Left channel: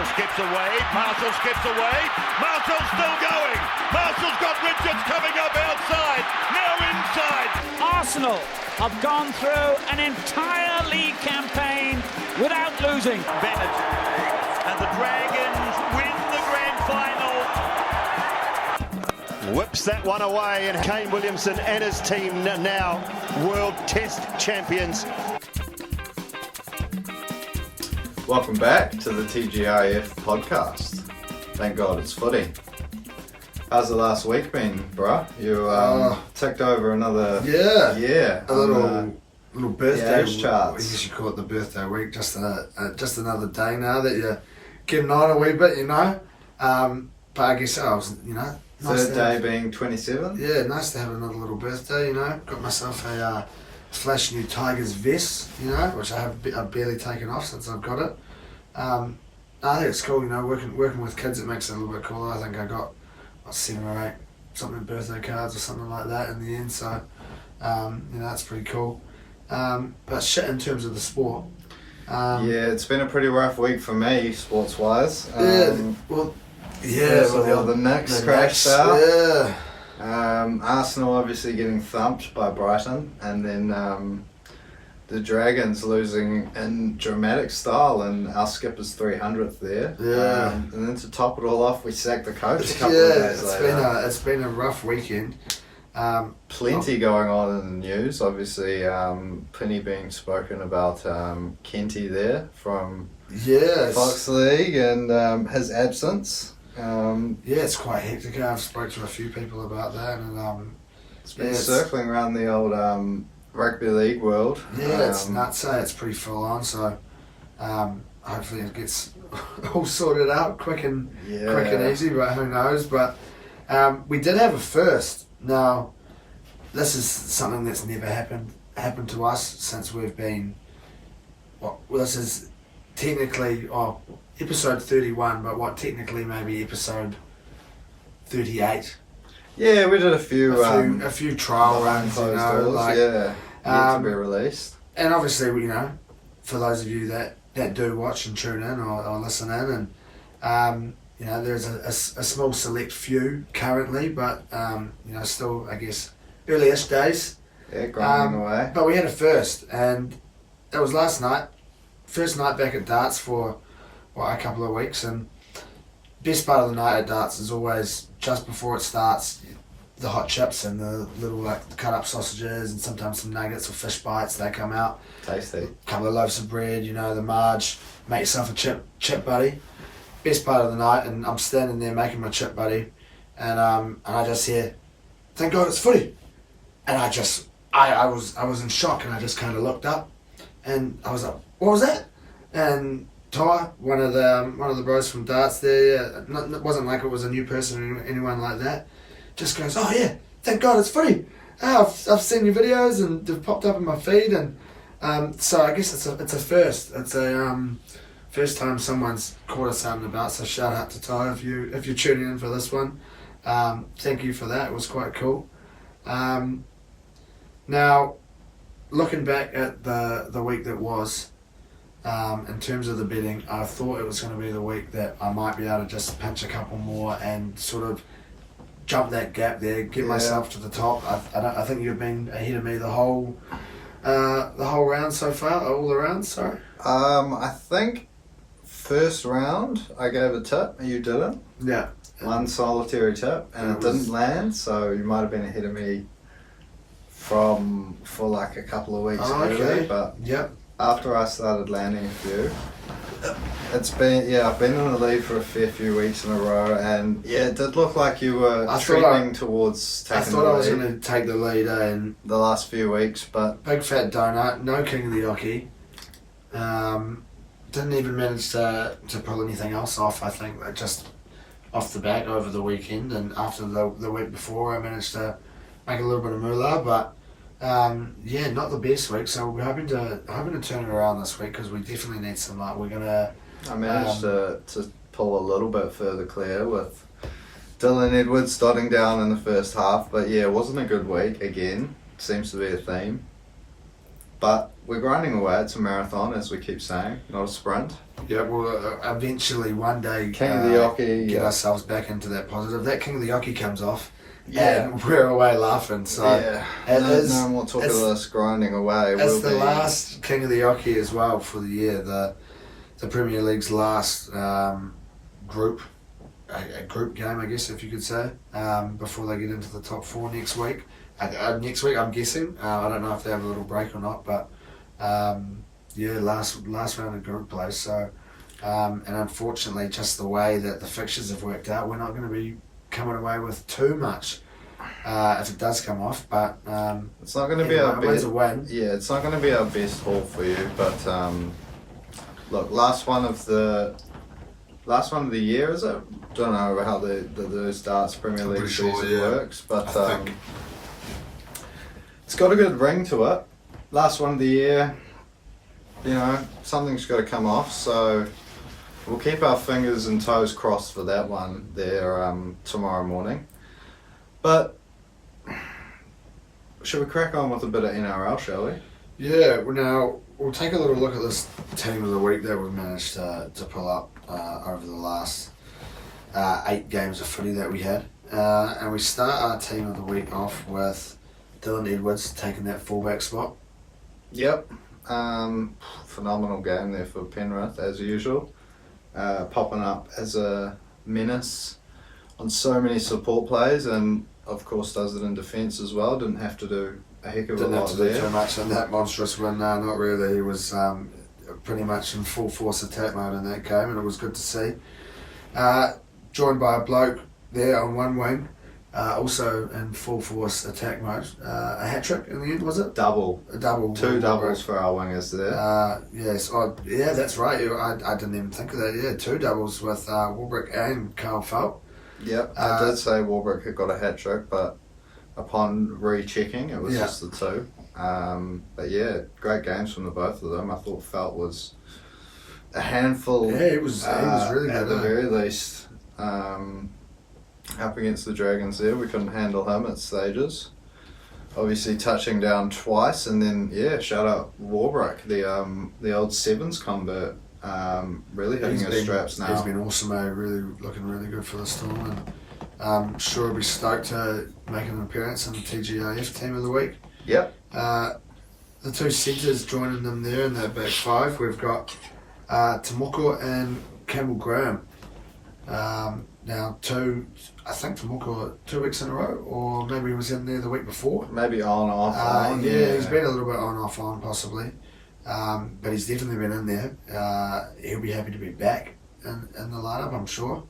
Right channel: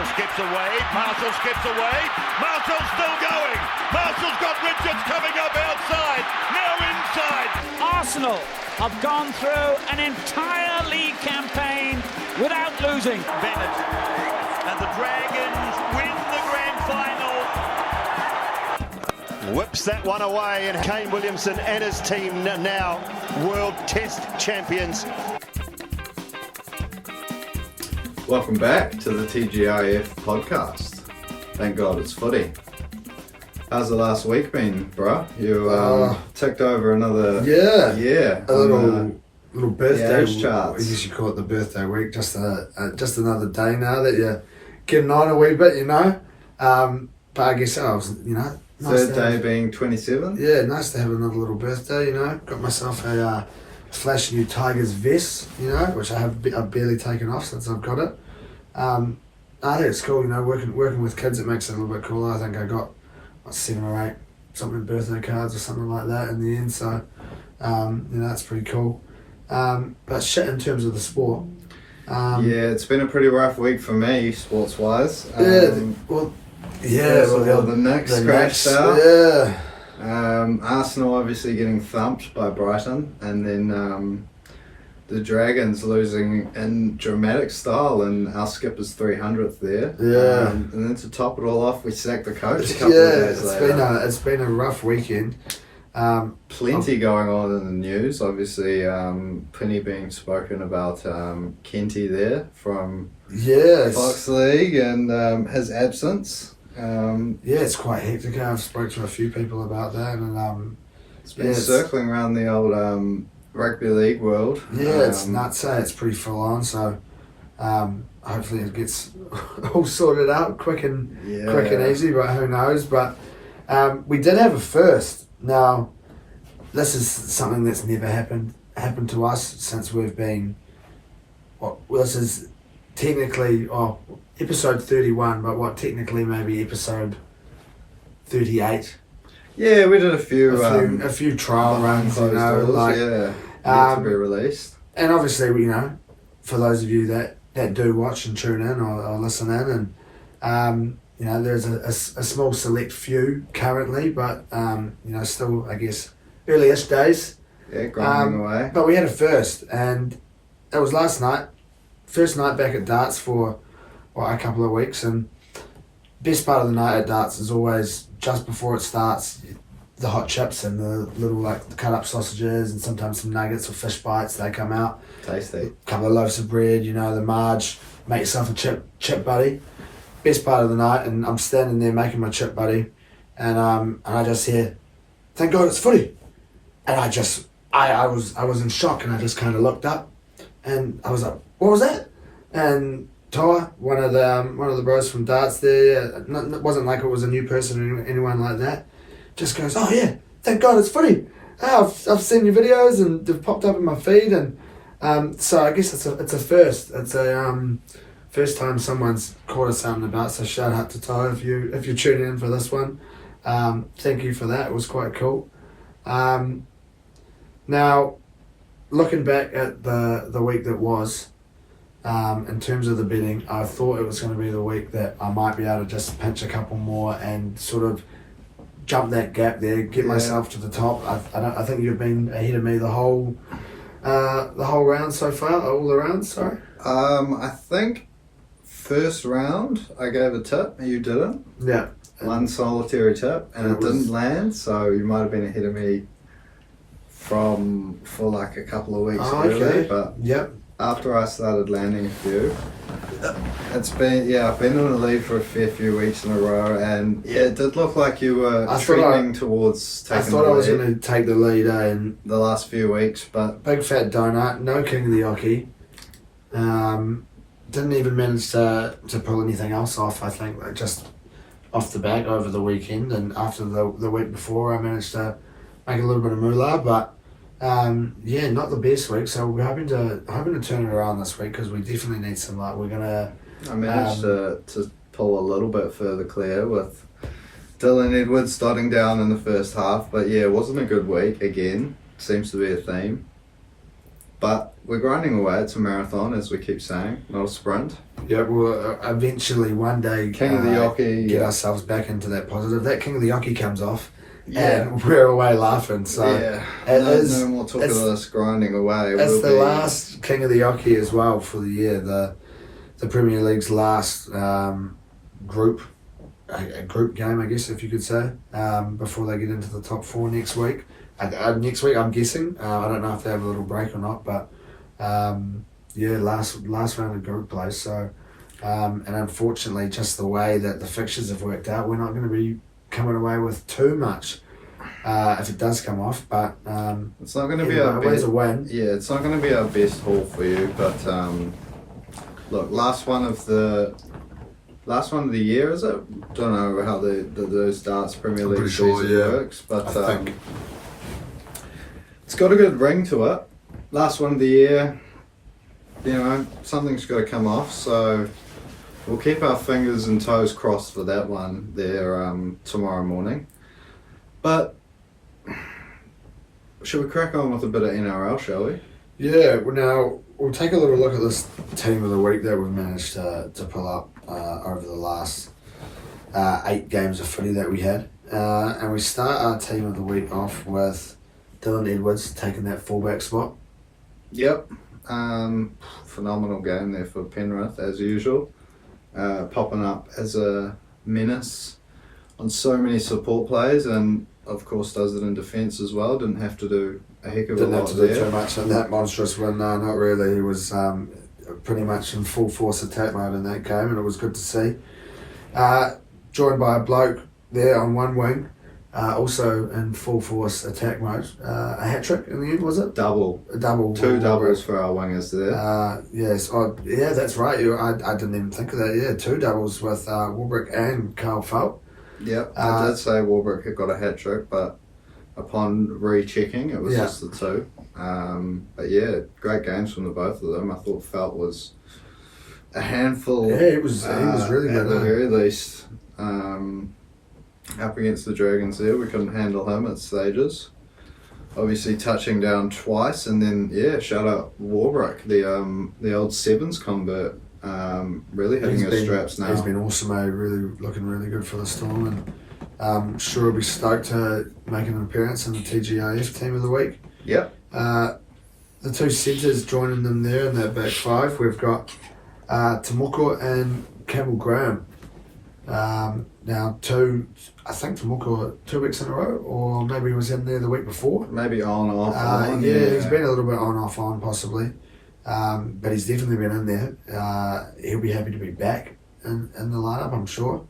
Marshall skips away. Marshall skips away. Marshall's still going. Marshall's got Richards coming up outside. Now inside. Arsenal have gone through an entire league campaign without losing. Bennett and the Dragons win the grand final. Whips that one away, and Kane Williamson and his team now World Test champions. Welcome back to the TGIF podcast. Thank God it's footy. How's the last week been, bro? You ticked over another year. A little birthday. charts. I guess you call it the birthday week. Just another day now that you're getting on a wee bit, you know. But I guess I was, you know. Nice Third day being 27. Yeah, nice to have another little birthday, you know. Got myself a flash new Tigers vest, you know, which I've barely taken off since I've got it. I think it's cool, you know, working with kids, it makes it a little bit cooler. I think I got 7 or 8 something birthday cards or something like that in the end, so you know, that's pretty cool. But shit, in terms of the sport, Yeah, it's been a pretty rough week for me, sports wise. the Knicks crashed out. Yeah. Arsenal obviously getting thumped by Brighton, and then the Dragons losing in dramatic style, and our skipper's 300th there. Yeah. And then to top it all off, we sacked the coach a couple of days later. It's been a rough weekend. Plenty going on in the news. Obviously, plenty being spoken about Kenty there from Fox League and his absence. It's quite hectic. I've spoke to a few people about that, and it's been circling around the old rugby league world. It's nuts. It's pretty full on. So hopefully it gets all sorted out quick and easy. But who knows? But we did have a first. Now, this is something that's never happened to us since we've been. This is technically episode 31, but technically maybe episode 38. Yeah, we did a few trial runs, you know, like to be released. And obviously, you know, for those of you that do watch and tune in or listen in, and you know, there's a small select few currently, but you know, still I guess early-ish days. Yeah, grinding away. But we had a first, and it was last night. First night back at darts for a couple of weeks, and best part of the night at darts is always just before it starts, the hot chips and the little like cut up sausages and sometimes some nuggets or fish bites, they come out. Tasty. A couple of loaves of bread, you know, the marge, make yourself a chip buddy. Best part of the night, and I'm standing there making my chip buddy, and I just hear, "Thank God it's footy," and I was in shock, and I just kind of looked up, and I was like, "What was that?" And Toa, one of the bros from darts there, it wasn't like it was a new person or anyone like that, just goes, "Oh yeah, thank God it's footy. I've seen your videos and they've popped up in my feed," and so I guess it's a first. It's a first time someone's caught us out and about. So shout out to Toa if you're tuning in for this one. Thank you for that. It was quite cool. Now, looking back at the week that was. In terms of the betting, I thought it was going to be the week that I might be able to just pinch a couple more and sort of jump that gap there, get myself to the top. I think you've been ahead of me the whole round so far, all the rounds. Sorry. I think first round I gave a tip, you didn't. Yeah. One solitary tip, and it didn't land, so you might have been ahead of me for like a couple of weeks early. But yep. After I started landing a few, I've been on the lead for a fair few weeks in a row, and it did look like you were trending towards taking the lead. I thought I was going to take the lead in the last few weeks, but big fat donut, no king of the Oki. Didn't even manage to pull anything else off. I think like just off the back over the weekend, and after the week before, I managed to make a little bit of moolah, but. Not the best week, so we're hoping to turn it around this week because we definitely need some luck. I managed to pull a little bit further clear with Dylan Edwards dotting down in the first half, but yeah, it wasn't a good week again. Seems to be a theme. But we're grinding away. It's a marathon, as we keep saying, not a sprint. Yeah, we'll eventually one day King of the Yockey, get ourselves back into that positive. That King of the Yockey comes off, and we're away laughing. So no more talk of us grinding away. It's the last King of the Yockey as well for the year. The Premier League's last group game, I guess, if you could say, before they get into the top 4 next week. Next week, I'm guessing. I don't know if they have a little break or not, but last round of group play. So, and unfortunately, just the way that the fixtures have worked out, we're not going to be coming away with too much if it does come off. But it's not going to be our best. A win. Yeah, it's not going to be our best haul for you. But look, last one of the year, is it? Don't know how those darts Premier League season works, but it's got a good ring to it. Last one of the year, something's got to come off, so we'll keep our fingers and toes crossed for that one there tomorrow morning. But should we crack on with a bit of NRL, shall we? Yeah, now we'll take a little look at this team of the week that we've managed to pull up over the last 8 games of footy that we had. And we start our team of the week off with Dylan Edwards taking that fullback spot. Yep. Phenomenal game there for Penrith, as usual. Popping up as a menace on so many support plays, and of course does it in defence as well. Didn't have to do a heck of a lot there. Didn't have to do too much in that monstrous win. No, not really. He was pretty much in full force attack mode in that game, and it was good to see. Joined by a bloke there on one wing, also in full force attack mode. A hat trick in the end, was it? Double. A double. 2 doubles for our wingers there. Yes. Yeah, that's right. I didn't even think of that. Yeah, 2 doubles with Warbrick and Carl Felt. Yep. I did say Warbrick had got a hat trick, but upon rechecking, it was just the 2. But yeah, great games from the both of them. I thought Felt was a handful. Yeah, he was really good. At the very least. Up against the Dragons there, we couldn't handle him at stages. Obviously touching down twice, and then shout out Warbrick, the old sevens convert, really hitting his straps now. He's been awesome, really looking really good for the Storm, and I'm sure he'll be stoked to make an appearance in the TGIF team of the week. Yep. The 2 centres joining them there in that back 5, we've got Tomoko and Campbell Graham. Now, I think Tomoko 2 weeks in a row, or maybe he was in there the week before. Maybe on, off, on. Yeah, he's been a little bit on, off, on possibly. But he's definitely been in there. He'll be happy to be back in the lineup, I'm sure.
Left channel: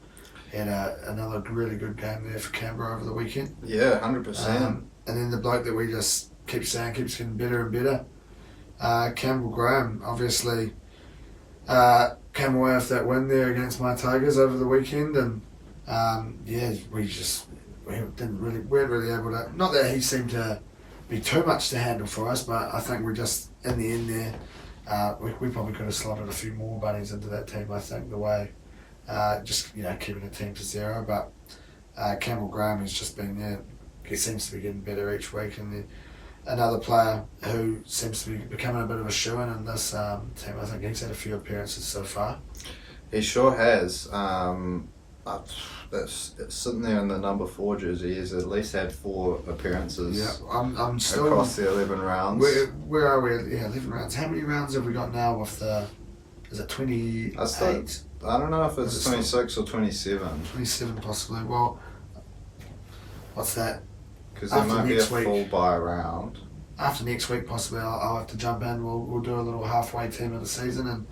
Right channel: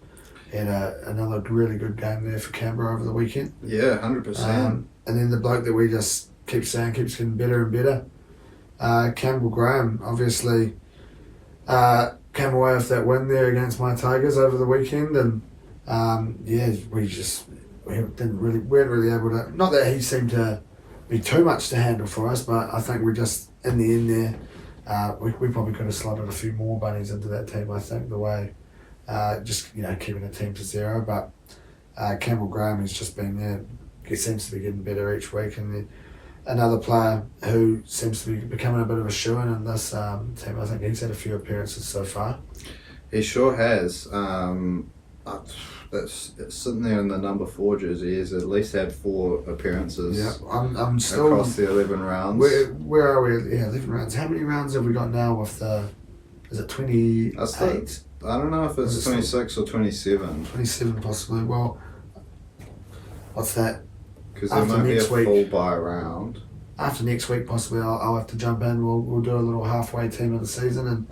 He had another really good game there for Canberra over the weekend. Yeah, 100%. And then the bloke that we just keep saying keeps getting better and better, Campbell Graham, obviously came away with that win there against my Tigers over the weekend, and we weren't really able to. Not that he seemed to be too much to handle for us, but I think we just in the end there, we probably could have slotted a few more bunnies into that team. I think the way keeping a team to 0, but Campbell Graham has just been he seems to be getting better each week, and then another player who seems to be becoming a bit of a shoo-in in this team. I think he's had a few appearances so far. He sure has. It's sitting there in the number 4 jersey. He's at least had 4 appearances. Yeah, I'm still across the 11 rounds. Where are we? Yeah, 11 rounds. How many rounds have we got now with the? Is it 28? I don't know if it's 26 or 27. 27 possibly. Well, what's that? Because there might be a full bye round. After next week, possibly, I'll have to jump in. We'll do a little halfway team of the season and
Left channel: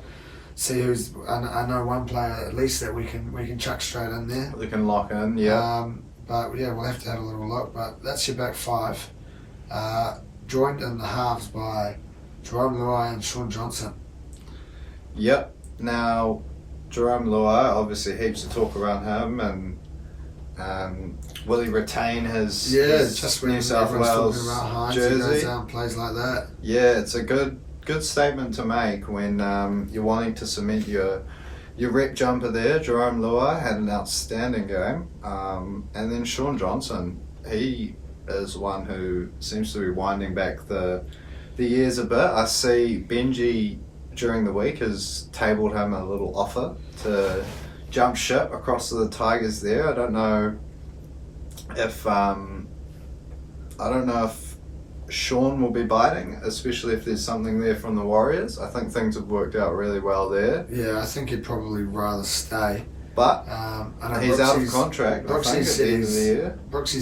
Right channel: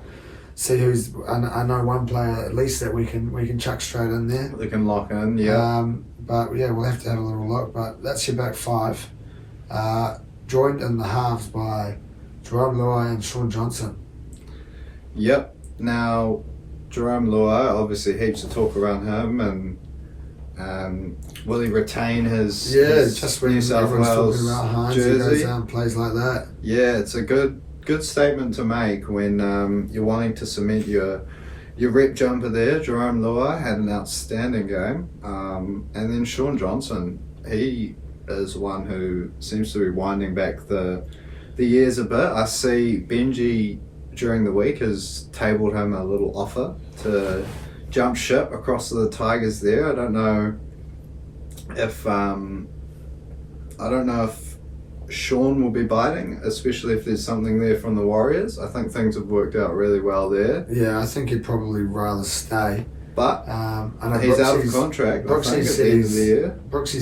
see who's. I know one player at least that we can chuck straight in there. We can lock in, yeah. But yeah, we'll have to have a little look. But that's your back 5, joined in the halves by Jerome Luai and Sean Johnson. Yep. Now, Jerome Luai, obviously heaps of talk around him, and will he retain his just when New South Wales talking about Hines, jersey? He goes out and plays like that. Yeah, it's a good statement to make when you're wanting to cement your rep jumper there. Jerome Luai had an outstanding game, and then Sean Johnson, he is one who seems to be winding back the the years a bit. I see Benji during the week has tabled him a little offer to jump ship across to the Tigers there. I don't know if Sean will be biting, especially if there's something there from the Warriors. I think things have worked out really well there. Yeah, I think he'd probably rather stay. But I know he's out of contract. Brooksy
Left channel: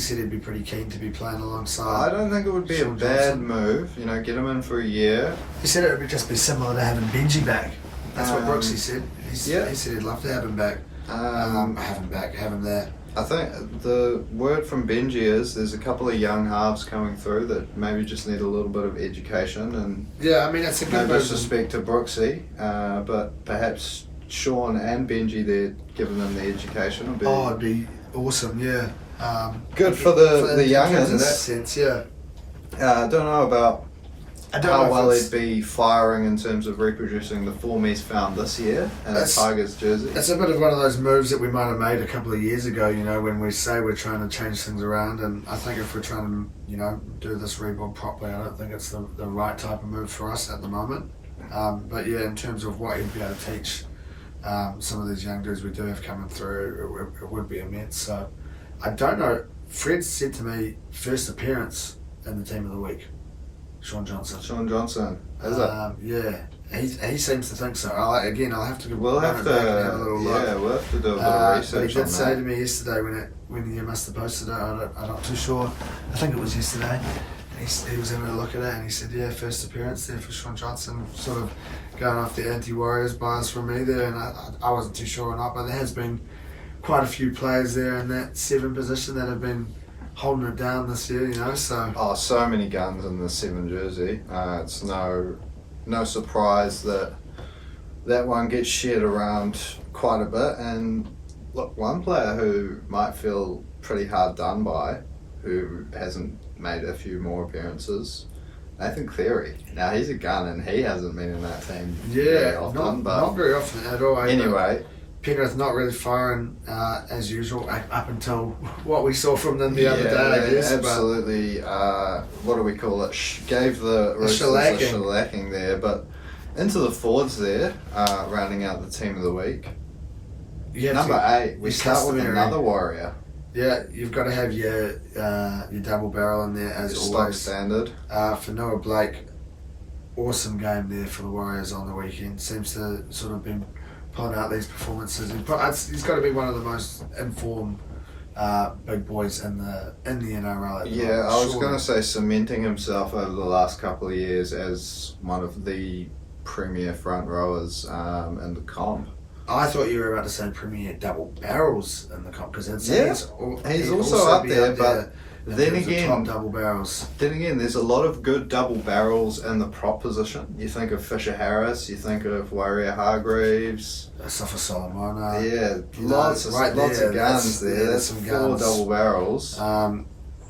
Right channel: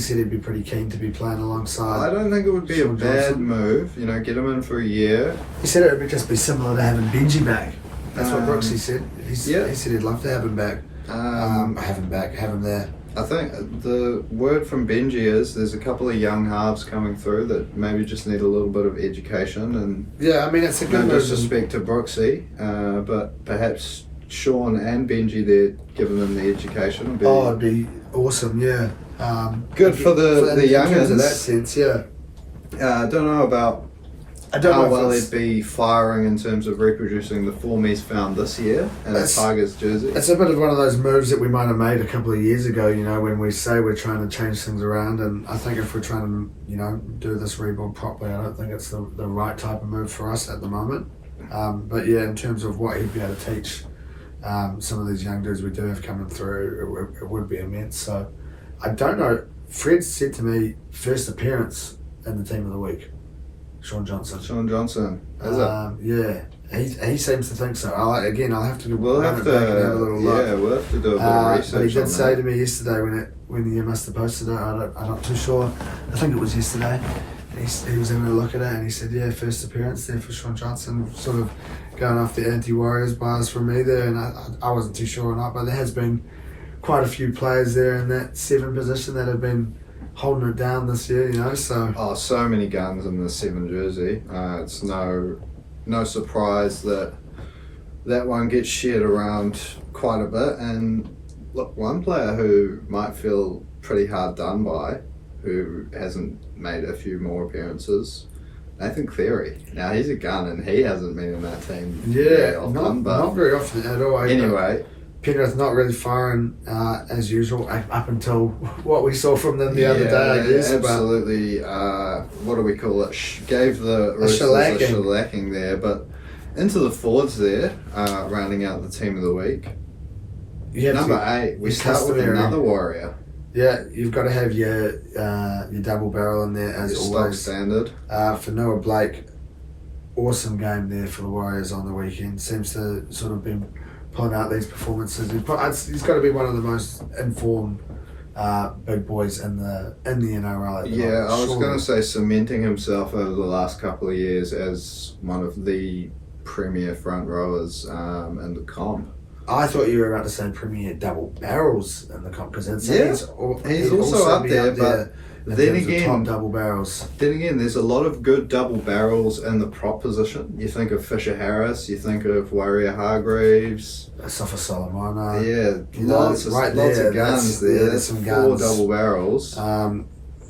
said he'd be pretty keen to be playing alongside. I don't think it would be Sean a bad Johnson. move. Get him in for a year. He said it would just be similar to having Benji back. That's what Brooksy said. He said he'd love to have him back. Have him there. I think the word from Benji is there's a couple of young halves coming through that maybe just need a little bit of education, and yeah, I mean it's a good no move. disrespect to Brooksy, but perhaps Sean and Benji there giving them the education would be it'd be awesome. Yeah, good for the youngins in that sense. Yeah, I don't know about I don't how know well if he'd be firing in terms of reproducing the form he's found this year in a Tigers jersey. It's a bit of one of those moves that we might have made a couple of years ago, when we say we're trying to change things around. And I think if we're trying to, do this rebuild properly, I don't think it's the right type of move for us at the moment. But yeah, in terms of what he'd be able to teach some of these young dudes we do have coming through, it would be immense. So I don't know. Fred said to me, first appearance in the team of the week. Sean Johnson. Is it? Yeah, he seems to think so. I'll have to We'll run have it to, back and have a little look. Yeah, we'll have to do a bit of research. But he did on say that. to me yesterday when you must have posted it, I'm not too sure. I think it was yesterday. He was having a look at it and he said, yeah, first appearance there for Sean Johnson, sort of going off the anti-Warriors bias from me there, and I wasn't too sure or not, but there has been quite a few players there in that 7 position that have been holding it down this year, so... so many guns in the 7 jersey. It's no surprise that one gets shared around quite a bit. And look, one player who might feel pretty hard done by, who hasn't made a few more appearances, Nathan Cleary. Now, he's a gun and he hasn't been in that team very often. Not very often at all. Anyway... Penrith not really firing as usual up until what we saw from them the other day, I guess. Absolutely. What do we call it? Gave the Roosters a shellacking there. But into the forwards there, rounding out the team of the week. Number 8, we start with another Warrior. Yeah, you've got to have your double barrel in there as always. Standard. For Noah Blake, awesome game there for the Warriors on the weekend. Seems to sort of been pulling out these performances. He's got to be one of the most informed big boys in the NRL at the moment. I was going to say cementing himself over the last couple of years as one of the premier front rowers in the comp. I thought you were about to say premier double barrels in the comp because he's also up there, but then again, top double barrels. Then again, there's a lot of good double barrels in the prop position. You think of Fisher Harris, you think of Warrior Hargreaves, Safa Solomona. Yeah, lots of guns there. That's some 4 guns. Double barrels.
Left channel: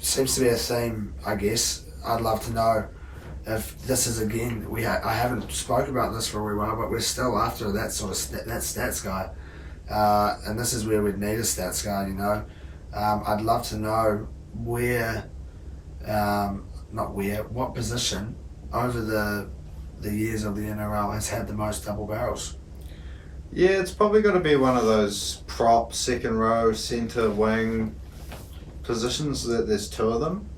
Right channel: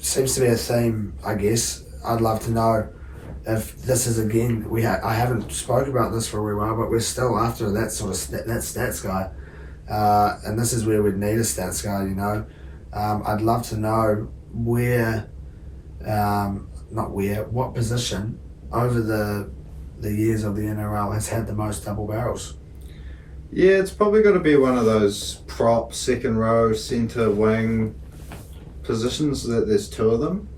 Seems to be a theme, I guess. I'd love to know if this is again. I haven't spoke about this for a wee while, but we're still after that sort of that stats guy, and this is where we'd need a stats guy. I'd love to know what position over the years of the NRL has had the most double barrels. Yeah, it's probably got to be one of those prop, second row, centre, wing positions. That there's 2 of them.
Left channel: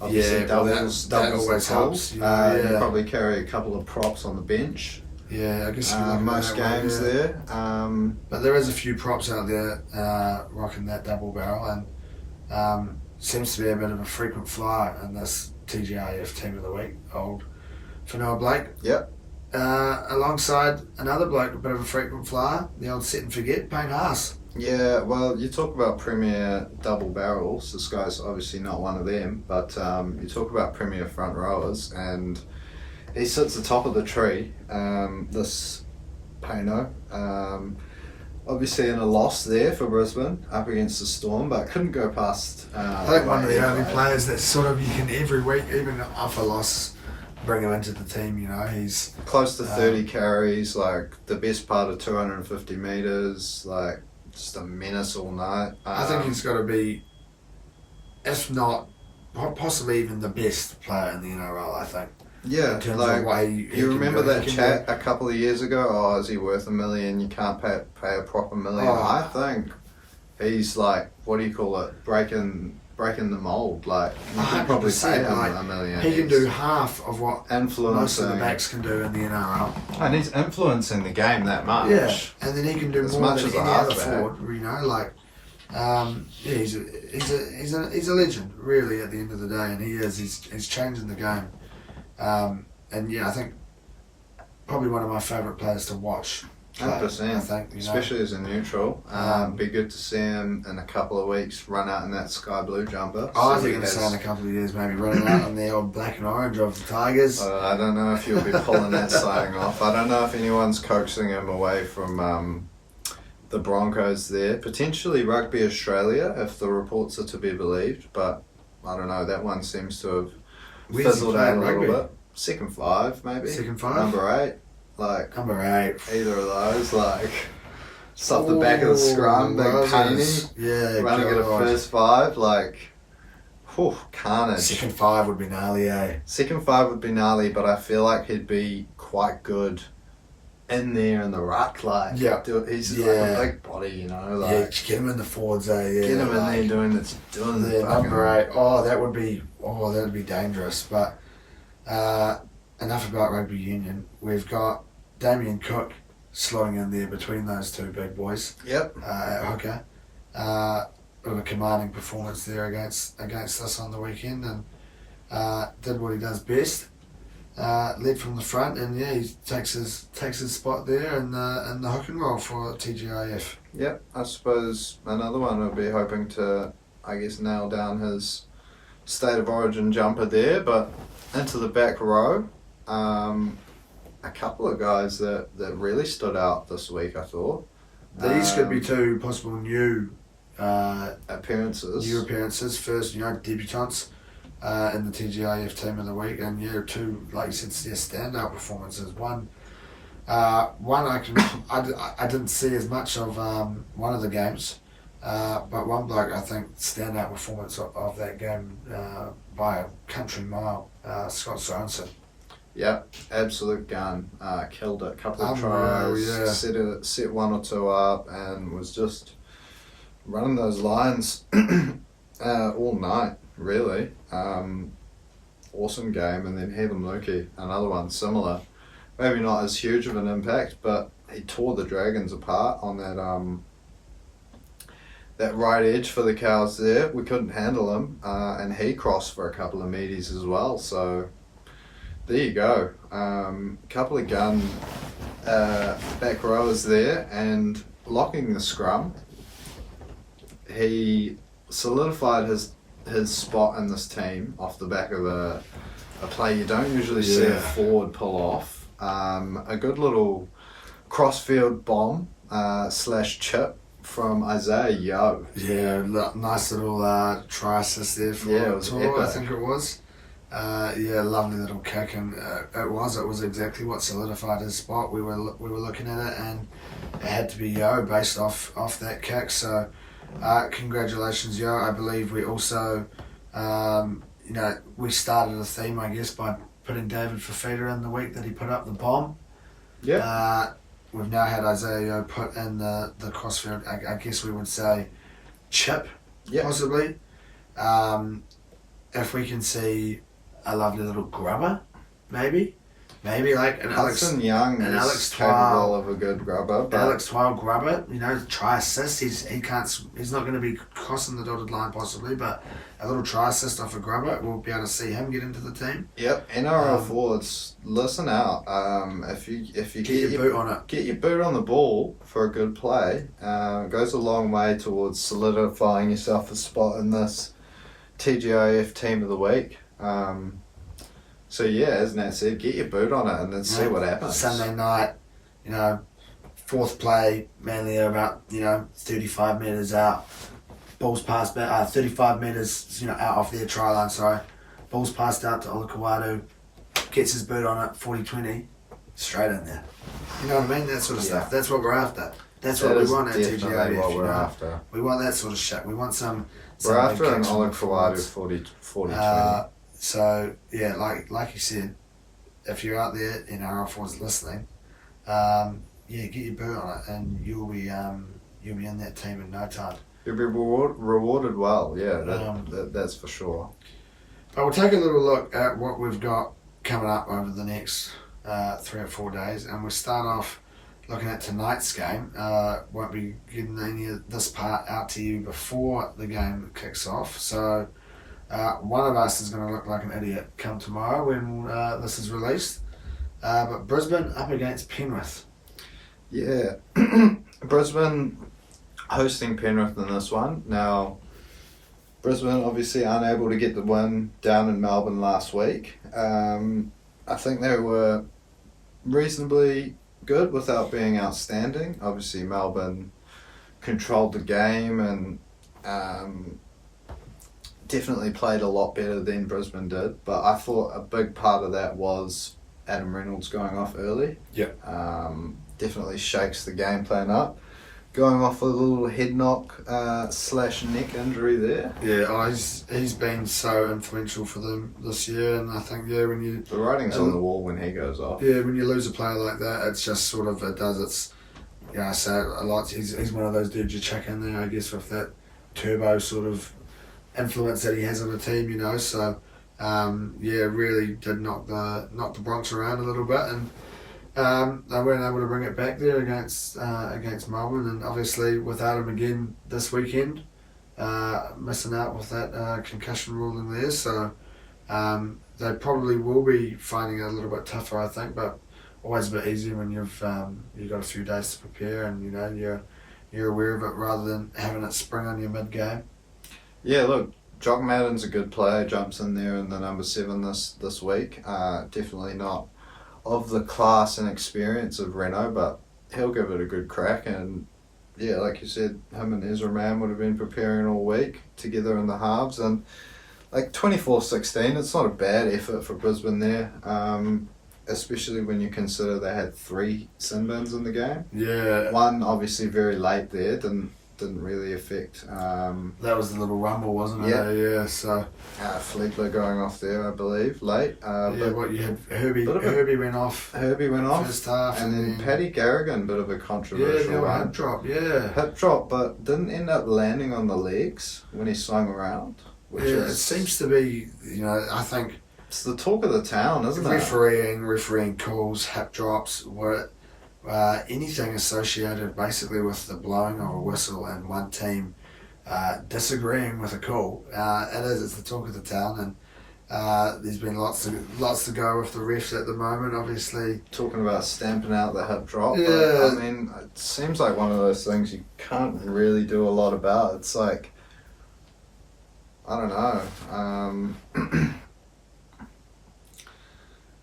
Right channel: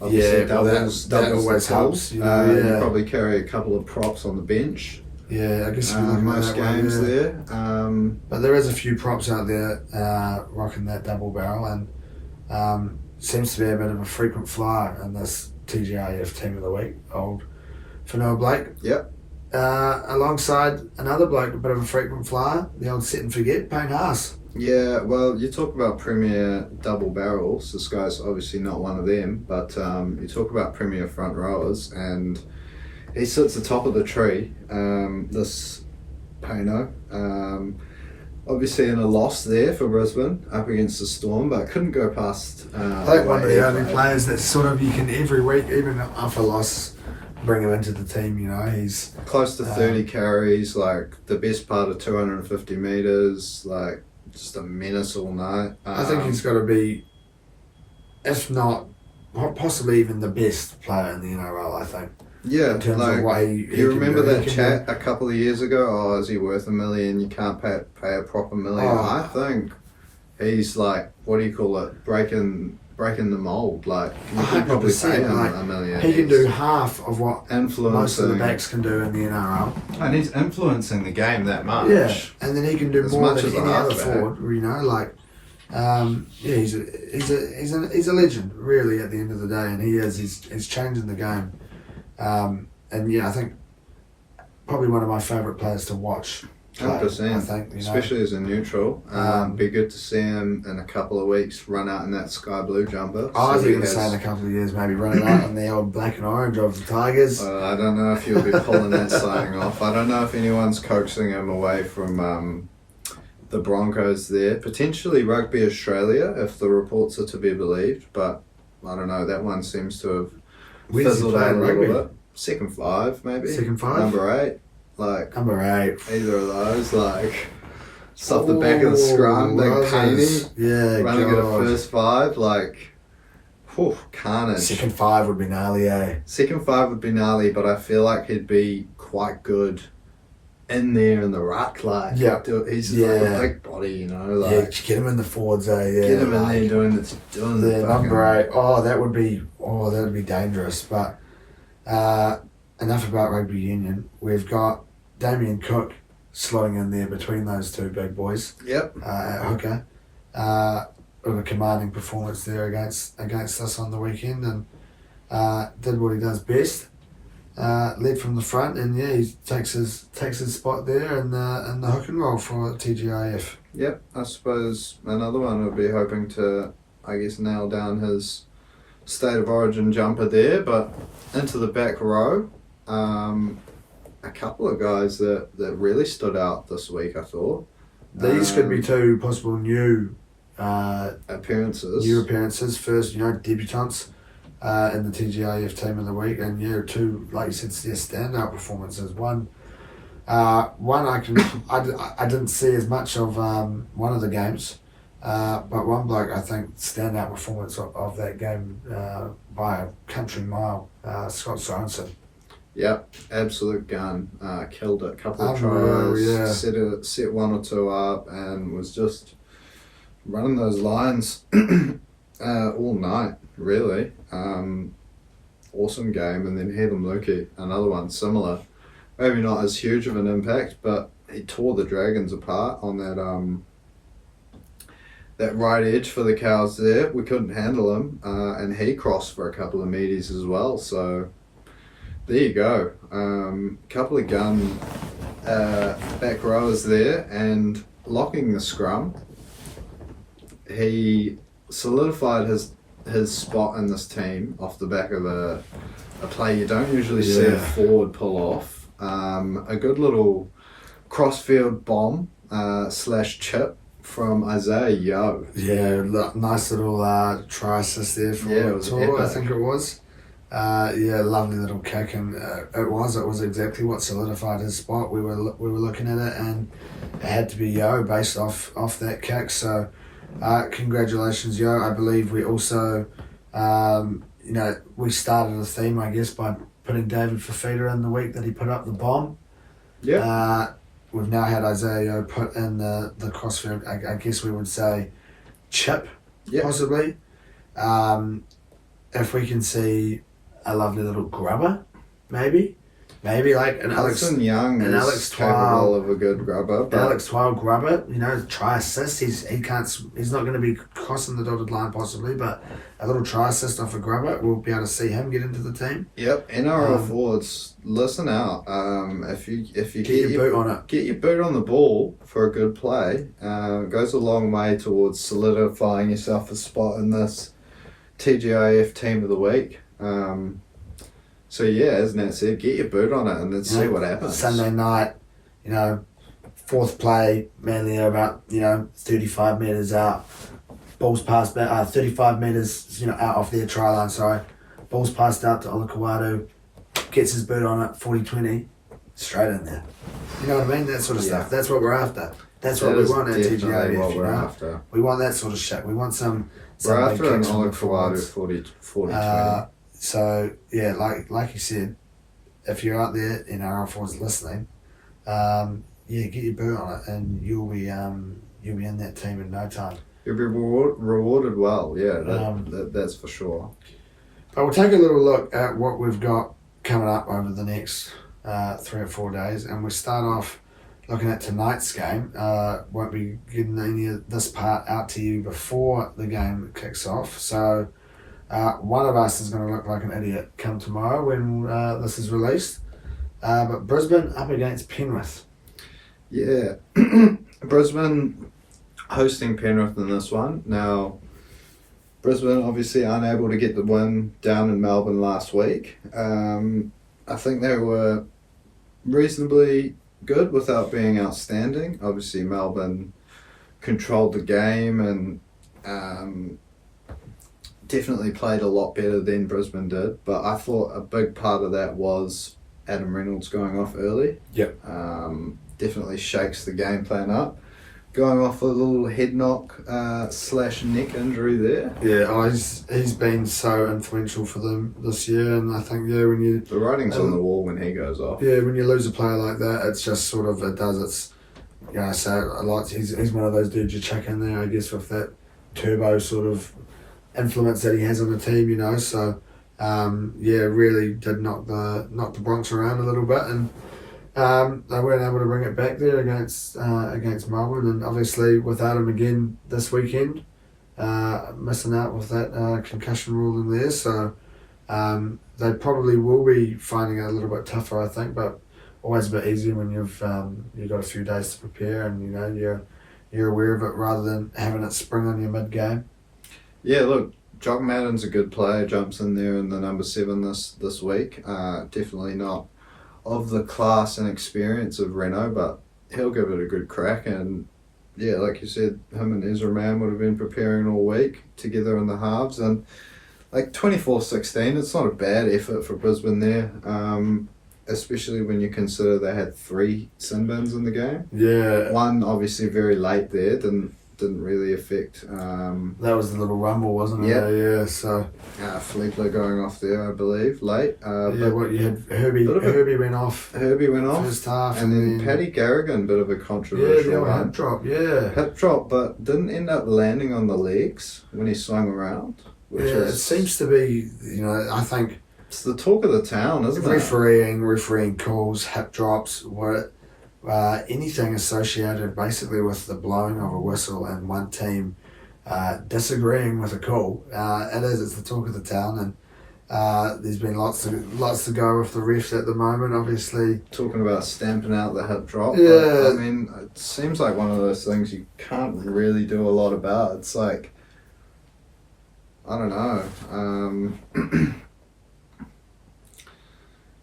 Obviously doubles always helps. You probably carry a couple of props on the bench. Yeah, I guess you'll be looking most at that games one, there. But there is a few props out there rocking that double barrel, and seems to be a bit of a frequent flyer in this TGIF team of the week. Old Fanoa Blake. Yep. Alongside another bloke, a bit of a frequent flyer, the old set and forget, Payne Haas. Yeah, well, you talk about premier double barrels. This guy's obviously not one of them, but you talk about premier front rowers, and he sits atop of the tree, this Payno. Obviously in a loss there for Brisbane up against the Storm, but couldn't go past... I think one of the only players that sort of you can every week, even off a loss, bring him into the team. He's... Close to 30 carries, like the best part of 250 metres, like just a menace all night. I think he's got to be, if not possibly even the best player in the NRL, I think. Yeah, in terms like, of what he you remember do. that chat a couple of years ago? Oh, is he worth $1 million? You can't pay a proper $1 million. I think he's like, what do you call it? Breaking the mold. Like, you can probably pay him like, $1 million. He can do half of what most of the backs can do in the NRL. And he's influencing the game that much. Yeah, and then he can do as more much than as any a other halfback. forward. You know, like, he's a legend, really. At the end of the day, and he is. He's changing the game. And yeah, I think probably one of my favourite players to watch. 100%. I think, especially as a neutral. Be good to see him in a couple of weeks run out in that sky blue jumper. I was going to say in a couple of years, maybe running out in the old black and orange of the Tigers. I don't know if he'll be pulling that signing off. I don't know if anyone's coaxing him away from the Broncos there. Potentially Rugby Australia, if the reports are to be believed. But I don't know. That one seems to have fizzled out a little bit. Second 5, maybe. Second 5? Number 8. Like, Number 8. Either of those, like, just off the back of the scrum, big painting. Yeah, running at a first 5, like, whew, carnage. Second 5 would be gnarly, eh? Second 5 would be gnarly, but I feel like he'd be quite good in there in the ruck. Like, he's like a big body, you know. Like, yeah, get him in the forwards, eh? Yeah, get him in there doing the number 8. That would be dangerous. But enough about rugby union. We've got Damien Cook slotting in there between those two big boys. Yep. At hooker. With a commanding performance there against us on the weekend, and did what he does best. Led from the front, and yeah, he takes his spot there in the hook and roll for TGIF. Yep. I suppose another one would be hoping to, I guess, nail down his state of origin jumper there, but into the back row. A couple of guys that really stood out this week, I thought. These could be two possible new appearances. First, debutants in the TGIF team of the week, and two, like you said, standout performances. One I didn't see as much of one of the games, but one bloke, I think, standout performance of that game by a country mile, Scott Sorensen. Yep, absolute gun. Killed it. Couple of tries, set one or two up, and was just running those lines all night, really. Awesome game. And then Heathen Luki, another one similar. Maybe not as huge of an impact, but he tore the Dragons apart on that right edge for the Cows there. We couldn't handle him, and he crossed for a couple of meaties as well, so there you go. Couple of gun back rowers there, and locking the scrum, he solidified his spot in this team off the back of a play you don't usually see a forward pull off. A good little crossfield bomb / chip from Isaiah Yeo. Yeah, nice little try assist there for Tor, I think it was. Lovely little kick, and it was exactly what solidified his spot. We were looking at it, and it had to be Yeo based off that kick. So, congratulations, Yeo. I believe we also, we started a theme, I guess, by putting David Fafita in the week that he put up the bomb. Yeah. We've now had Isaiah Yeo put in the crossfield. I guess we would say chip, possibly. If we can see a lovely little grubber, maybe like an Hudson Young is Alex capable of a good grubber. But Alex Twile grubber, try assist. He's not going to be crossing the dotted line possibly, but a little try assist off a grubber, we'll be able to see him get into the team. Yep, NRL forwards, listen out. If you get your boot on it, get your boot on the ball for a good play. Goes a long way towards solidifying yourself a spot in this TGIF team of the week. So as Nat said, get your boot on it and then see what happens. Sunday night, fourth play, Manly are about 35 metres out. Ball's passed back, 35 metres out off their try line. Sorry, ball's passed out to Olakawadu, gets his boot on it, 40-20, straight in there. You know what I mean? That sort of stuff. That's what we're after. That's what we want at TGIF. What we're after. We want that sort of shit. We want some Rather and Oleg Kawadu 40-20. So yeah, like you said, if you're out there in our forwards listening, get your boot on it, and you'll be in that team in no time. You'll be rewarded well, yeah, that's for sure. But we'll take a little look at what we've got coming up over the next 3 or 4 days, and we'll start off looking at tonight's game. Won't be getting any of this part out to you before the game kicks off, so one of us is going to look like an idiot come tomorrow when this is released. But Brisbane up against Penrith. Yeah, Brisbane hosting Penrith in this one. Now, Brisbane obviously unable to get the win down in Melbourne last week. I think they were reasonably good without being outstanding. Obviously, Melbourne controlled the game and definitely played a lot better than Brisbane did. But I thought a big part of that was Adam Reynolds going off early. Yep. Definitely shakes the game plan up. Going off a little head knock / neck injury there. Yeah, he's been so influential for them this year, and I think when you the writing's on the wall when he goes off. Yeah, when you lose a player like that, it's just sort of so I like he's one of those dudes you chuck in there, I guess, with that turbo sort of influence that he has on the team, So really did knock the Bronx around a little bit, and they weren't able to bring it back there against Melbourne, and obviously without him again this weekend, missing out with that concussion ruling there. So they probably will be finding it a little bit tougher, I think, but always a bit easier when you've got a few days to prepare and you're aware of it rather than having it spring on your mid game. Yeah, look, Jock Madden's a good player. Jumps in there in the number 7 this week. Definitely not of the class and experience of Reno, but he'll give it a good crack. And yeah, like you said, him and Ezra Mann would have been preparing all week together in the halves, and like 24-16, it's not a bad effort for Brisbane there, especially when you consider they had 3 sin bins in the game. Yeah, one obviously very late there, didn't really affect. That was the little rumble, wasn't it? Yeah. So Fleetler going off there, I believe, late. But you had Herbie went off. Herbie went off first half, and then Paddy Garrigan, bit of a controversial one. Hip drop. Yeah, hip drop, but didn't end up landing on the legs when he swung around. It seems to be. I think it's the talk of the town, isn't it? Refereeing calls, hip drops, anything associated basically with the blowing of a whistle and one team disagreeing with a call. It's the talk of the town, and there's been lots to go with the refs at the moment, obviously. Talking about stamping out the hip drop. Yeah. I mean, it seems like one of those things you can't really do a lot about. It's like, I don't know.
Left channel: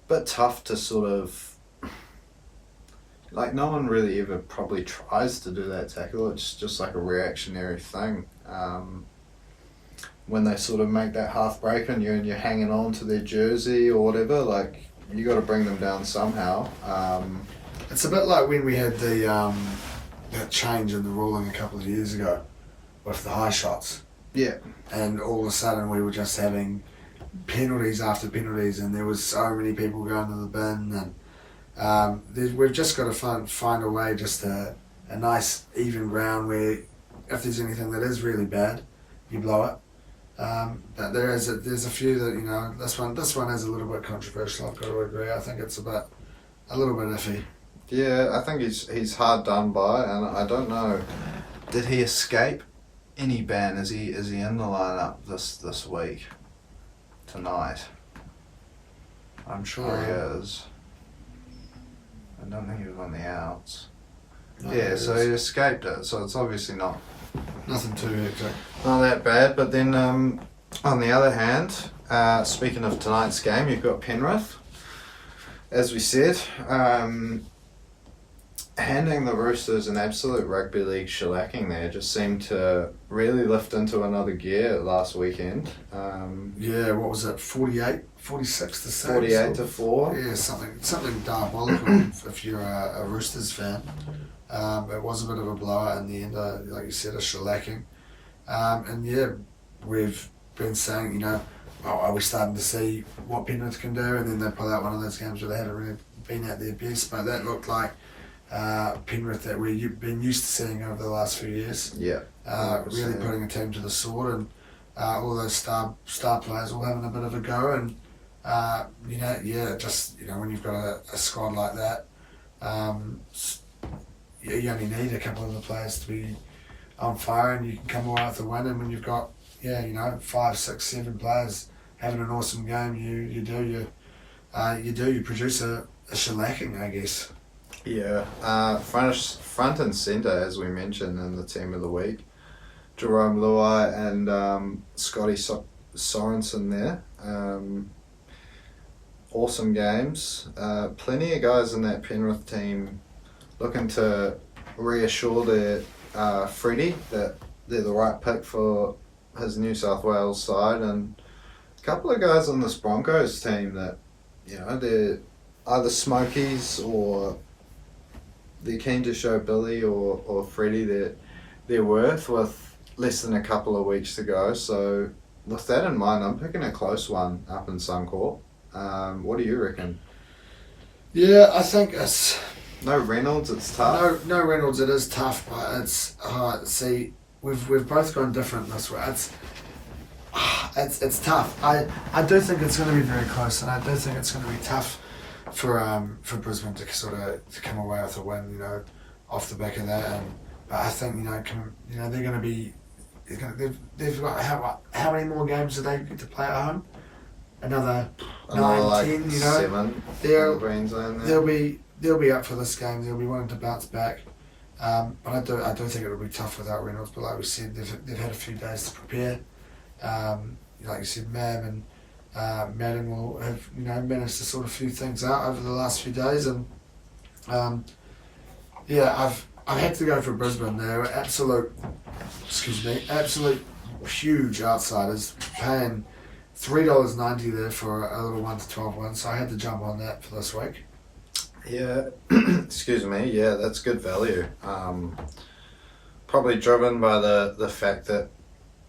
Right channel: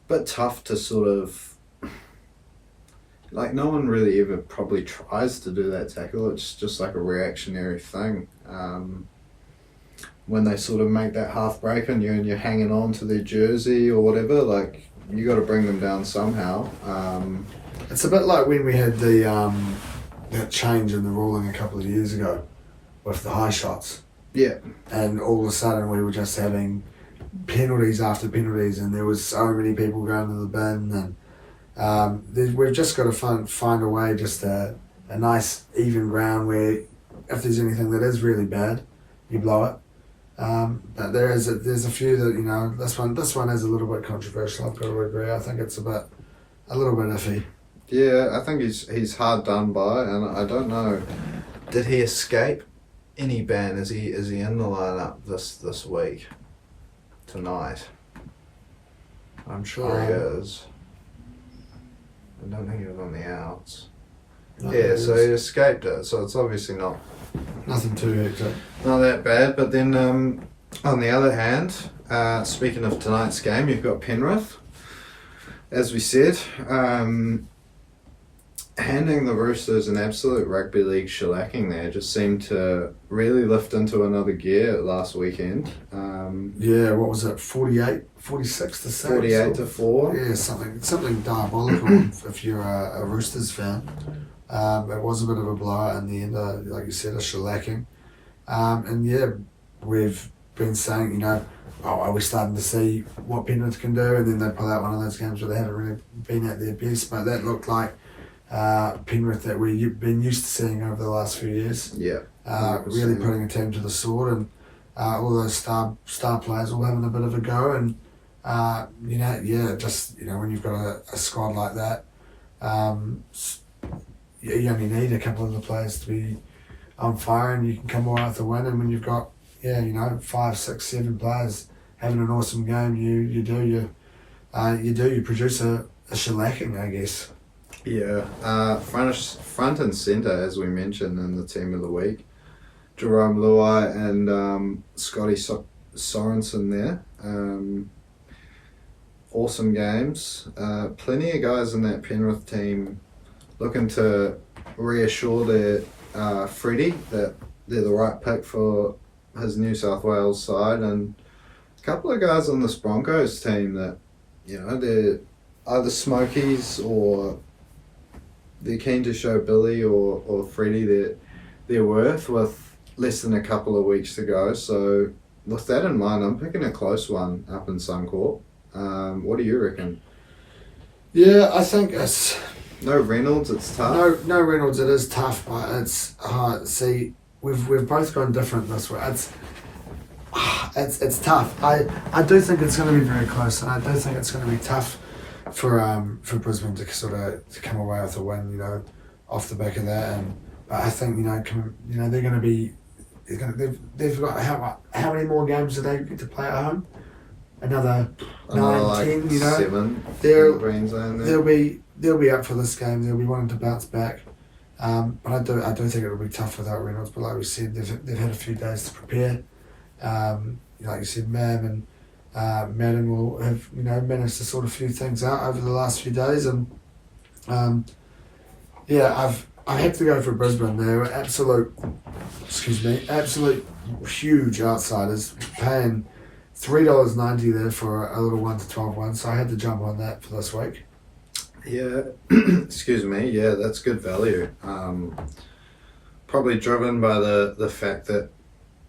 But tough to sort of, like, no one really ever probably tries to do that tackle. It's just like a reactionary thing. When they sort of make that half break and you're hanging on to their jersey or whatever, like, you got to bring them down somehow. It's a bit like when we had that change in the ruling a couple of years ago with the high shots. Yeah. And all of a sudden we were just having penalties after penalties, and there was so many people going to the bin, and we've just got to find a way, just a nice even ground where if there's anything that is really bad, you blow it. But there's a few that this one is a little bit controversial. I've got to agree. I think it's a little bit iffy. Yeah, I think he's hard done by, and I don't know. Did he escape any ban? Is he in the lineup this week? Tonight? I'm sure he is. I don't think he was on the outs. No, yeah, so he escaped it, so it's obviously nothing too hectic. Not that bad, but then on the other hand, speaking of tonight's game, you've got Penrith. As we said, handing the Roosters an absolute rugby league shellacking there, just seemed to really lift into another gear last weekend. What was it, 46 to 6? 48 to 4. Yeah, something diabolical if you're a Roosters fan. It was a bit of a blowout in the end, like you said, a shellacking. we've been saying, are we starting to see what Penrith can do? And then they pull out one of those games where they haven't really been at their best, but that looked like Penrith that we've been used to seeing over the last few years. Yeah. Really putting a team to the sword, and all those star players all having a bit of a go. And when you've got a squad like that, you only need a couple of the players to be on fire, and you can come away with a win. And when you've got 5, 6, 7 players having an awesome game, you produce a shellacking, I guess. Yeah, front and centre, as we mentioned in the team of the week, Jerome Luai and Scotty Sorensen there. Awesome games. Plenty of guys in that Penrith team looking to reassure their Freddie that they're the right pick for his New South Wales side, and a couple of guys on this Broncos team that, they're either smokies or they're keen to show Billy or Freddie their worth with less than a couple of weeks to go. So with that in mind, I'm picking a close one up in Suncorp. What do you reckon? Yeah, I think it's... No Reynolds, it's tough. No Reynolds, it is tough, but it's hard. See, we've both gone different this way. It's tough. I do think it's going to be very close, and I do think it's going to be tough for Brisbane to sort of to come away with a win, off the back of that. But I think they're going to be. They've got how many more games do they get to play at home? Another 9, 10. 7. They'll be up for this game. They'll be wanting to bounce back. But I do think it'll be tough without Reynolds. But like we said, they've had a few days to prepare. Like you said, Mam and Madden will have managed to sort a few things out over the last few days, and I've had to go for Brisbane. They were absolute huge outsiders, paying $3.90 there for a little 1 to 12 one. So I had to jump on that for this week. Yeah, excuse me. Yeah, that's good value. Probably driven by the fact that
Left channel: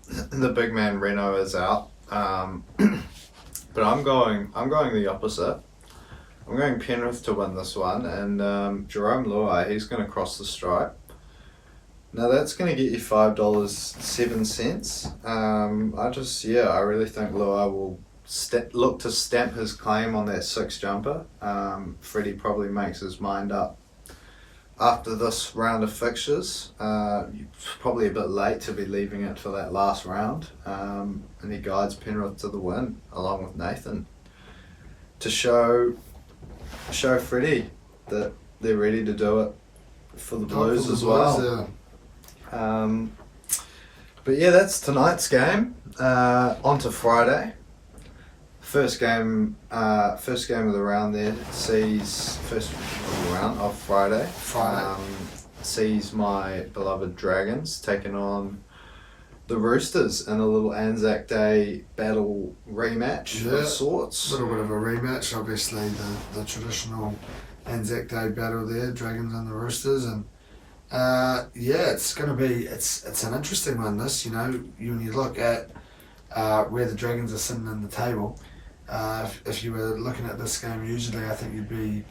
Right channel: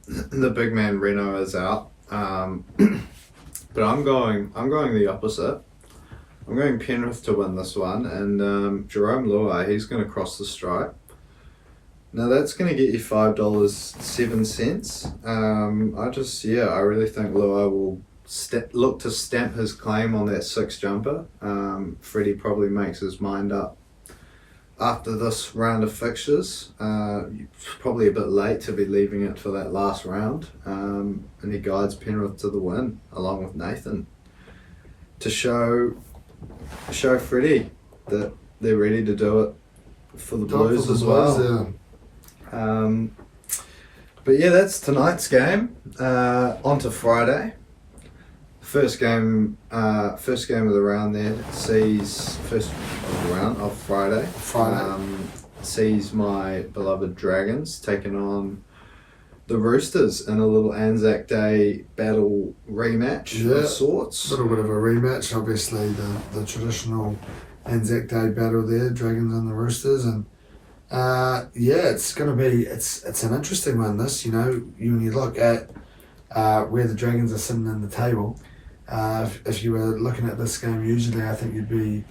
the big man Reno is out. But I'm going the opposite. I'm going Penrith to win this one, and Jerome Luai, he's going to cross the stripe. Now that's going to get you $5.07. I really think Luai will look to stamp his claim on that 6 jumper. Freddie probably makes his mind up after this round of fixtures. Probably a bit late to be leaving it for that last round, and he guides Penrith to the win along with Nathan to show Freddie that they're ready to do it for the Blues as well. Yeah. But yeah, that's tonight's game. On to Friday. First game of the round there sees first of the round of Friday. Sees my beloved Dragons taking on the Roosters in a little Anzac Day battle rematch of sorts. A little bit of a rematch, obviously the traditional Anzac Day battle there, Dragons and the Roosters, and it's going to be it's an interesting one. This, when you look at where the Dragons are sitting in the table. If you were looking at this game, usually I think you'd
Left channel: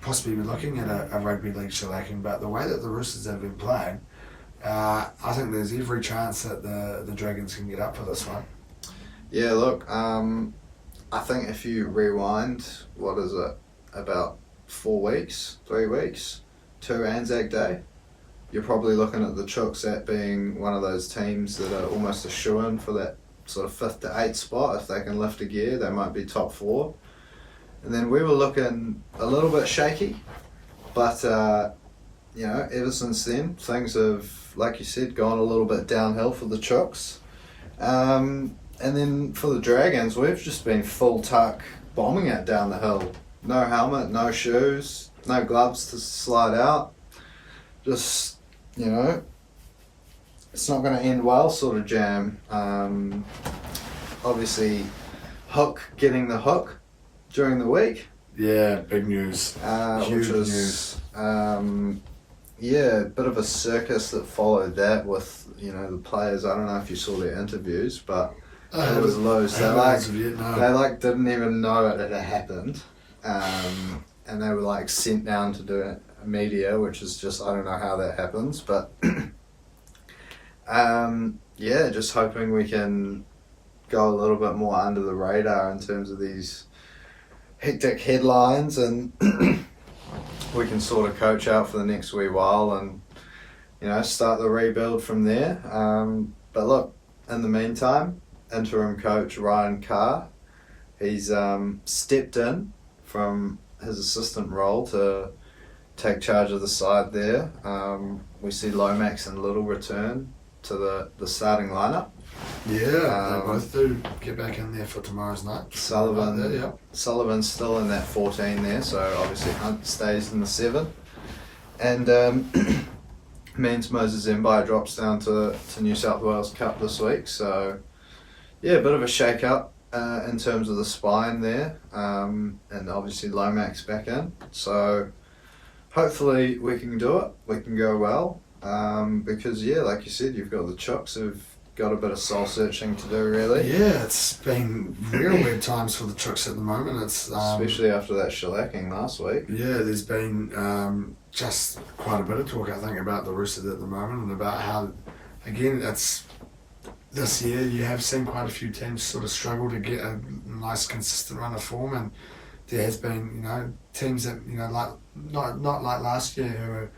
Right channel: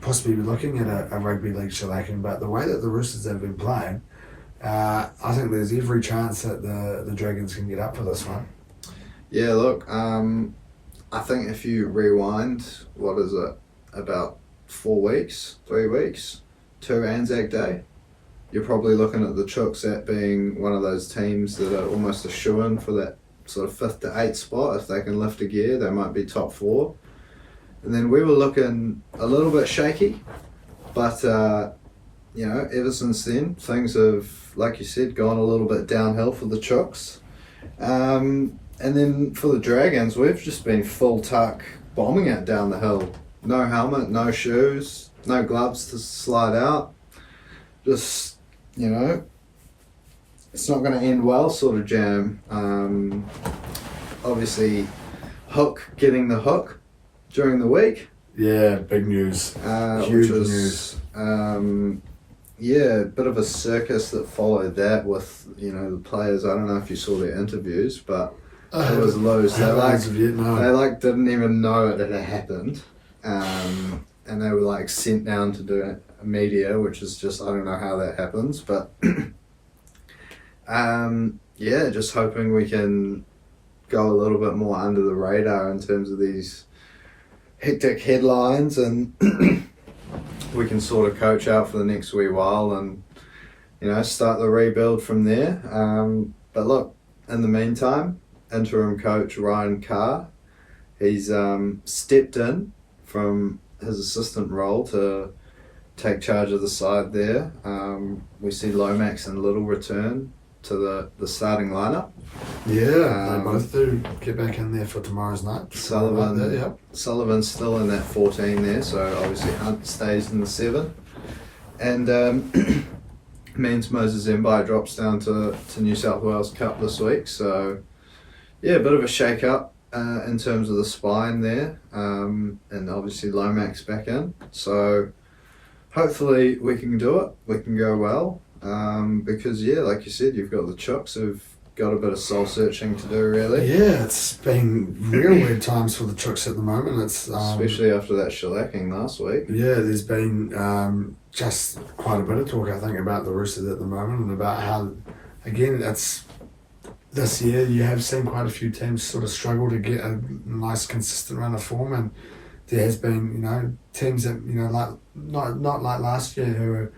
possibly be looking at a rugby league shellacking, but the way that the Roosters have been playing, I think there's every chance that the Dragons can get up for this one. Yeah, look, I think if you rewind, what is it, about 3 weeks to Anzac Day, you're probably looking at the Chooks at being one of those teams that are almost a shoo-in for that sort of 5th to 8th spot. If they can lift a gear, they might be top 4. And then we were looking a little bit shaky, but ever since then things have, like you said, gone a little bit downhill for the Chooks. And then for the Dragons, we've just been full tuck bombing it down the hill. No helmet, no shoes, no gloves to slide out. Just, it's not going to end well sort of jam. Obviously, Hook getting the hook during the week. Yeah, big news. Huge news. a bit of a circus that followed that with, the players. I don't know if you saw their interviews, but it was loads. They didn't even know it had happened. And they were sent down to do media, which is just, I don't know how that happens, but just hoping we can go a little bit more under the radar in terms of these hectic headlines, and we can sort of coach out for the next wee while and start the rebuild from there. But look, in the meantime, interim coach Ryan Carr, he's stepped in from his assistant role to take charge of the side there. We see Lomax and Little return to the starting lineup. Yeah, they both do get back in there for tomorrow's night. Sullivan's still in that 14 there, so obviously Hunt stays in the 7. And means Moses Mbai drops down to New South Wales Cup this week. So yeah, a bit of a shake-up in terms of the spine there, and obviously Lomax back in. So hopefully we can do it. We can go well, because like you said, you've got the Chooks who've got a bit of soul searching to do, really. Yeah, it's been real weird times for the Chooks at the moment. It's especially after that shellacking last week. Yeah, there's been just quite a bit of talk, I think, about the Roosters at the moment, and about how, again, it's this year you have seen quite a few teams sort of struggle to get a nice consistent run of form, and there has been teams that like not like last year who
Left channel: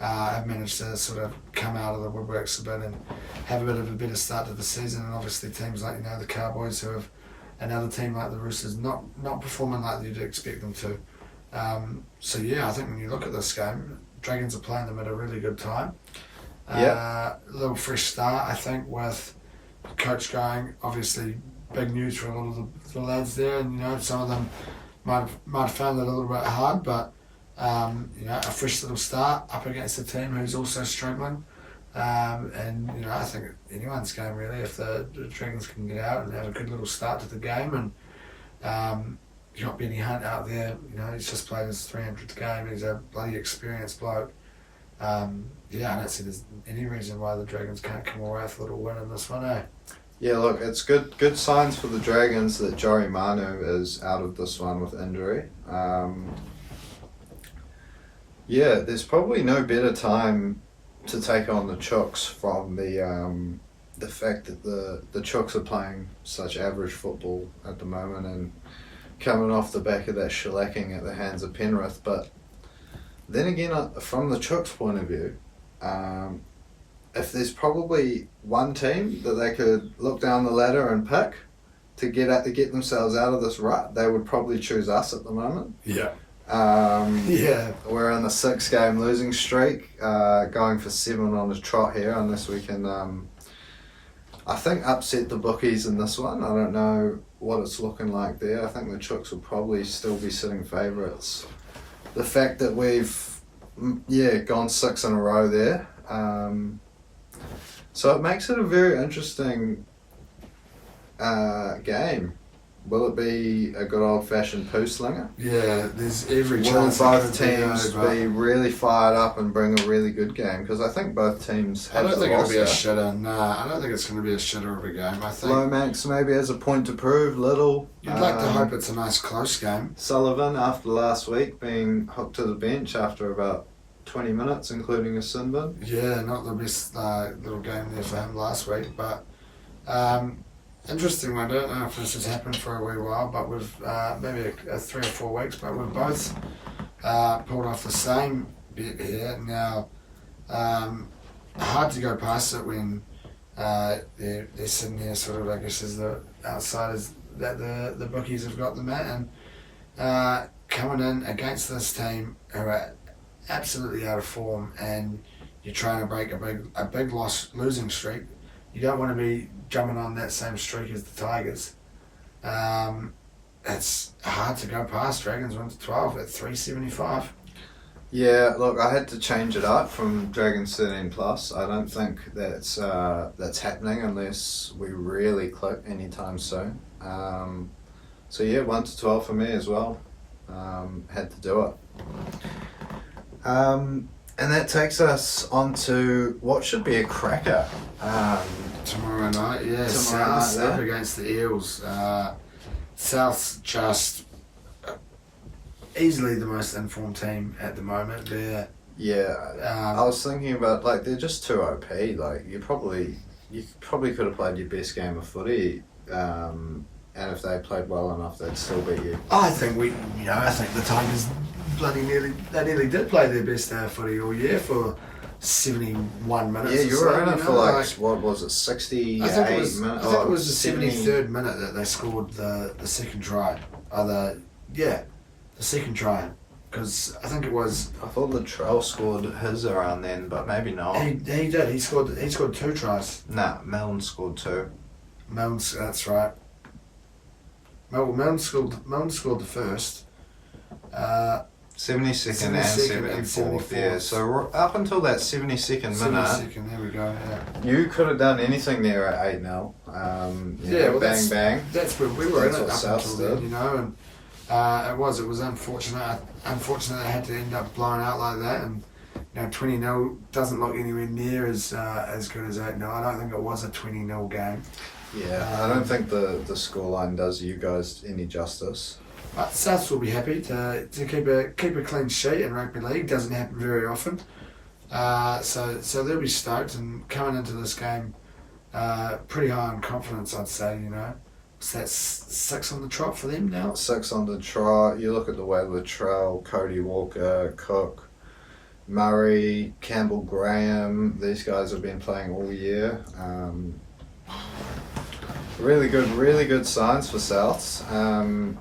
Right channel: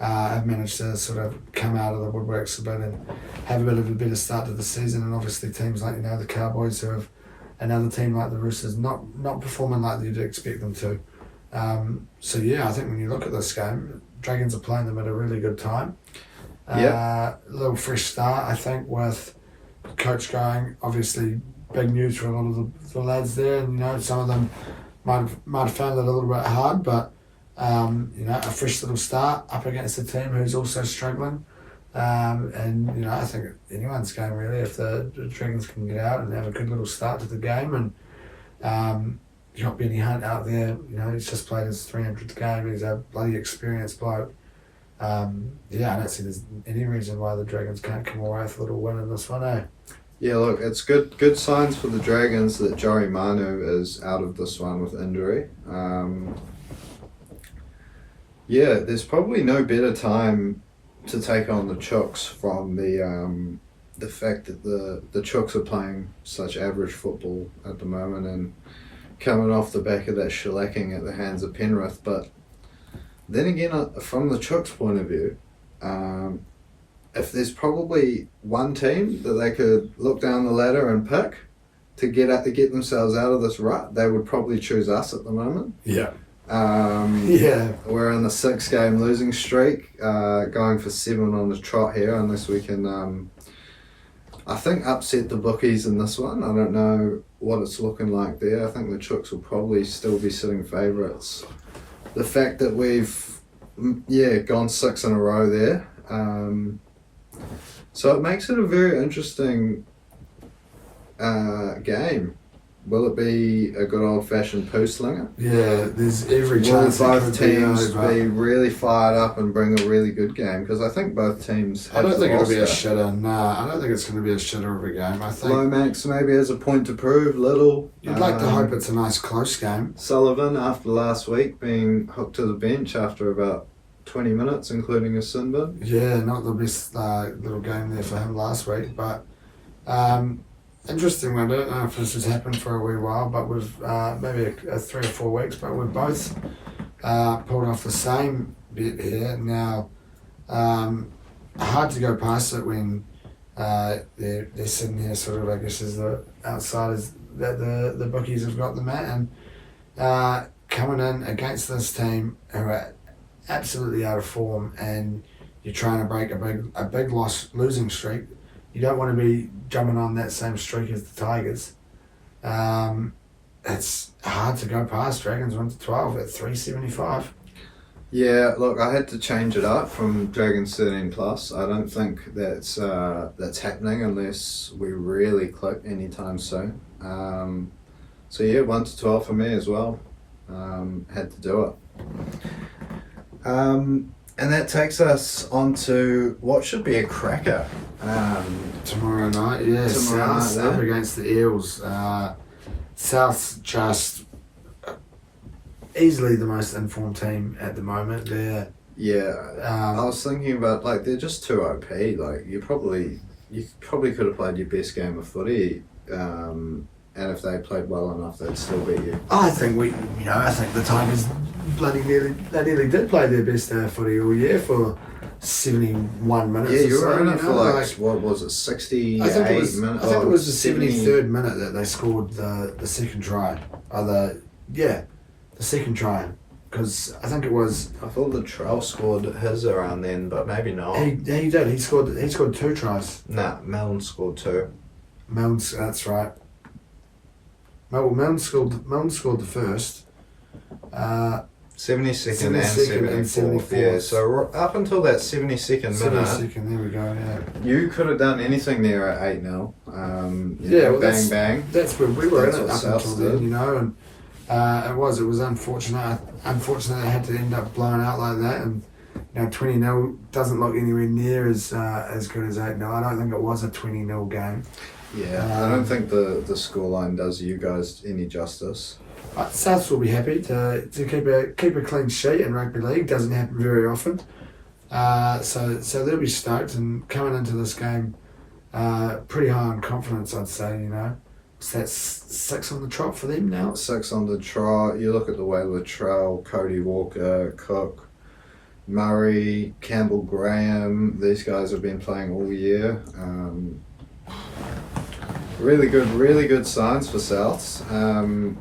have managed to sort of come out of the woodworks a bit and have a bit of a better start to the season, and obviously teams like the Cowboys who have another team like the Roosters not performing like you'd expect them to. So yeah, I think when you look at this game, Dragons are playing them at a really good time. A little fresh start, I think, with coach going. Obviously, big news for a lot of the lads there, and some of them might have found it a little bit hard, but a fresh little start up against a team who's also struggling. And I think anyone's game really, if the Dragons can get out and have a good little start to the game. And you got Benny Hunt out there, he's just played his 300th game, he's a bloody experienced bloke. I don't see there's any reason why the Dragons can't come away with a little win in this one, eh? Yeah, look, it's good signs for the Dragons that Joey Manu is out of this one with injury. There's probably no better time to take on the Chooks from the fact that the Chooks are playing such average football at the moment and coming off the back of that shellacking at the hands of Penrith. But then again, from the Chooks' point of view, if there's probably one team that they could look down the ladder and pick to get themselves out of this rut, they would probably choose us at the moment. Yeah. We're on a 6-game losing streak, going for 7 on the trot here, unless we can, I think, upset the bookies in this one. I don't know what it's looking like there. I think the Chooks will probably still be sitting favourites. The fact that we've, gone 6 in a row there, so it makes it a very interesting game. Will it be a good old-fashioned poo slinger? Yeah, there's every chance. Will both teams be really fired up and bring a really good game? Because I think both teams have I don't think it'll be a shitter. Nah, I don't think it's going to be a shitter of a game. I think Lomax maybe has a point to prove. Little. You'd like to hope it's a nice close game. Sullivan, after last week, being hooked to the bench after about 20 minutes, including a sin bin. Yeah, not the best little game there for him last week, but interesting one. I don't know if this has happened for a wee while, but we've maybe 3 or 4 weeks, but we've both pulled off the same bet here. Now, hard to go past it when they're sitting here sort of, I guess, as the outsiders that the bookies have got them at, and coming in against this team who are absolutely out of form, and you're trying to break a big losing streak. You don't want to be jumping on that same streak as the Tigers. It's hard to go past. Dragons went to 12 at 3.75. Yeah, look, I had to change it up from Dragons 13 plus. I don't think that's happening unless we really click anytime soon. So yeah, 1 to 12 for me as well. Had to do it. And that takes us on to what should be a cracker. Tomorrow night, yeah. South up against the Eels. South's just easily the most informed team at the moment. They're I was thinking about, like, they're just too OP. Like, you probably could have played your best game of footy, and if they played well enough, they'd still beat you. I think I think the Tigers nearly did play their best footy all year for 71 minutes. Yeah, you were in it for like what was it, 68 minutes? I think it was the 73rd 70... minute that they scored the second try. The second try. Because I think it was. I thought Latrell scored his around then, but maybe not. He did. He scored 2 tries. Nah, Melon scored 2. That's right. Melon scored the first. 72nd and 74th. Yeah, so up until that 72nd minute. 72nd, there we go. Yeah. You could have done anything there at 8-0. Bang. That's where we were in it up South until then, and it was unfortunate. Unfortunately, they had to end up blowing out like that, and 20-0 doesn't look anywhere near as good as 8-0. I don't think it was a 20-0 game. Yeah, I don't think the scoreline does you guys any justice. Souths will be happy to keep a clean sheet in rugby league. Doesn't happen very often. So they'll be stoked, and coming into this game pretty high on confidence, I'd say. So that's 6 on the trot for them now. 6 on the trot. You look at the way Latrell, Cody Walker, Cook, Murray, Campbell Graham, these guys have been playing all year. Really good signs for Souths. I'm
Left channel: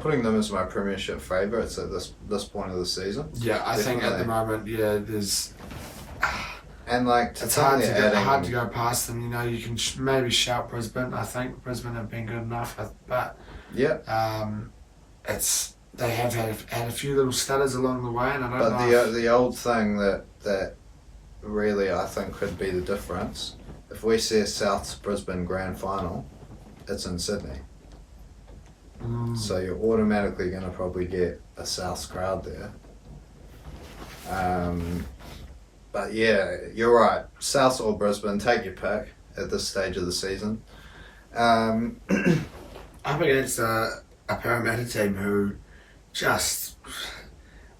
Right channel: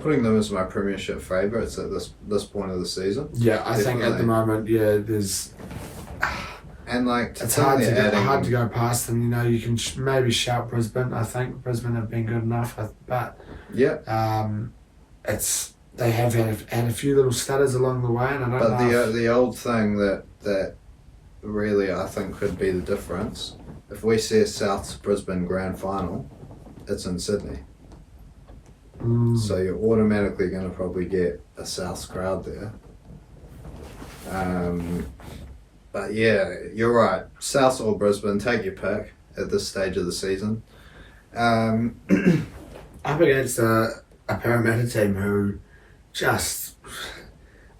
putting them as my premiership favourites at this point of the season. Yeah, I think at the moment, there's. And it's hard to go past them. You can maybe shout Brisbane. I think Brisbane have been good enough, but they have had a few little stutters along the way, and I don't know. But the old thing that really I think could be the difference, if we see a South's Brisbane grand final, it's in Sydney. So you're automatically going to probably get a Souths crowd there. But yeah, you're right. South or Brisbane, take your pick at this stage of the season. Up against a Parramatta team who just...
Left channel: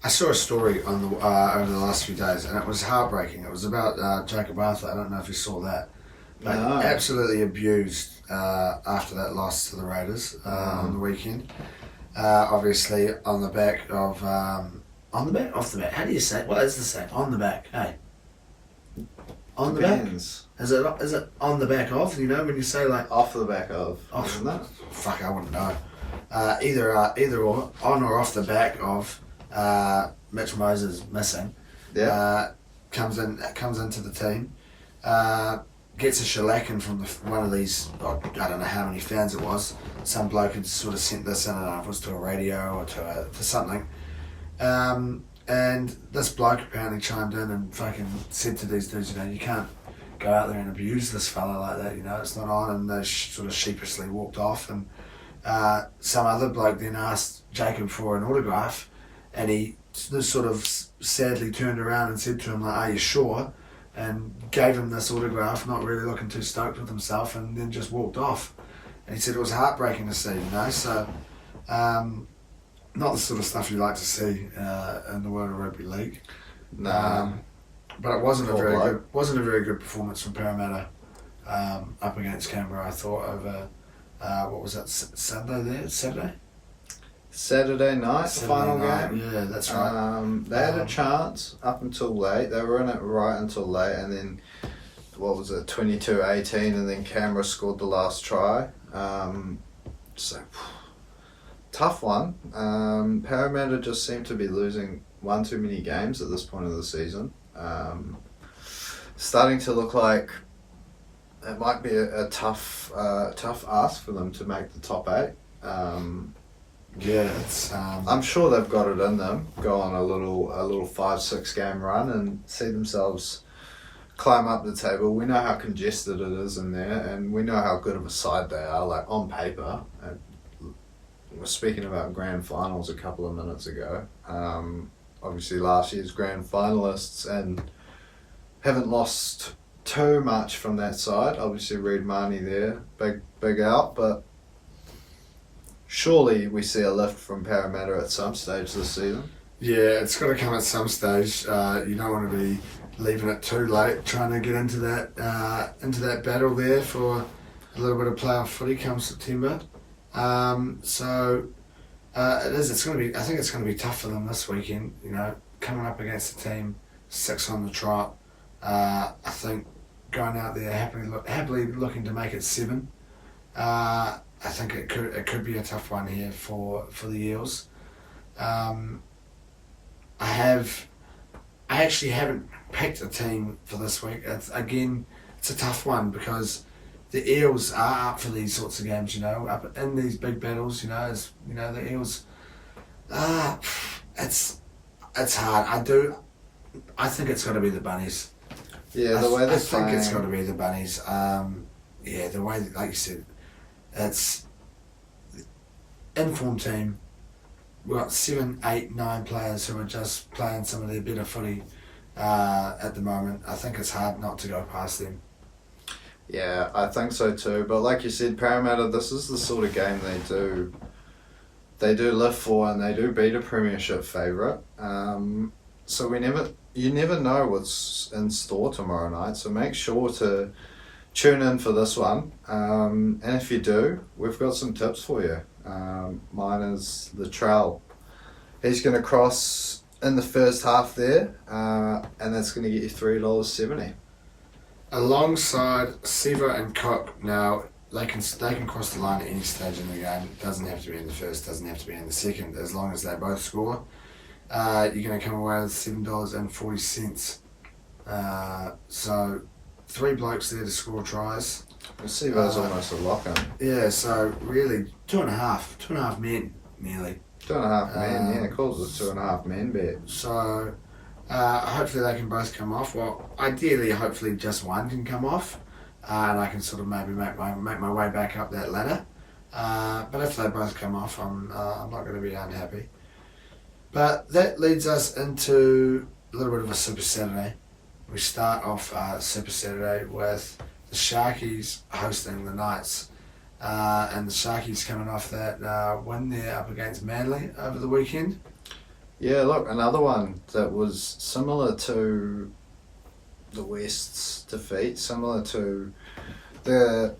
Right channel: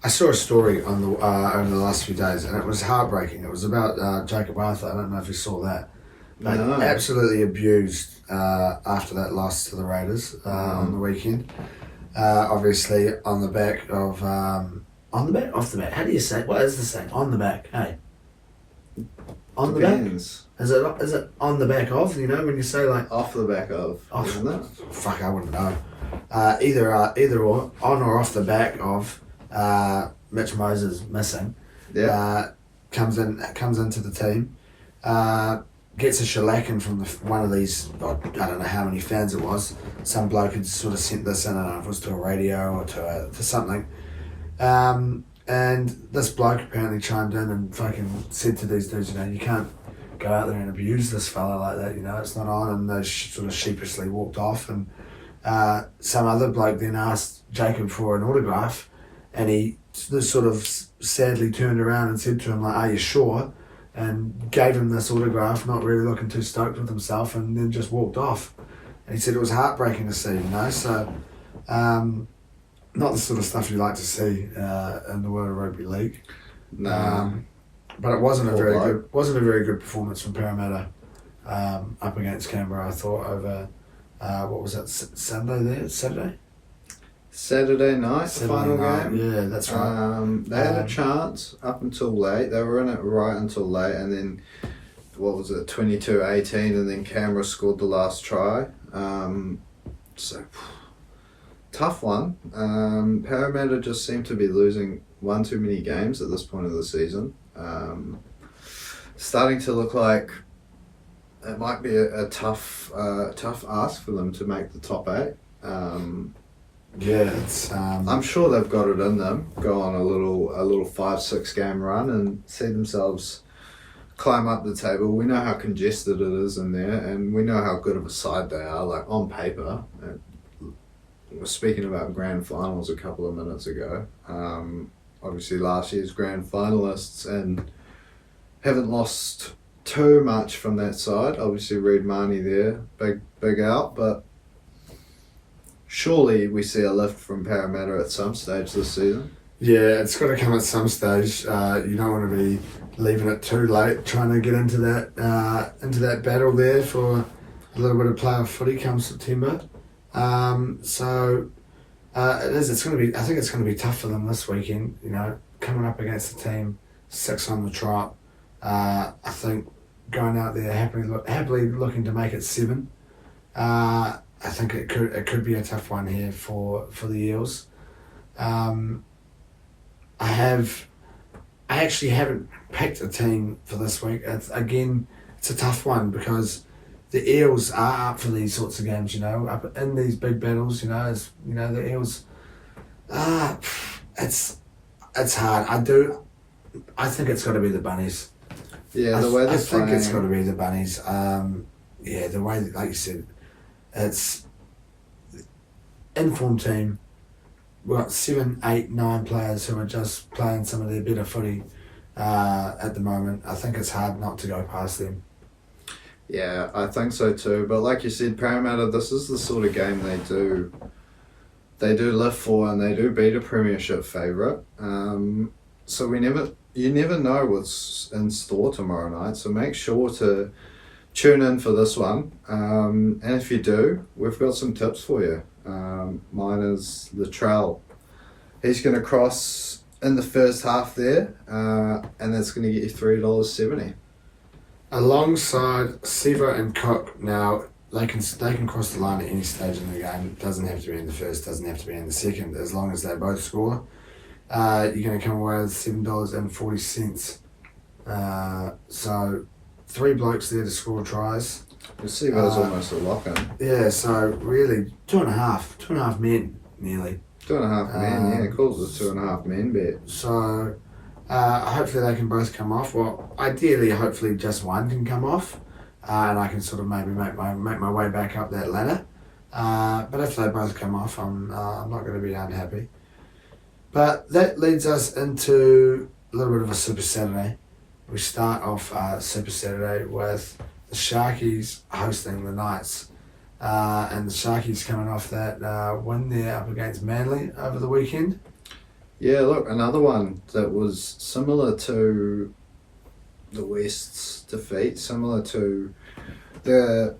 I saw a story on over the last few days, and it was heartbreaking. It was about Jacob Arthur. I don't know if you saw that. No. Absolutely abused after that loss to the Raiders on the weekend. Obviously on the back of... on the back? Off the back? How do you say it? What is the saying? On the back, hey? On Depends. The back? Is it on the back of? When you say like... Off the back of, isn't it? Fuck, I wouldn't know. Either or, on or off the back of Mitch Moses missing. Yeah. Comes into the team. Gets a shellacking from one of these, I don't know how many fans it was. Some bloke had sort of sent this in, I don't know if it was to a radio or to something. And this bloke apparently chimed in and fucking said to these dudes, you can't go out there and abuse this fella like that, it's not on. And they sort of sheepishly walked off. And some other bloke then asked Jacob for an autograph, and he sort of sadly turned around and said to him, like, "Are you sure?" And gave him this autograph, not really looking too stoked with himself, and then just walked off. And he said it was heartbreaking to see, So, not the sort of stuff you like to see in the world of rugby league. No. But it wasn't a very good performance from Parramatta up against Canberra. I thought over what was that, Saturday night, the final game. Yeah, that's right. They had a chance up until late. They were in it right until late, and then, 22-18, and then Canberra scored the last try. Tough one. Parramatta just seem to be losing one too many games at this point of the season. Starting to look like it might be a tough ask for them to make the top 8. I'm sure they've got it in them. Go on a little 5-6 game run and see themselves climb up the table. We know how congested it is in there, and we know how good of a side they are. Like on paper, were speaking about grand finals a couple of minutes ago. Obviously last year's grand finalists and haven't lost too much from that side. Obviously Reid Marnie there, big out, but surely we see a lift from Parramatta at some stage this season. Yeah, it's got to come at some stage. You don't want to be leaving it too late, trying to get into that battle there for a little bit of playoff footy come September. It is. It's going to be. I think it's going to be tough for them this weekend. You know, coming up against a team 6 on the trot. I think going out there happily looking to make it 7. I think it could be a tough one here for the Eels. I actually haven't picked a team for this week. It's a tough one because the Eels are up for these sorts of games, you know, up in these big battles, you know, the Eels. It's hard. I think it's got to be the Bunnies. Yeah, the way they're playing. I think it's got to be the Bunnies. The way, like you said, it's informed team. We've got 7, 8, 9 players who are just playing some of their better footy at the moment. I think it's hard not to go past them. Yeah, I think so too. But like you said, Parramatta, this is the sort of game they do live for, and they do beat a premiership favourite. So you never know what's in store tomorrow night. So make sure to tune in for this one. And if you do, we've got some tips for you. Mine is Latrell. He's going to cross in the first half there, and that's going to get you $3.70. Alongside Siva and Cook, now they can cross the line at any stage in the game. It doesn't have to be in the first, doesn't have to be in the second, as long as they both score. You're going to come away with $7.40. So 3 blokes there to score tries. Siva's almost a lock-in. Yeah, so really 2.5 men nearly. 2.5 men, yeah, calls it 2.5 men bet. So hopefully they can both come off. Well, ideally, hopefully just one can come off, and I can sort of maybe make my way back up that ladder. But if they both come off, I'm not going to be unhappy. But that leads us into a little bit of a Super Saturday. We start off Super Saturday with the Sharkies hosting the Knights. And the Sharkies coming off that win there up against Manly over the weekend. Yeah, look, another one that was similar to the West's defeat, similar to the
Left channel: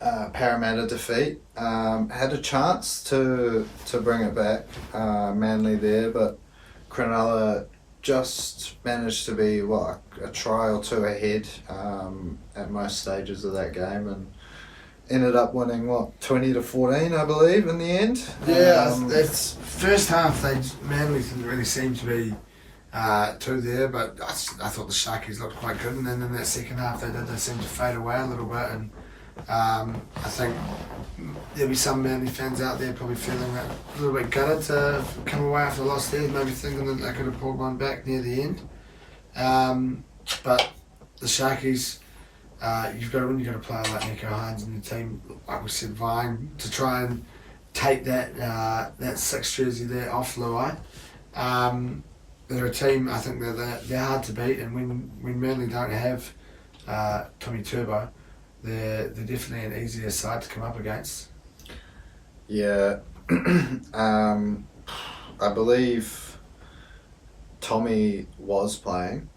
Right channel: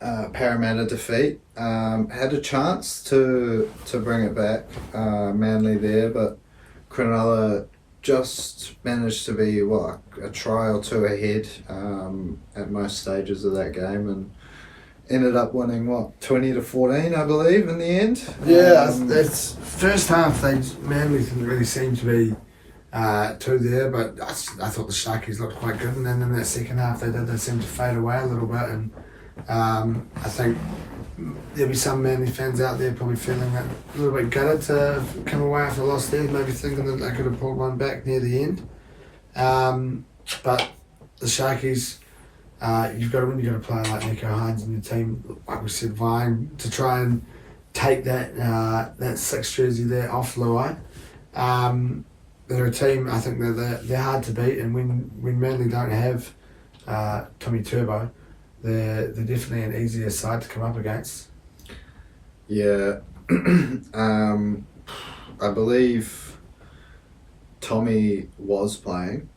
Parramatta defeat. Had a chance to bring it back, Manly there, but Cronulla just managed to be a try or 2 ahead at most stages of that game, and ended up winning 20-14, I believe, in the end. Yeah, that's first half. Manly didn't really seem to be too there, but I thought the Sharkies looked quite good, and then in that second half they seemed to fade away a little bit, and I think there'll be some Manly fans out there probably feeling a little bit gutted to come away after the loss there, maybe thinking that they could have pulled one back near the end. But the Sharkies, you've got to play like Nico Hines and your team, like we said, vying to try and take that 6 jersey there off Luai. They're a team, I think they're hard to beat, and when Manly don't have Tommy Turbo, they're definitely an easier side to come up against. Yeah, I believe Tommy was playing.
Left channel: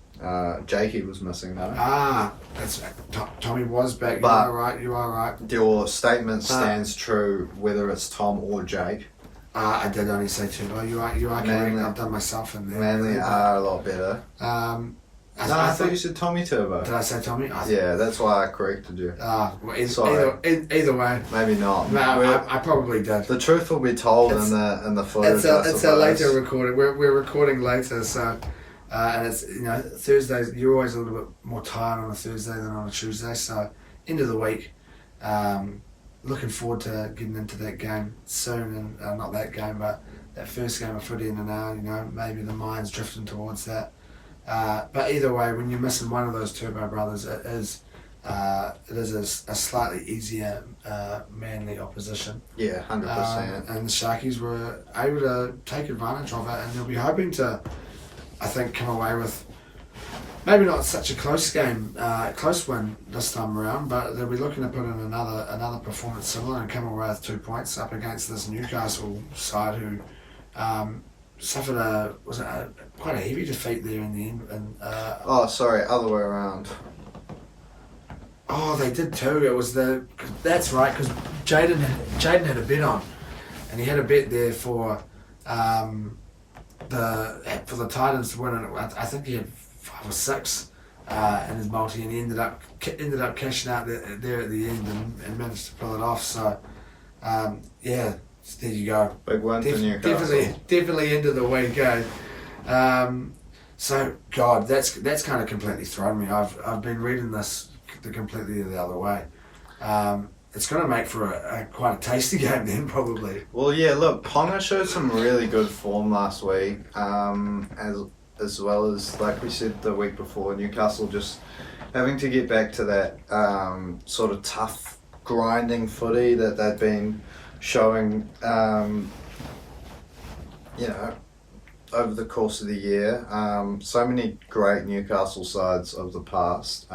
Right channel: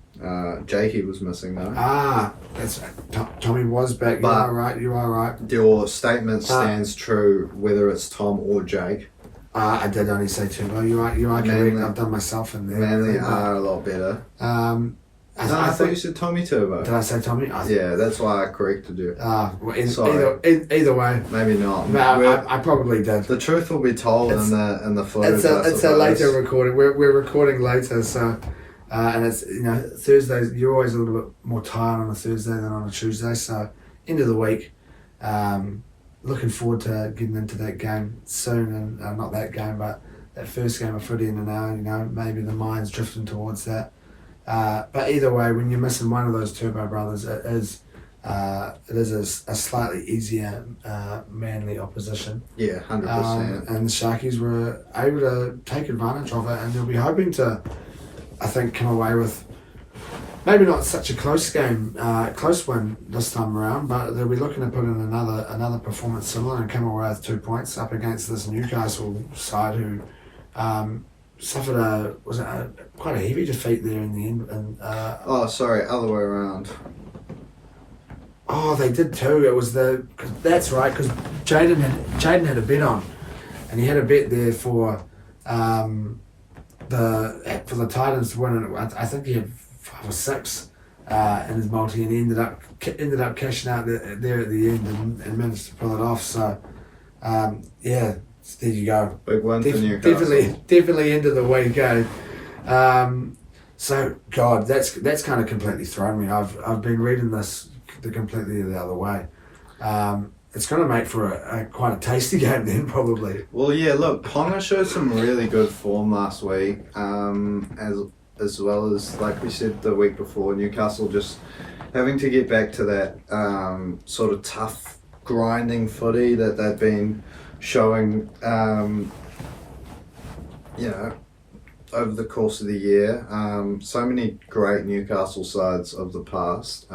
Jakey was missing though. That's Tommy was back. But you are right. Your statement stands true whether it's Tom or Jake. I did only say Turbo. You are correct. I've done myself in there. Manly are a lot better. I thought you said Tommy Turbo. Did I say Tommy? Yeah, that's why I corrected you. Either way. Maybe not. No, I probably did. The truth will be told in the footage. It's a later recording. We're recording later, so and it's Thursdays. You're always a little bit more tired on a Thursday than on a Tuesday. So end of the week. Looking forward to getting into that game soon, and not that game, but that first game of footy in an hour. Maybe the mind's drifting towards that. But either way, when you're missing one of those Turbo brothers, it is it is a slightly easier Manly opposition. Yeah, 100%. And the Sharkies were able to take advantage of it, and they'll be hoping to, I think, come away with maybe not such a close win this time around, but they'll be looking to put in another performance similar and come away with 2 points up against this Newcastle side who suffered quite a heavy defeat there in the end. And other way around. Oh, they did too. It was that's right, because Jaden had a bet on, and he had a bet there for the Titans to win it. I think he had 5 or 6 in his multi, and he ended up cashing out there at the end and managed to pull it off. So there you go. Big win for Newcastle. Definitely into the week, eh? So God, that's kind of completely thrown me. I've been reading this completely the other way. It's going to make for quite a tasty game then, probably. Well, yeah, look, Ponga showed some really good form last week, as well as, like we said the week before, Newcastle just having to get back to that sort of tough, grinding footy that they've been showing, over the course of the year. So many great Newcastle sides of the past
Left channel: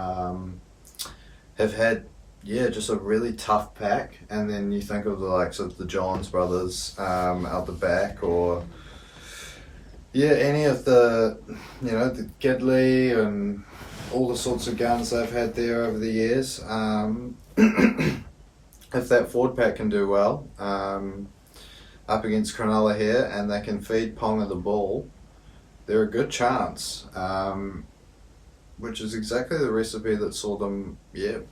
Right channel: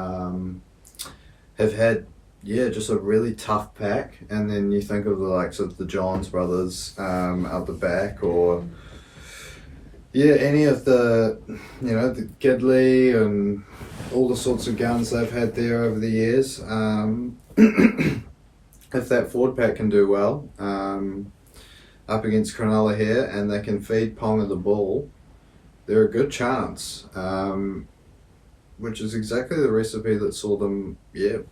have had, just a really tough pack, and then you think of the likes of the Johns brothers out the back, or any of the, the Gidley and all the sorts of guns they've had there over the years. If that forward pack can do well up against Cronulla here, and they can feed Ponga the ball, they're a good chance. Which is exactly the recipe that saw them,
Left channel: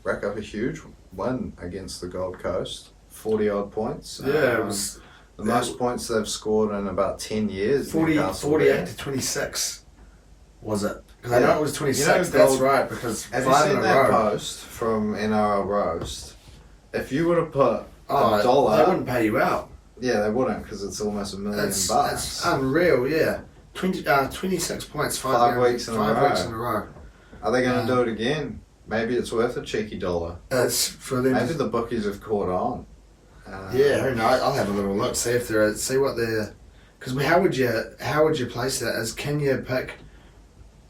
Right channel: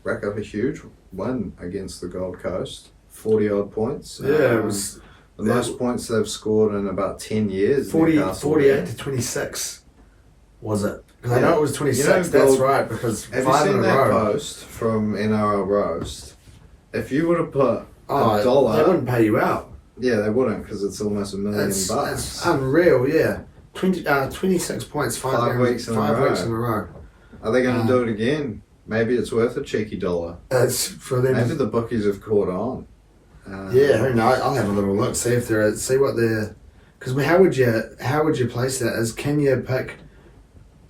rack up a huge win against the Gold Coast. 40-odd points. It was the most points they've scored in about 10 years. 48 to 26, was it? Because I know it was 26, that's right, because have 5 you in seen a that row. post from NRL Roast? If you would have put $1... They wouldn't pay you out. Yeah, they wouldn't, because it's almost $1 million bucks. It's unreal, yeah. 26 points, 5 weeks in a row. Are they going to do it again? Maybe it's worth a cheeky $1. It's for them. Maybe the bookies have caught on. Who knows? I'll have a little look, see what they're. Because how would you place that? Can you pick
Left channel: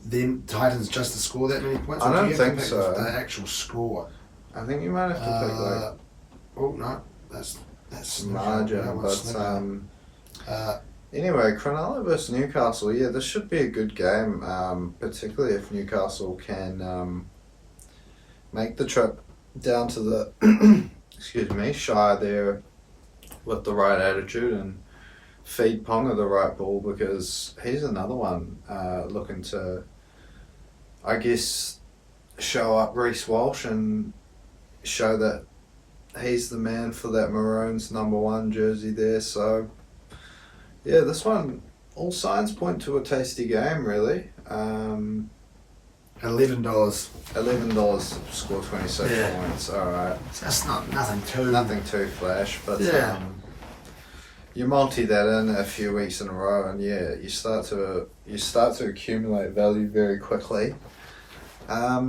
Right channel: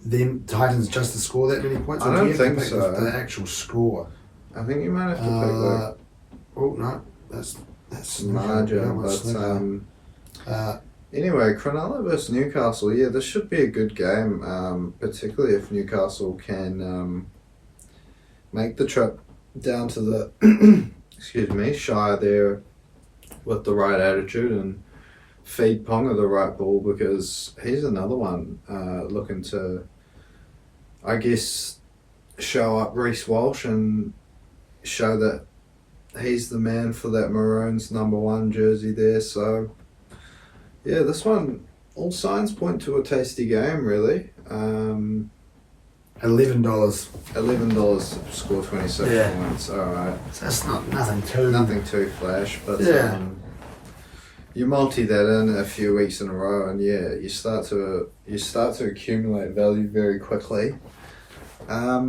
them Titans just to score that many points? I don't think so. The actual score. I think you might have to pick Oh no, that's margin. Anyway, Cronulla versus Newcastle. Yeah, this should be a good game, particularly if Newcastle can make the trip down to the Shire there with the right attitude and feed Ponga the right ball, because he's another one looking to, I guess, show up Reece Walsh and show that he's the man for that Maroons #1 jersey there. So yeah, this one, all signs point to a tasty game, really. $11. $11 to score 26 points. All right. So that's nothing too flash, but you multi that in a few weeks in a row, and you start to accumulate value very quickly. I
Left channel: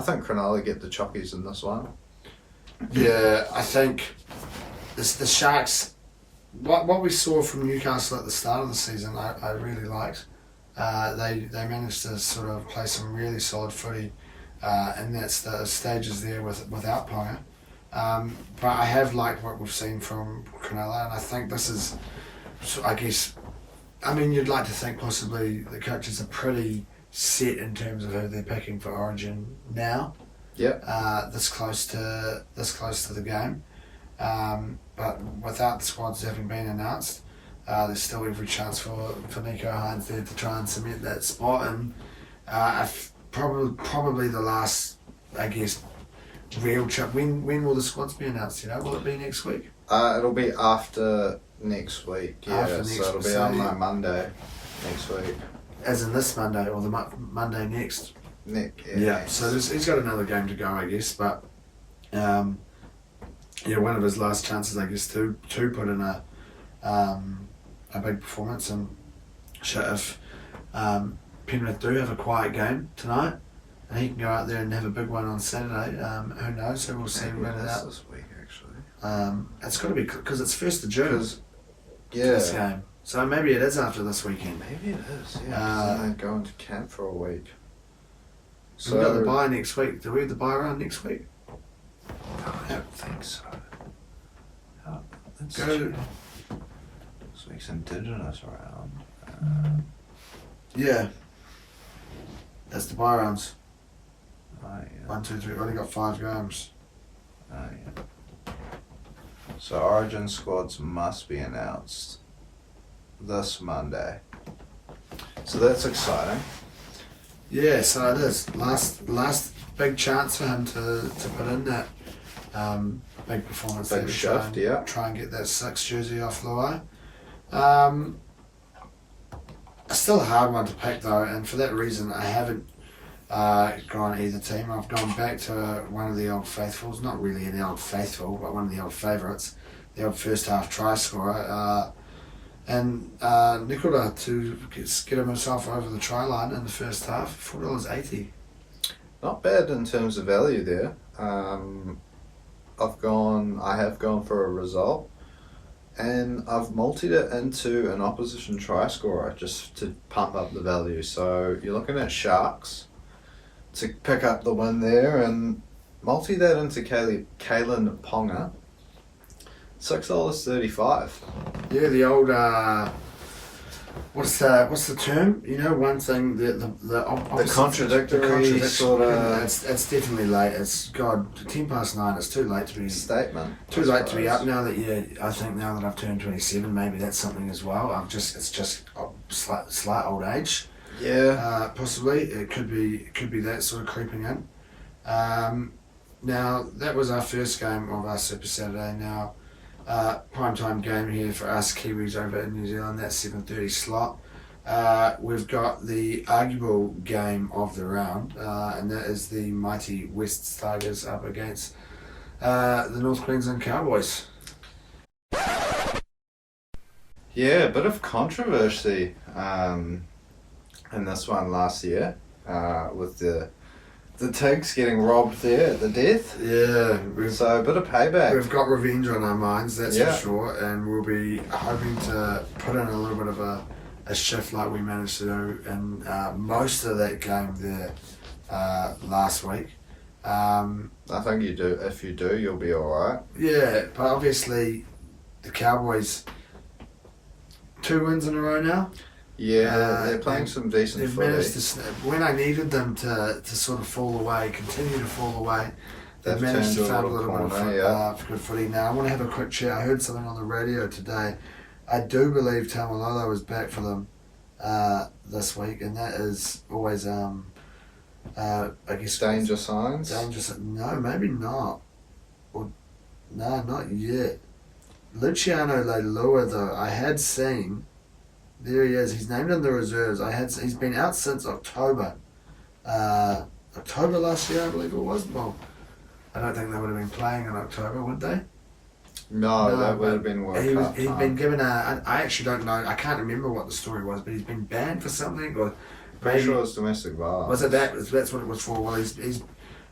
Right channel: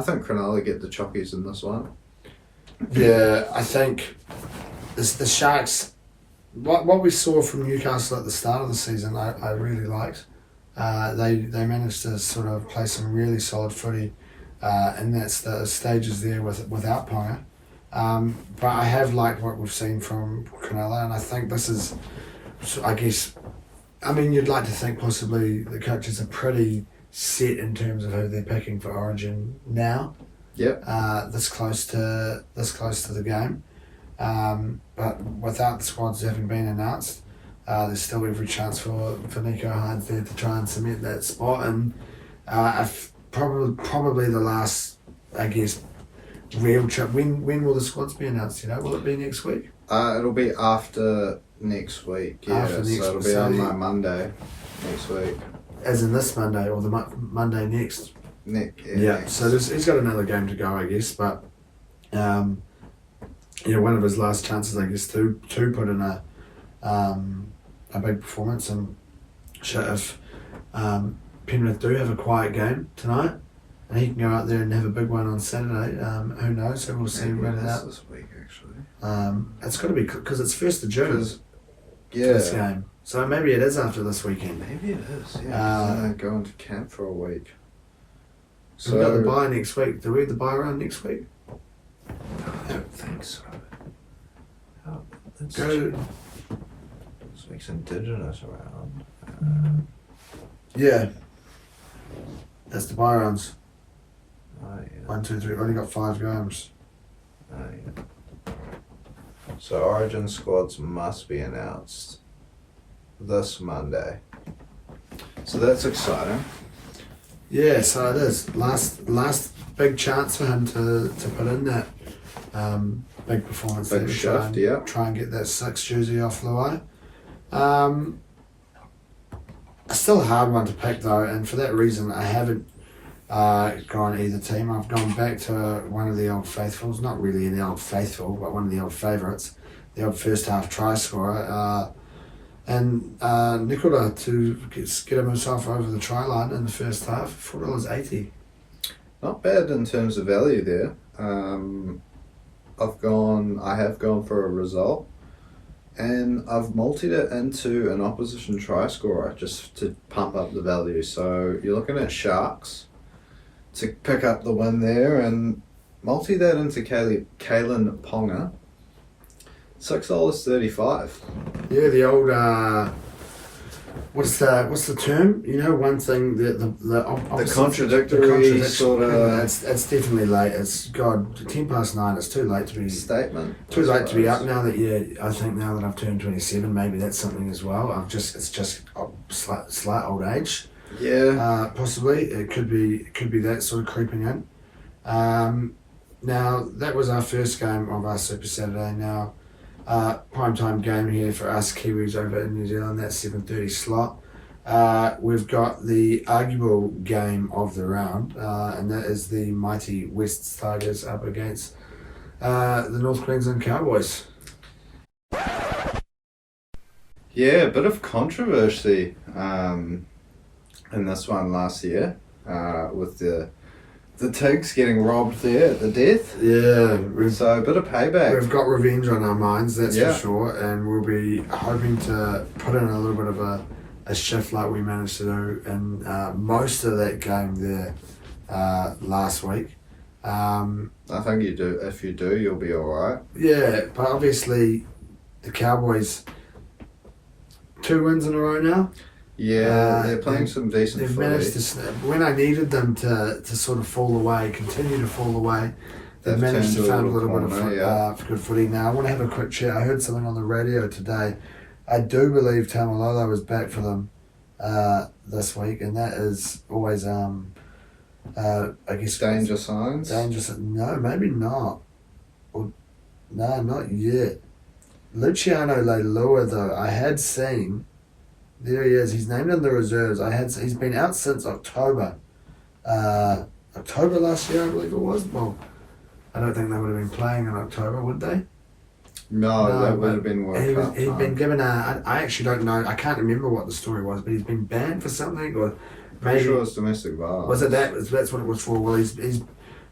think Cronulla get the chockies in this one. Yeah, I think the Sharks. What we saw from Newcastle at the start of the season, I really liked. They managed to sort of play some really solid footy, and that's the stages there without Ponga. But I have liked what we've seen from Cronulla, and I think this is, I guess, you'd like to think possibly the coaches are pretty set in terms of who they're picking for Origin now. Yep. This close to the game. But without the squads having been announced, there's still every chance for Nico Hines there to try and cement that spot. And probably the last, I guess, real trip. When will the squads be announced? Will it be next week? It'll be after next week. Yeah, it'll be on like Monday next week. As in this Monday or the Monday next? Nick. Yeah. So he's got another game to go, I guess, but. One of his last chances, I guess, to put in a big performance. And if Penrith do have a quiet game tonight, and he can go out there and have a big one on Saturday. Who knows? So we'll see when it's out. This week, actually. It's got to be because it's 1st of June. Yeah. This game. So maybe it is after this weekend. Maybe it is. Yeah. So going to camp for a week. So we've got the bye next week. Do we have the bye round next week? I don't think so. Go. This week's Indigenous round. Yeah. That's the bye rounds. Oh, yeah. 1, 2, 3. We've only got 5 games. Oh, yeah. So Origin squads must be announced this Monday. So that's exciting. Yeah, so it is. Last big chance for him to put in that big performance. Big there, shift, yeah. Try and get that 6 jersey off the way. Still a hard one to pick though, and for that reason I haven't gone either team. I've gone back to one of the old faithfuls, not really an old faithful, but one of the old favourites, the old first half try scorer, and Nicola to get himself over the try line in the first half, $4.80. Not bad in terms of value there. I have gone for a result, and I've multied it into an opposition try scorer just to pump up the value. So you're looking at Sharks to pick up the win there, and multi that into Kalen Ponga, $6.35. Yeah, the old what's the term? You know, one thing the contradictory sort of. It's definitely late. It's 9:10. It's too late to be Statement. Too late to be up now that I think now that I've turned 27, maybe that's something as well. It's just a slight old age. Yeah. Possibly it could be that sort of creeping in. Now that was our first game of our Super Saturday. Now. Primetime game here for us Kiwis over in New Zealand, that 7:30 slot. We've got the arguable game of the round, and that is the mighty West Tigers up against the North Queensland Cowboys. Yeah, a bit of controversy in this one last year with the Tigs getting robbed there at the death. Yeah. So a bit of payback. We've got revenge on our minds, that's for sure, and we'll be hoping to put in a little bit of a shift like we managed to do in most of that game there last week. I think you do. If you do, you'll be alright. Yeah, but obviously the Cowboys 2 wins in a row now. Yeah, they're playing some decent They've footy. managed to snap. When I needed them to sort of fall away, continue to fall away, they've managed to find a little bit of good footy. Now, I want to have a quick chat. I heard something on the radio today. I do believe Tamalolo is back for them this week, and that is always, I guess... Danger signs? No, maybe not. No, not yet. Luciano Leilua, though, I had seen... There he is. He's named in the reserves. He's been out since October. October last year, I believe it was. Well, I don't think they would have been playing in October, would they? No, that would have been World Cup. He'd been given I actually don't know. I can't remember what the story was, but he's been banned for something, or Pretty sure it's domestic violence. Was it that? That's what it was for. Well, he's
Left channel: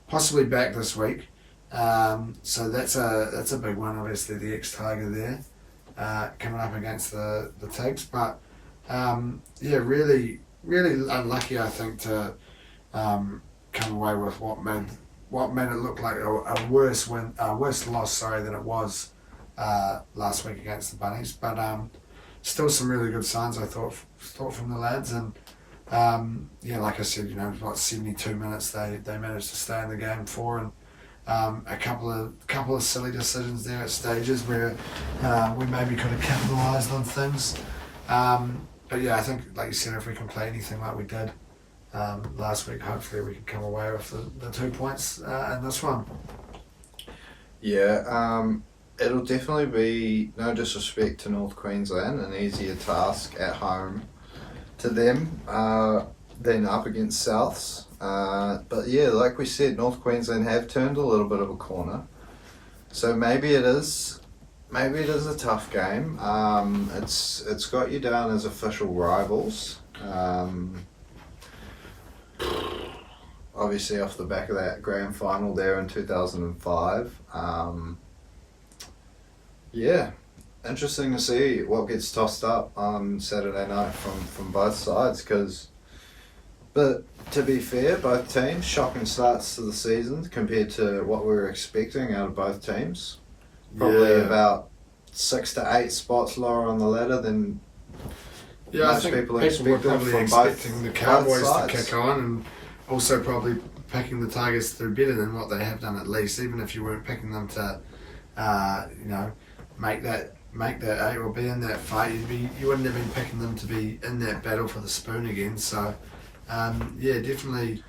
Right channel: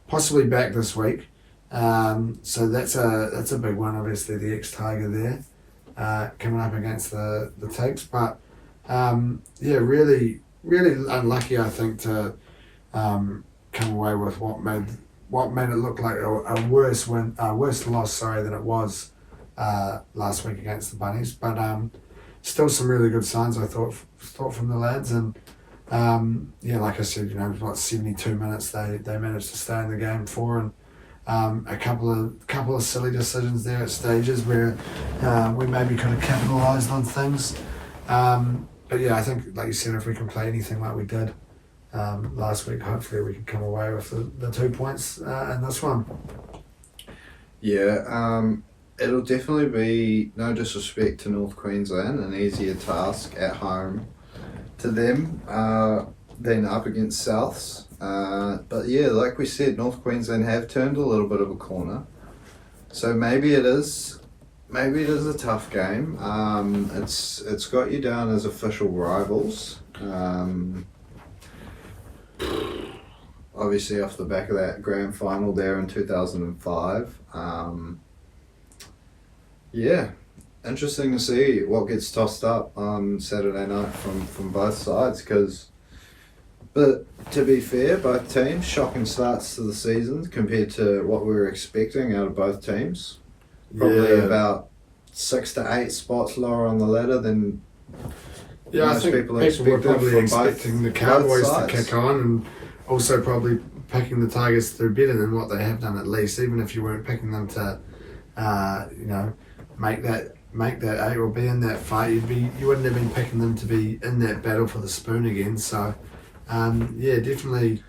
possibly back this week. So that's a big one. Obviously, the ex-Tiger there coming up against the Tigs, but. Really unlucky, I think, to come away with what made it look like a worse loss, than it was last week against the Bunnies. But still some really good signs, I thought from the lads, and like I said, about 72 minutes they managed to stay in the game for, and a couple of silly decisions there at stages where we maybe could have capitalised on things. But yeah, I think, like you said, if we can play anything like we did last week, hopefully we can come away with the 2 points in this one. Yeah, it'll definitely be, no disrespect to North Queensland, an easier task at home to them than up against Souths. But yeah, like we said, North Queensland have turned a little bit of a corner. So maybe it is a tough game. It's got you down as official rivals. obviously off the back of that grand final there in 2005. Yeah, interesting to see what gets tossed up on Saturday night from both sides. But to be fair, both teams, shocking starts to the season compared to what we were expecting out of both teams. Probably about 6 to 8 spots lower on the ladder than I think people were probably expecting the Cowboys to kick on, and also probably picking the Tigers to do better than what they have done at least, even if you weren't picking them to, make that 8 or be in that fight. You wouldn't have been picking them to be in that battle for the spoon again. So, definitely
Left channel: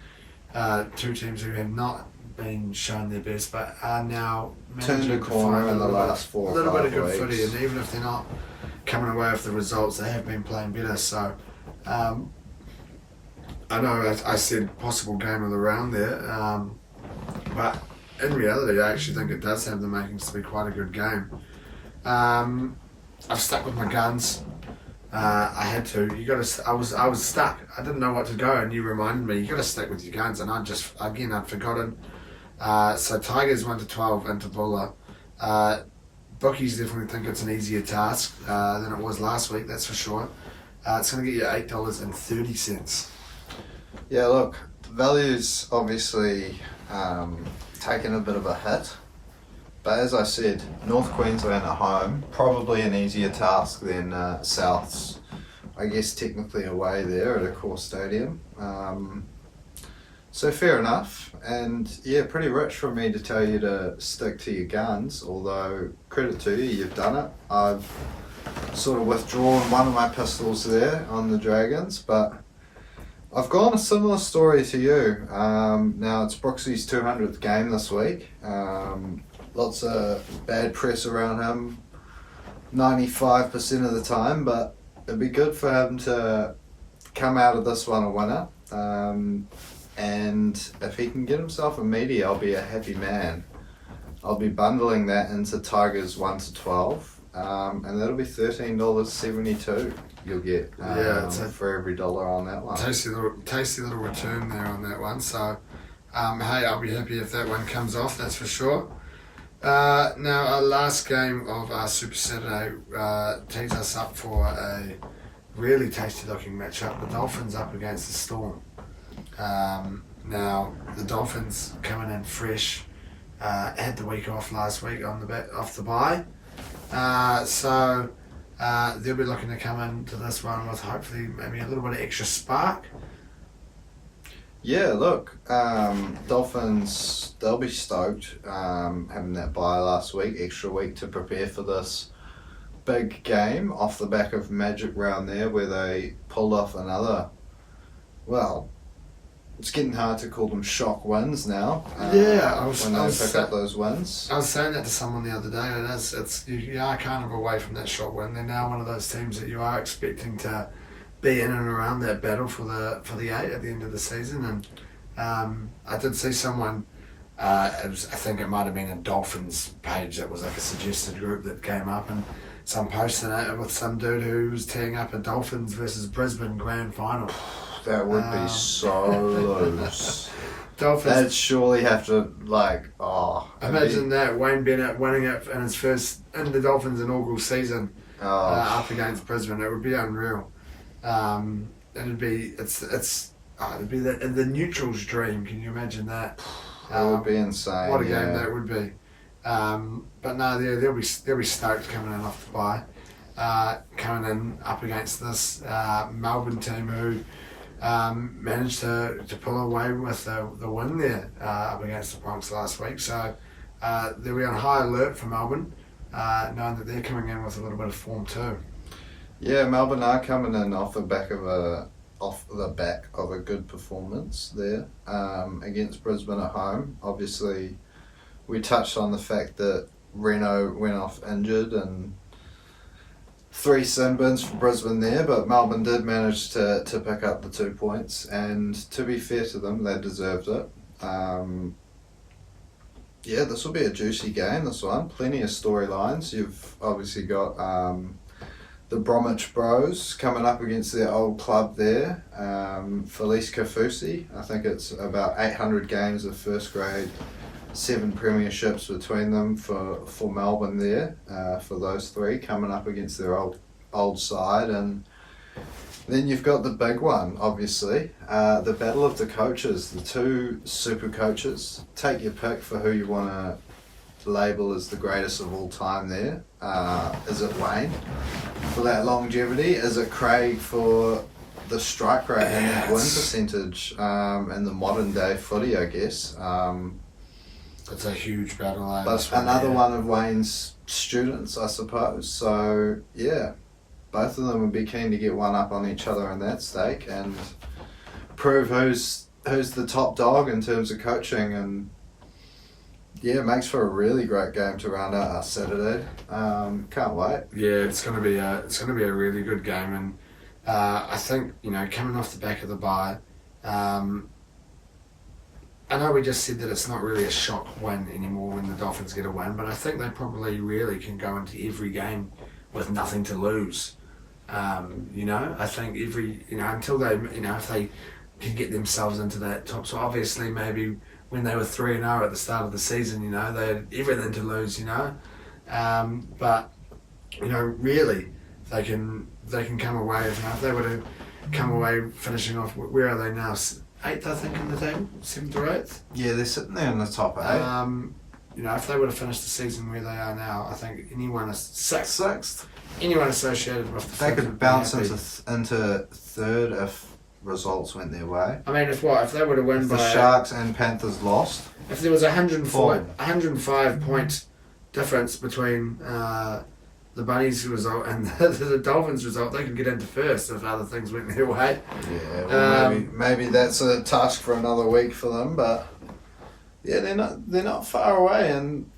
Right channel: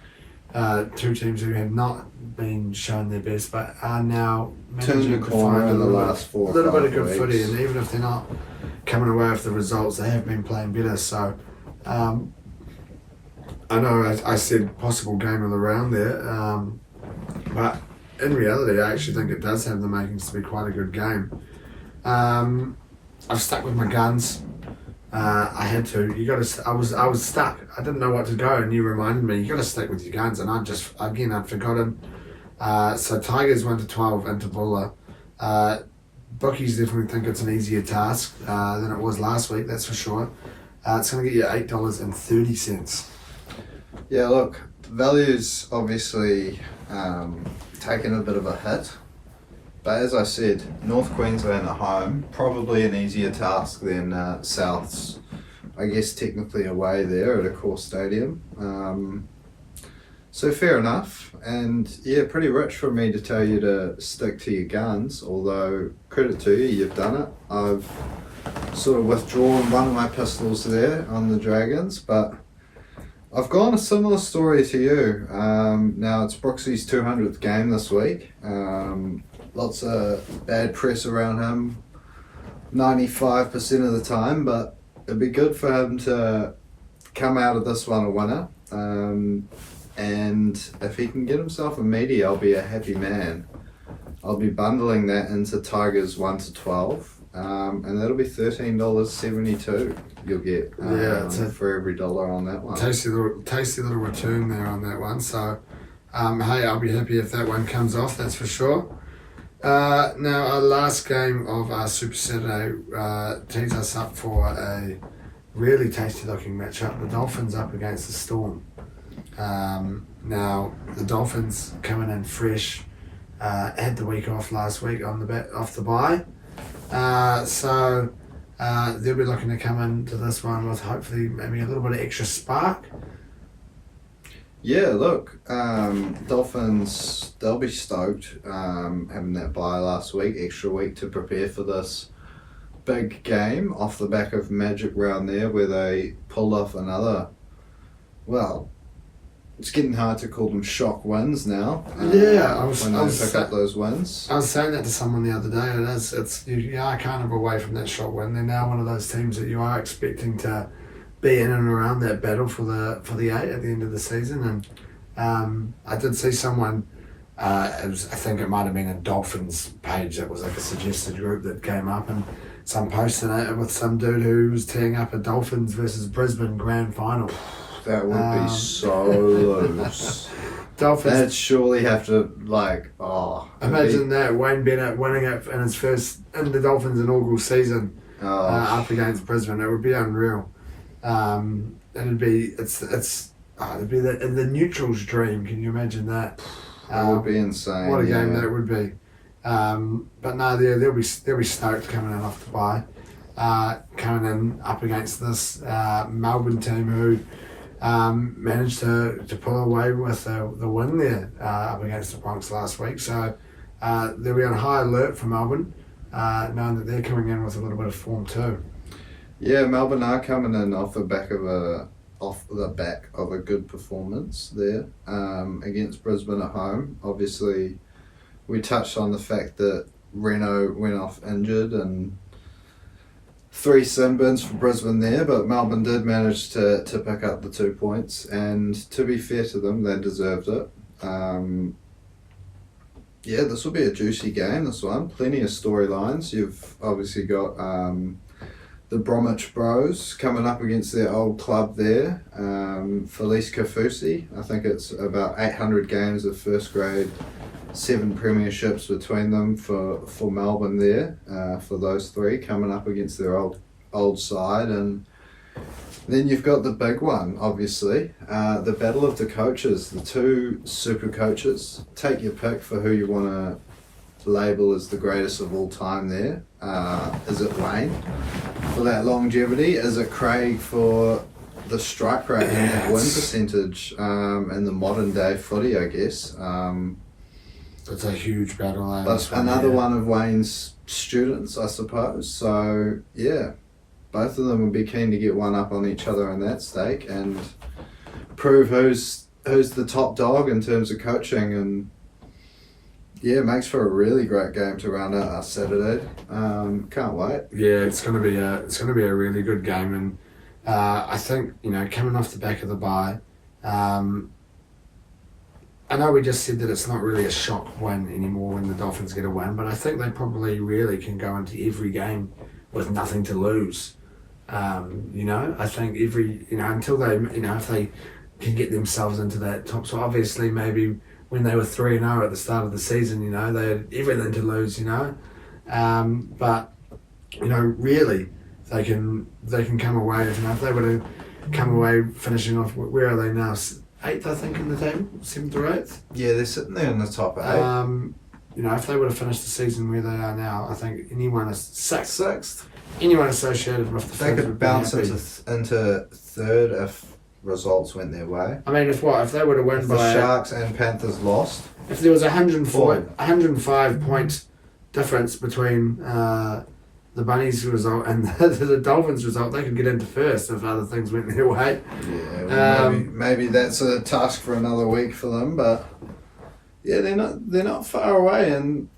two teams who have not been shown their best, but are now turned the corner in the last 4 or 5 a little bit of good weeks. footy, and even if they're not coming away with the results, they have been playing better. So, I know I said possible game of the round there, but in reality, I actually think it does have the makings to be quite a good game. I've stuck with my guns. I had to. I was stuck. I didn't know what to go, and you reminded me. You got to stick with your guns, and I'd forgotten. So Tigers 1-12 into Bulla. Bookies definitely think it's an easier task than it was last week. That's for sure. It's going to get you $8.30. Yeah, look, value's obviously taken a bit of a hit. But as I said, North Queensland at home, probably an easier task than South's, I guess, technically away there at a core stadium. So fair enough. And yeah, pretty rich for me to tell you to stick to your guns, although credit to you, you've done it. I've sort of withdrawn one of my pistols there on the Dragons, but I've gone a similar story to you. Now it's Brooksy's 200th game this week. Lots of bad press around him 95% of the time, but it'd be good for him to come out of this one a winner. And if he can get himself a meaty, I'll be a happy man. I'll be bundling that into Tigers 1-12, and that'll be $13.72 you'll get for every dollar on that one. Tasty little return there on that one. So, hey, I'll be happy if that one comes off, that's for sure. Now, our last game of our Super Saturday tees us up for a really tasty looking matchup. The Dolphins up against the Storm. Now, the Dolphins coming in fresh, had the week off last week off the bye. So they'll be looking to come into this one with hopefully maybe a little bit of extra spark. Yeah, look, Dolphins, they'll be stoked having that bye last week, extra week to prepare for this big game off the back of Magic Round there where they pulled off another, well, it's getting hard to call them shock wins now. When they pick up those wins. I was saying that to someone the other day. You are kind of away from that shock win. They're now one of those teams that you are expecting to be in and around that battle for the 8 at the end of the season. And I did see someone. I think it might have been a Dolphins page that was like a suggested group that came up, and some posted it with some dude who was teeing up a Dolphins versus Brisbane grand final. That would be so loose. Dolphins. They'd surely have to imagine that Wayne Bennett winning it in the Dolphins' inaugural season up against Brisbane. It would be unreal. It'd be the neutral's dream. Can you imagine that? It would be insane. What a game that would be. But no, they'll be stoked coming in off the bye. Coming in up against this Melbourne team who managed to pull away with the win there up against the Bronx last week. So they'll be on high alert for Melbourne, knowing that they're coming in with a little bit of form too. Yeah, Melbourne are coming in off the back of a good performance there against Brisbane at home. Obviously, we touched on the fact that Reno went off injured and 3 sin bins for Brisbane there, but Melbourne did manage to pick up the 2 points, and to be fair to them, they deserved it. This will be a juicy game, this one. Plenty of storylines. You've obviously got the Bromwich Bros coming up against their old club there, Felice Kafusi. I think it's about 800 games of first grade, 7 premierships between them for Melbourne there, for those three coming up against their old side. And then you've got the big one, obviously, the battle of the coaches, the two super coaches. Take your pick for who you want to label as the greatest of all time there. Is it Wayne for that longevity? Is it Craig for the strike rate and that win percentage in the modern day footy, I guess? It's a huge battle. But another one of Wayne's students, I suppose. So, yeah, both of them would be keen to get one up on each other in that stake and prove who's the top dog in terms of coaching. And yeah, it makes for a really great game to round out our Saturday. Can't wait. Yeah, it's gonna be a really good game, and I think, you know, coming off the back of the bye, I know we just said that it's not really a shock win anymore when the Dolphins get a win, but I think they probably really can go into every game with nothing to lose. You know, I think until they, you know, if they can get themselves into that top. So obviously maybe when they were 3-0 at the start of the season, you know, they had everything to lose, you know. But, you know, really, they can come away, you know, if they were to come away finishing off, where are they now? 8th, I think, in the table, 7th or 8th. Yeah, they're sitting there in the top 8. You know, if they were to finish the season where they are now, I think anyone is sixth. Anyone associated with the they could bounce into third if results went their way. I mean, if they were to win if by the Sharks and Panthers lost, if there was 105 point difference between the Bunnies result and the Dolphins result, they could get into first if other things went their way. Yeah, well, maybe that's a task for another week for them, but yeah, they're not far away, and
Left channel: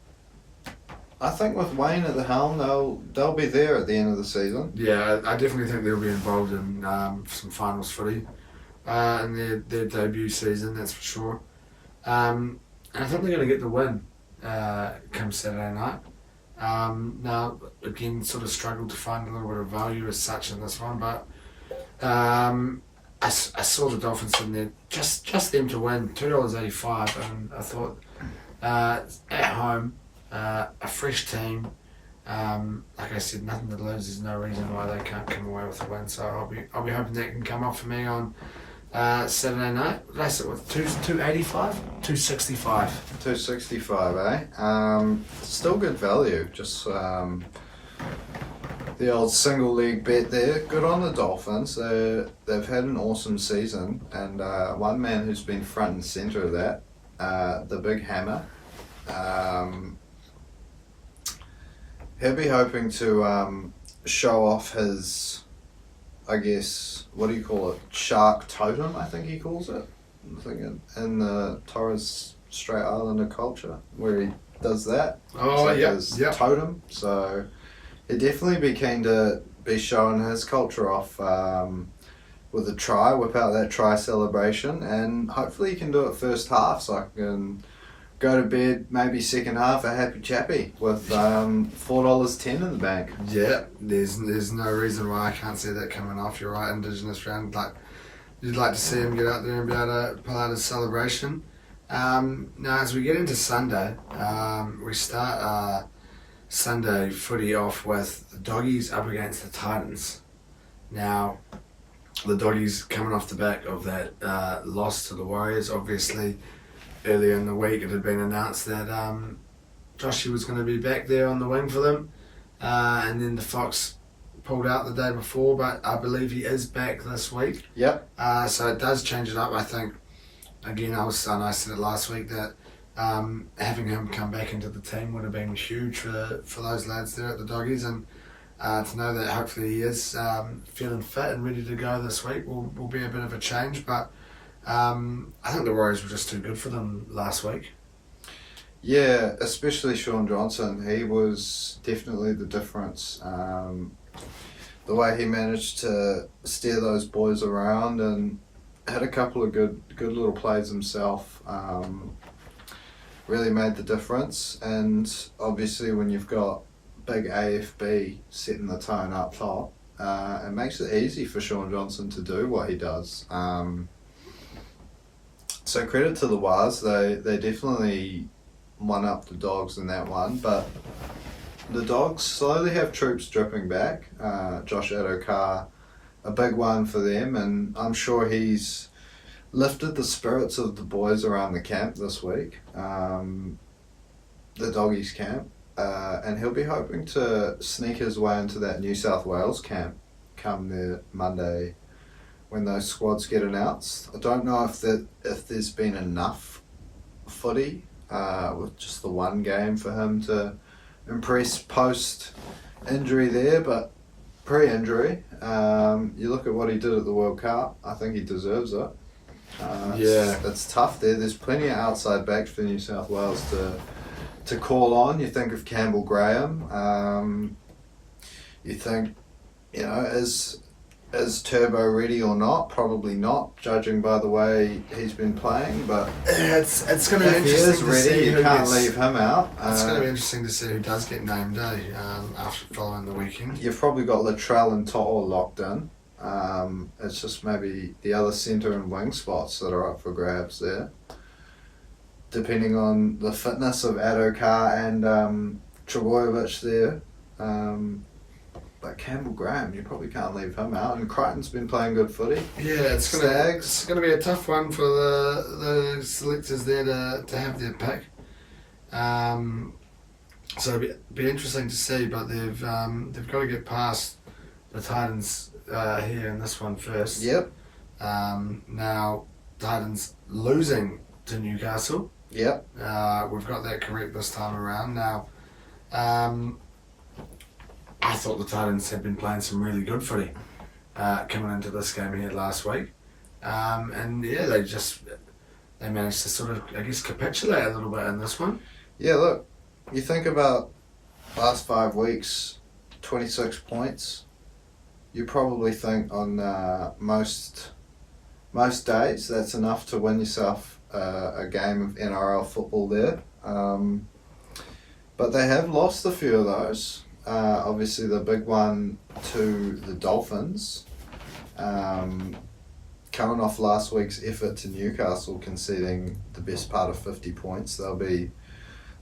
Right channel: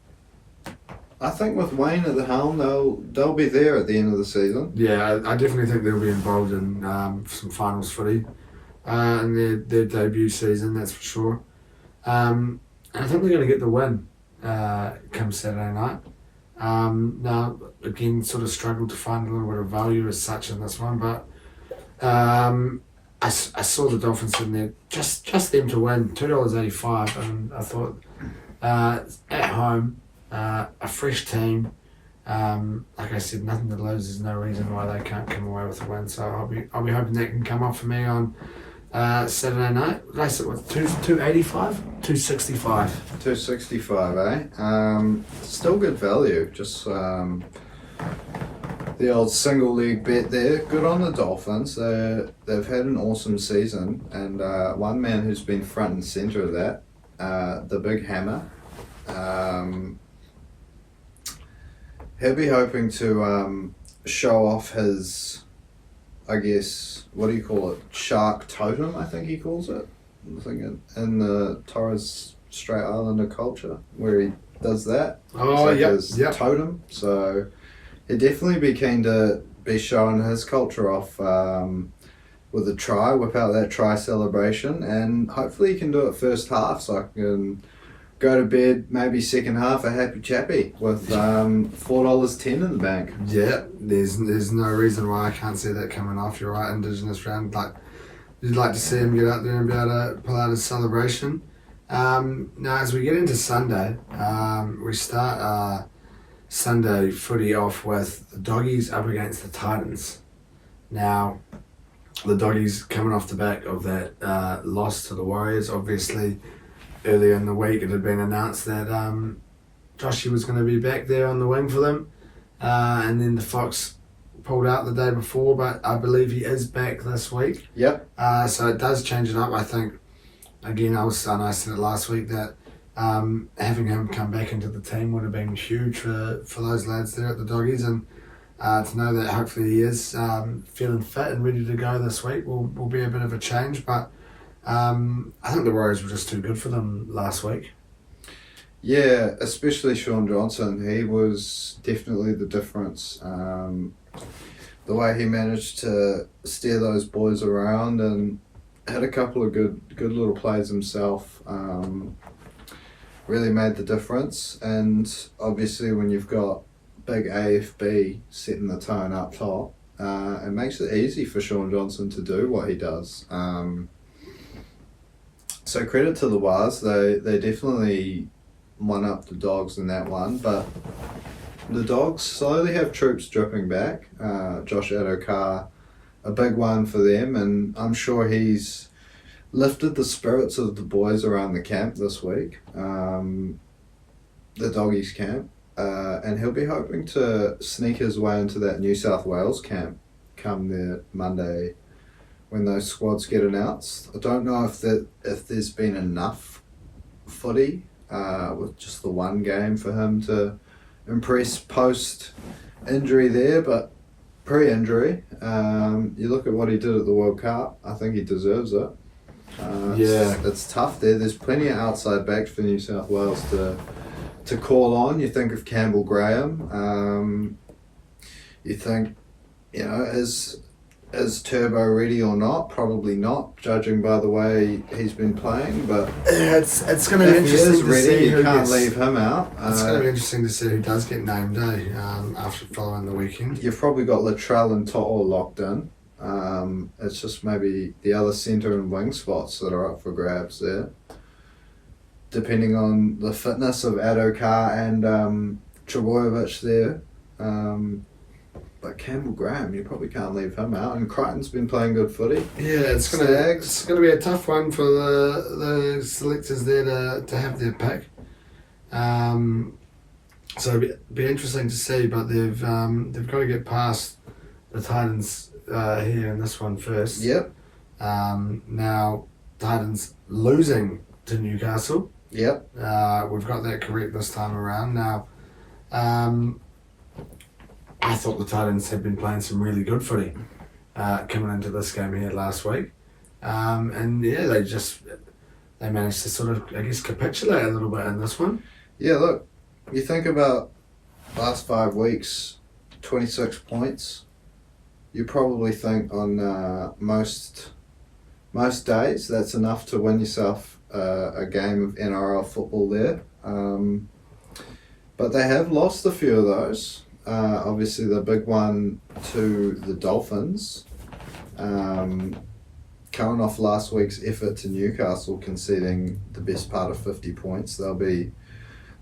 I think with Wayne at the helm, they'll be there at the end of the season. Yeah, I definitely think they'll be involved in some finals footy in their debut season, that's for sure. And I think they're going to get the win come Saturday night. Now, again, sort of struggled to find a little bit of value as such in this one, but I saw the Dolphins in there, just them to win, $2.85, and I thought at home, a fresh team, like I said, nothing to lose. There's no reason why they can't come away with a win. So I'll be hoping that can come up for me on Saturday night. Did I say what, 285, 265? 265, eh? Still good value. Just the old single league bet there. Good on the Dolphins. They've had an awesome season, and one man who's been front and centre of that, the Big Hammer. He'll be hoping to show off his, I guess, what do you call it? Shark totem, I think he calls it. I think in the Torres Strait Islander culture, where he does that. Oh, his totem. So he'd definitely be keen to be showing his culture off with a try, whip out that try celebration, and hopefully he can do it first half so I can go to bed maybe second half a happy chappy with $4.10 in the bank. Yeah, there's no reason why I can't see that coming off. You're right, Indigenous round. Like, you'd like to see him get out there and be able to pull out his celebration. Now, as we get into Sunday, we start our Sunday footy off with the Doggies up against the Titans. Now, the Doggies coming off the back of that loss to the Warriors, obviously. Earlier in the week, it had been announced that Joshy was going to be back there on the wing for them, and then the Fox pulled out the day before, but I believe he is back this week. Yep. So it does change it up. I think, again, I said it last week that having him come back into the team would have been huge for those lads there at the Doggies, and to know that hopefully he is feeling fit and ready to go this week will be a bit of a change, but I think the Warriors were just too good for them last week. Yeah, especially Sean Johnson. He was definitely the difference. The way he managed to steer those boys around and had a couple of good little plays himself, really made the difference. And obviously when you've got big AFB setting the tone up top, It makes it easy for Sean Johnson to do what he does. So credit to the Waz, they definitely won up the Dogs in that one, but the Dogs slowly have troops dripping back. Josh Adokar, a big one for them, and I'm sure he's lifted the spirits of the boys around the camp this week, the Doggies camp, and he'll be hoping to sneak his way into that New South Wales camp come the Monday when those squads get announced. I don't know if there's been enough footy with just the one game for him to impress post-injury there, but pre-injury, you look at what he did at the World Cup, I think he deserves it. It's tough there. There's plenty of outside backs for New South Wales to call on. You think of Campbell Graham. You think, is Turbo ready or not? Probably not, judging by the way he's been playing. But it's going to be interesting to see who can't leave him out. It's going to be interesting to see who does get named, after following the weekend. You've probably got Latrell and To'o locked in. It's just maybe the other centre and wing spots that are up for grabs there, depending on the fitness of Adokar and Trebojevic there. But Campbell Graham, you probably can't leave him out. And Crichton's been playing good footy. Yeah, it's gonna be a tough one for the selectors there to have their pick. So it'll be interesting to see, but they've got to get past the Titans here in this one first. Yep. Now Titans losing to Newcastle. Yep. We've got that correct this time around. Now, I thought the Titans had been playing some really good footy coming into this game here last week. And yeah, they managed to sort of, I guess, capitulate a little bit in this one. Yeah, look, you think about last 5 weeks, 26 points. You probably think on most days that's enough to win yourself a game of NRL football there. But they have lost a few of those. Obviously the big one to the Dolphins, coming off last week's effort to Newcastle, conceding the best part of 50 points. They'll be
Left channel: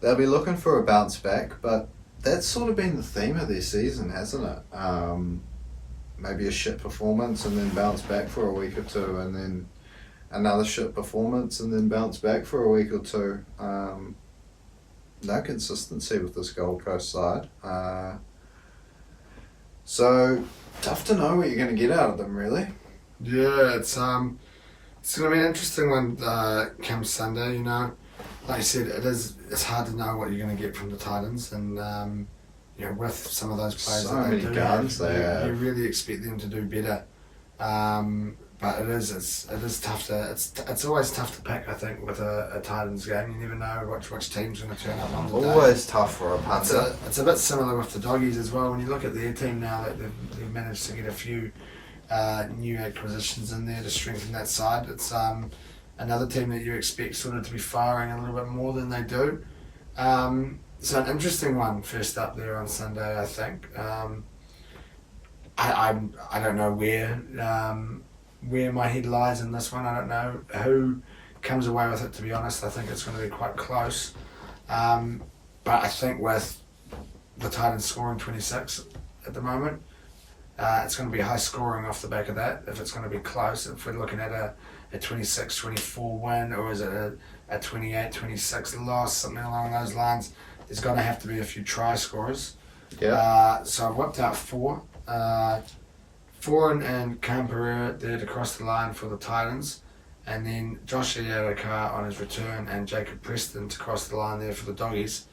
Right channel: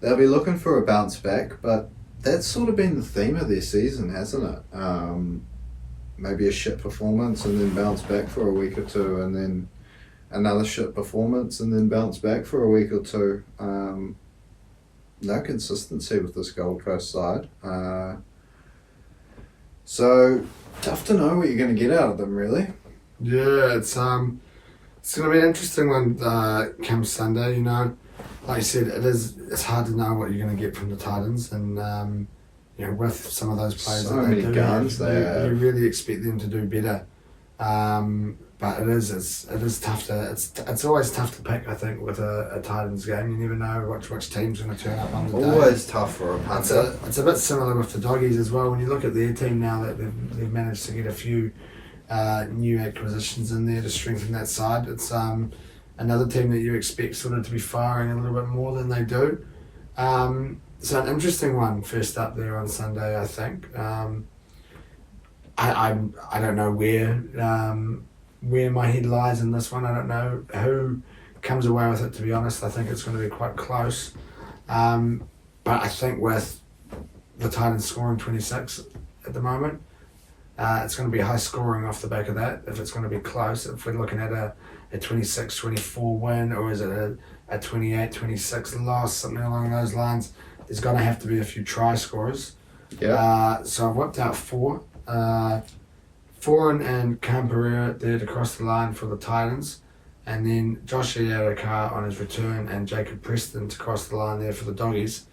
looking for a bounce back, but that's sort of been the theme of their season, hasn't it? Maybe a shit performance and then bounce back for a week or two, and then another shit performance and then bounce back for a week or two. No consistency with this Gold Coast side. So tough to know what you're going to get out of them, really. Yeah, it's going to be an interesting one come Sunday. Like I said, it's hard to know what you're going to get from the Titans, and with some of those players so that they many do, guns you really expect them to do better. But it is tough to it's always tough to pick. I think with a Titans game, you never know which team's going to turn up on the day. Always tough for a punter. It's a bit similar with the Doggies as well. When you look at their team now, that they've managed to get a few new acquisitions in there to strengthen that side. It's another team that you expect sort of to be firing a little bit more than they do. So an interesting one first up there on Sunday, I think. I don't know where my head lies in this one. I don't know who comes away with it, to be honest. I think it's going to be quite close. But I think with the Titans scoring 26 at the moment, it's going to be high scoring off the back of that. If it's going to be close, if we're looking at a 26-24 win, or is it a 28-26 loss, something along those lines, there's going to have to be a few try scorers. Yeah. So I've whipped out four. Foran and Cam Pereira there to cross the line for the Titans, and then Josh Adokar on his return and Jacob Preston to cross the line there for the Doggies.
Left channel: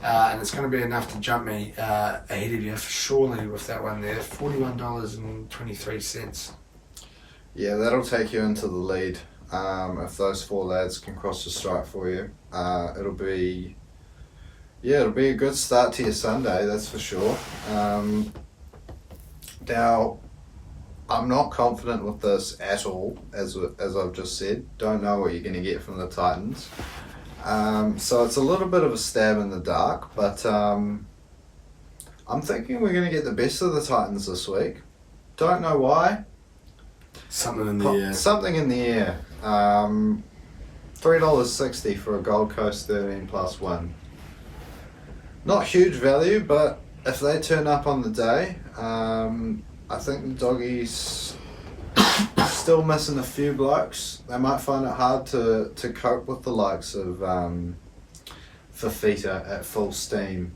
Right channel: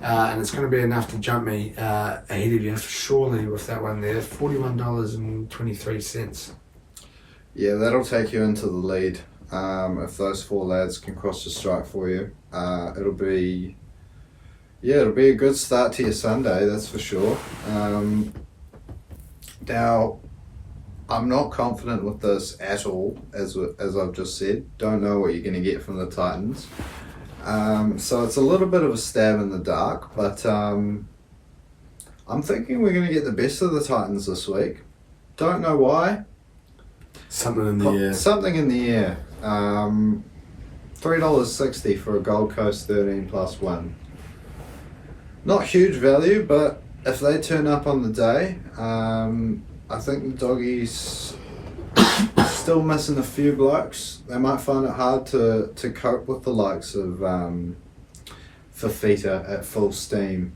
And it's going to be enough to jump me ahead of you, surely, with that one there, $41.23. Yeah, that'll take you into the lead. If those four lads can cross the strike for you, it'll be a good start to your Sunday, that's for sure. Now, I'm not confident with this at all, as I've just said. Don't know what you're going to get from the Titans. So it's a little bit of a stab in the dark, but I'm thinking we're going to get the best of the Titans this week. don't know why. Something in the air. Something in the air. $3.60 for a Gold Coast 13+ win. Not huge value, but if they turn up on the day, I think the doggies still missing a few blokes. They might find it hard to cope with the likes of Fafita at full steam.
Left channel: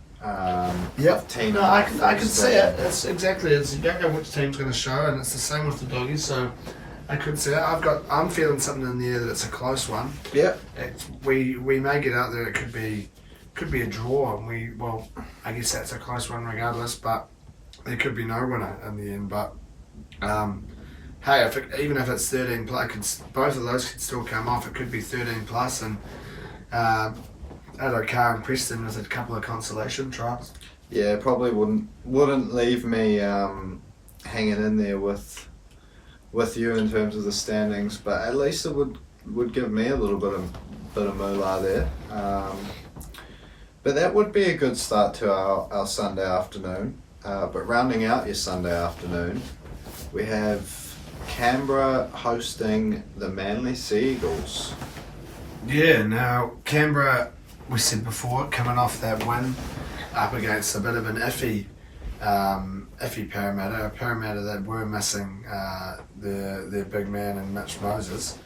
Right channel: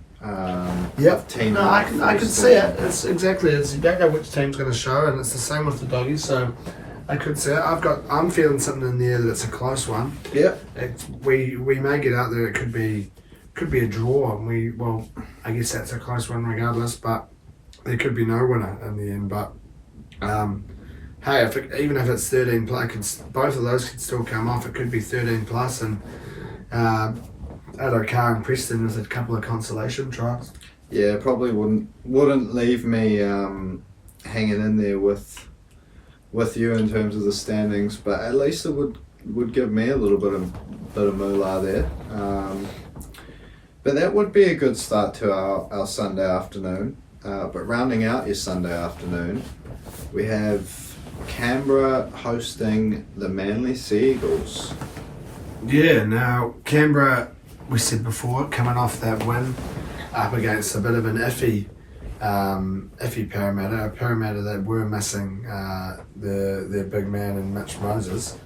Yep. No, I can see it. It's exactly. You don't know which team's going to show, and it's the same with the doggies. So I could see it. I'm feeling something in the air that it's a close one. Yep. We may get out there. It could be a draw, and I guess that's a close one regardless. But there could be no winner in the end. But hey, even if it's 13 plus, both of those could still come off. It could be 13 plus, and Adokar and Preston was a couple of consolation tries. Yeah, probably wouldn't leave me hanging in there with you in terms of the standings, but at least it would give me a little bit of moolah there. But that would be a good start to our Sunday afternoon. But rounding out your Sunday afternoon, we have Canberra hosting the Manly Sea Eagles. Yeah, now Canberra, we said before, coming off that win up against a bit of an iffy Parramatta, a Parramatta that were missing their big man in Mitch Moses,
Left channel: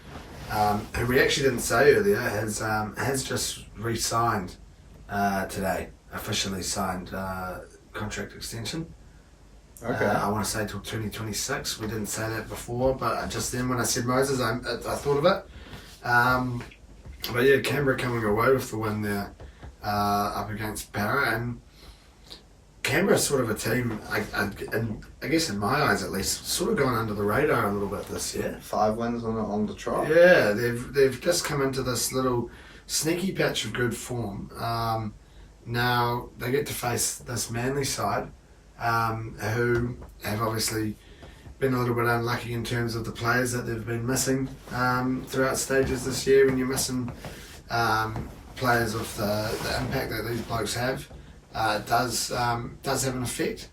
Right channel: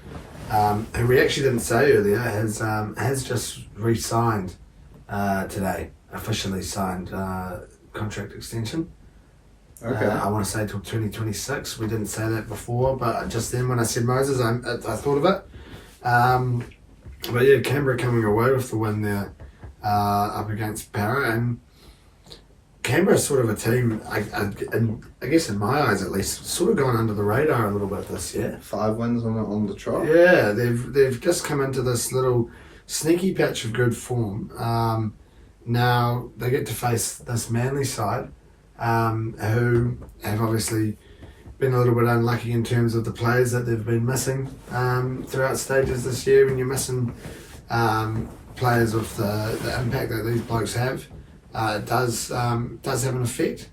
who we actually didn't say earlier, has just re-signed today, officially signed contract extension. Okay. I want to say till 2026. We didn't say that before, but just then when I said Moses, I thought of it. But yeah, Canberra coming away with the win there up against Parra, and Canberra's sort of a team, I guess in my eyes at least, sort of gone under the radar a little bit this year. 5 wins on the trot. Yeah, they've just come into this little sneaky patch of good form. Now they get to face this Manly side, who have obviously been a little bit unlucky in terms of the players that they've been missing throughout stages this year. When you're missing players with the impact that these blokes have, it does have an effect.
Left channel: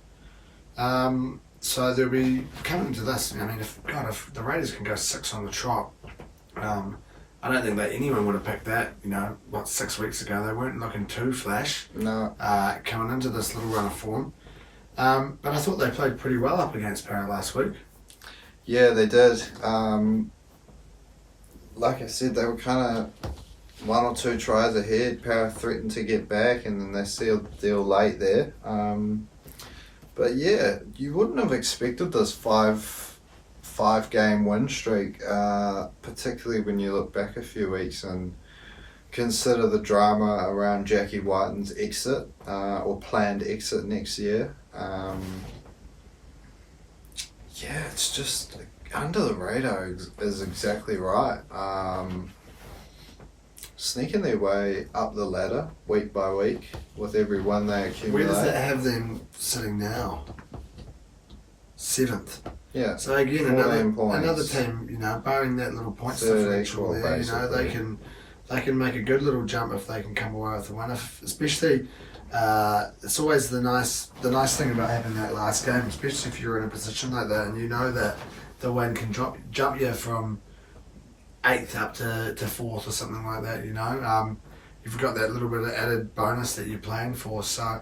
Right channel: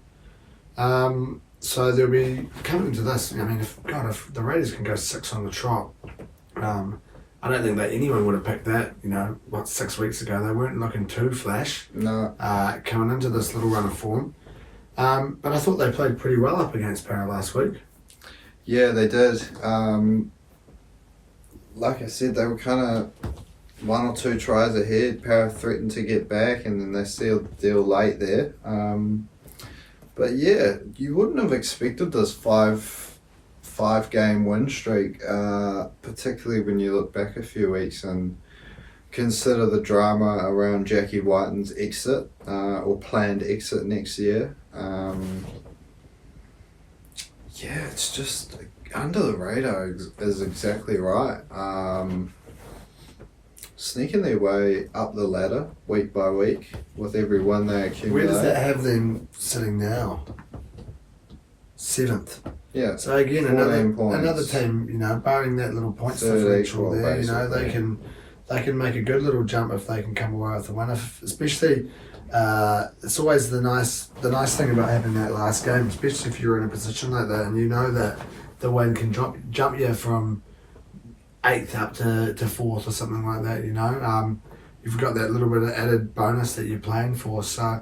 So they'll be coming to this. I mean, if the Raiders can go 6 on the trot, I don't think that anyone would have picked that. 6 weeks ago they weren't looking too flash. No. Coming into this little run of form. But I thought they played pretty well up against Parra last week. Yeah, they did. Like I said, they were kind of 1 or 2 tries ahead. Parra threatened to get back, and then they sealed the deal late there. But yeah, you wouldn't have expected this five-game win streak, particularly when you look back a few weeks and consider the drama around Jackie Whiten's exit or planned exit next year. Yeah, it's just under the radar is exactly right. Sneaking their way up the ladder week by week with every one they accumulate. Where does that have them sitting now? 7th. Yeah. So again, another team, barring that little points differential there, they can make a good little jump if they can come away with the win. Especially, it's always the nice thing about having that last game, especially if you're in a position like that and you know that the win can jump you from 8th up to 4th or something like that. You've got that little bit of added bonus that you're playing for. So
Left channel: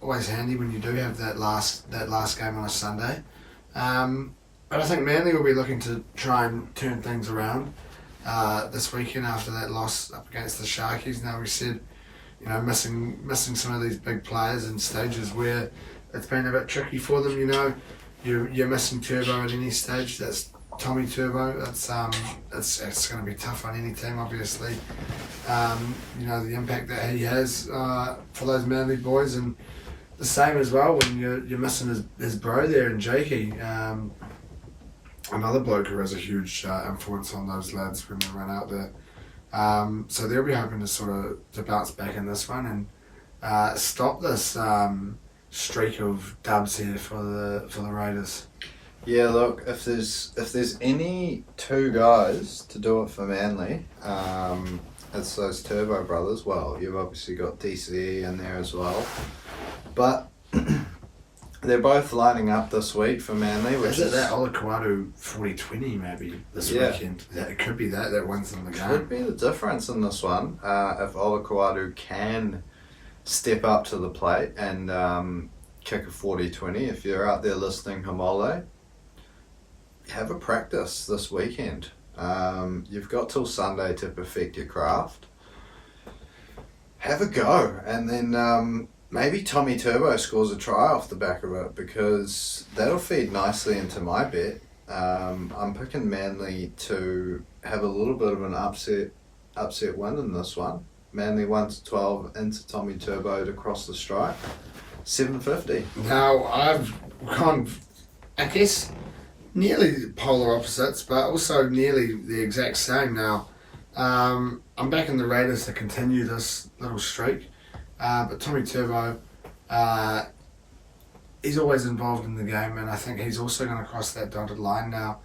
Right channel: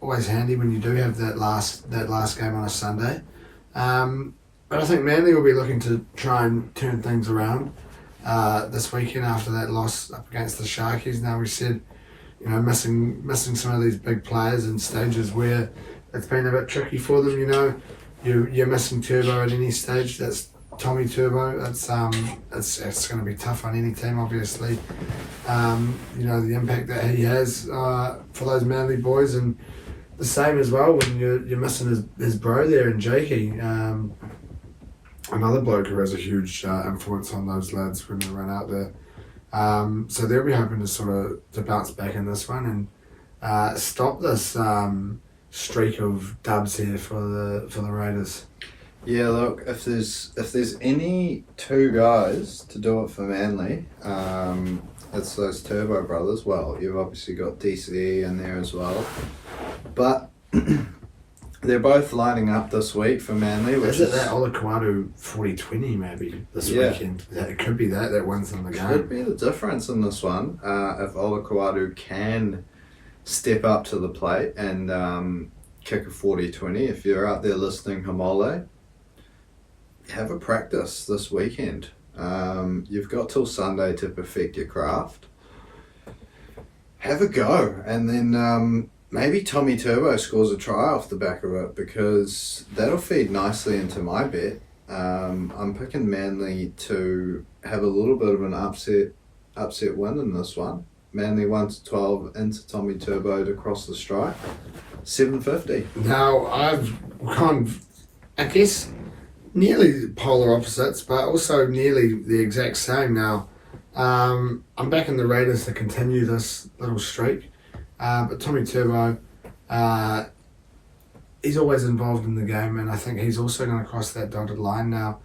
always handy when you do have that last game on a Sunday. But I think Manly will be looking to try and turn things around this weekend after that loss up against the Sharkies. Now we said, missing some of these big players in stages where it's been a bit tricky for them. You're missing Turbo at any stage. That's Tommy Turbo. It's going to be tough on any team, obviously. The impact that he has for those Manly boys, and the same as well when you're missing his bro there in Jakey. Another bloke who has a huge influence on those lads when they run out there. So they'll be hoping to bounce back in this one and stop this streak of dubs here for the Raiders. Yeah, look, if there's any 2 guys to do it for Manly, it's those Turbo brothers. Well, you've obviously got DCE in there as well, but They're both lining up this week for Manly. Is it that Olaquadu 40-20 maybe this weekend? It could be that wins them the game. Could be the difference in this one. If Olaquadu can step up to the plate and kick a 40-20. If you're out there listening, Hamole, have a practice this weekend. You've got till Sunday to perfect your craft. Have a go, and then maybe Tommy Turbo scores a try off the back of it, because that'll feed nicely into my bet. I'm picking Manly to have a little bit of an upset win in this one. Manly 1-12 into Tommy Turbo to cross the stripe. 750. Now, I've gone, I guess, nearly polar opposites, but also nearly the exact same now. I'm backing the Raiders to continue this little streak. But Tommy Turbo, he's always involved in the game, and I think he's also going to cross that dotted line now.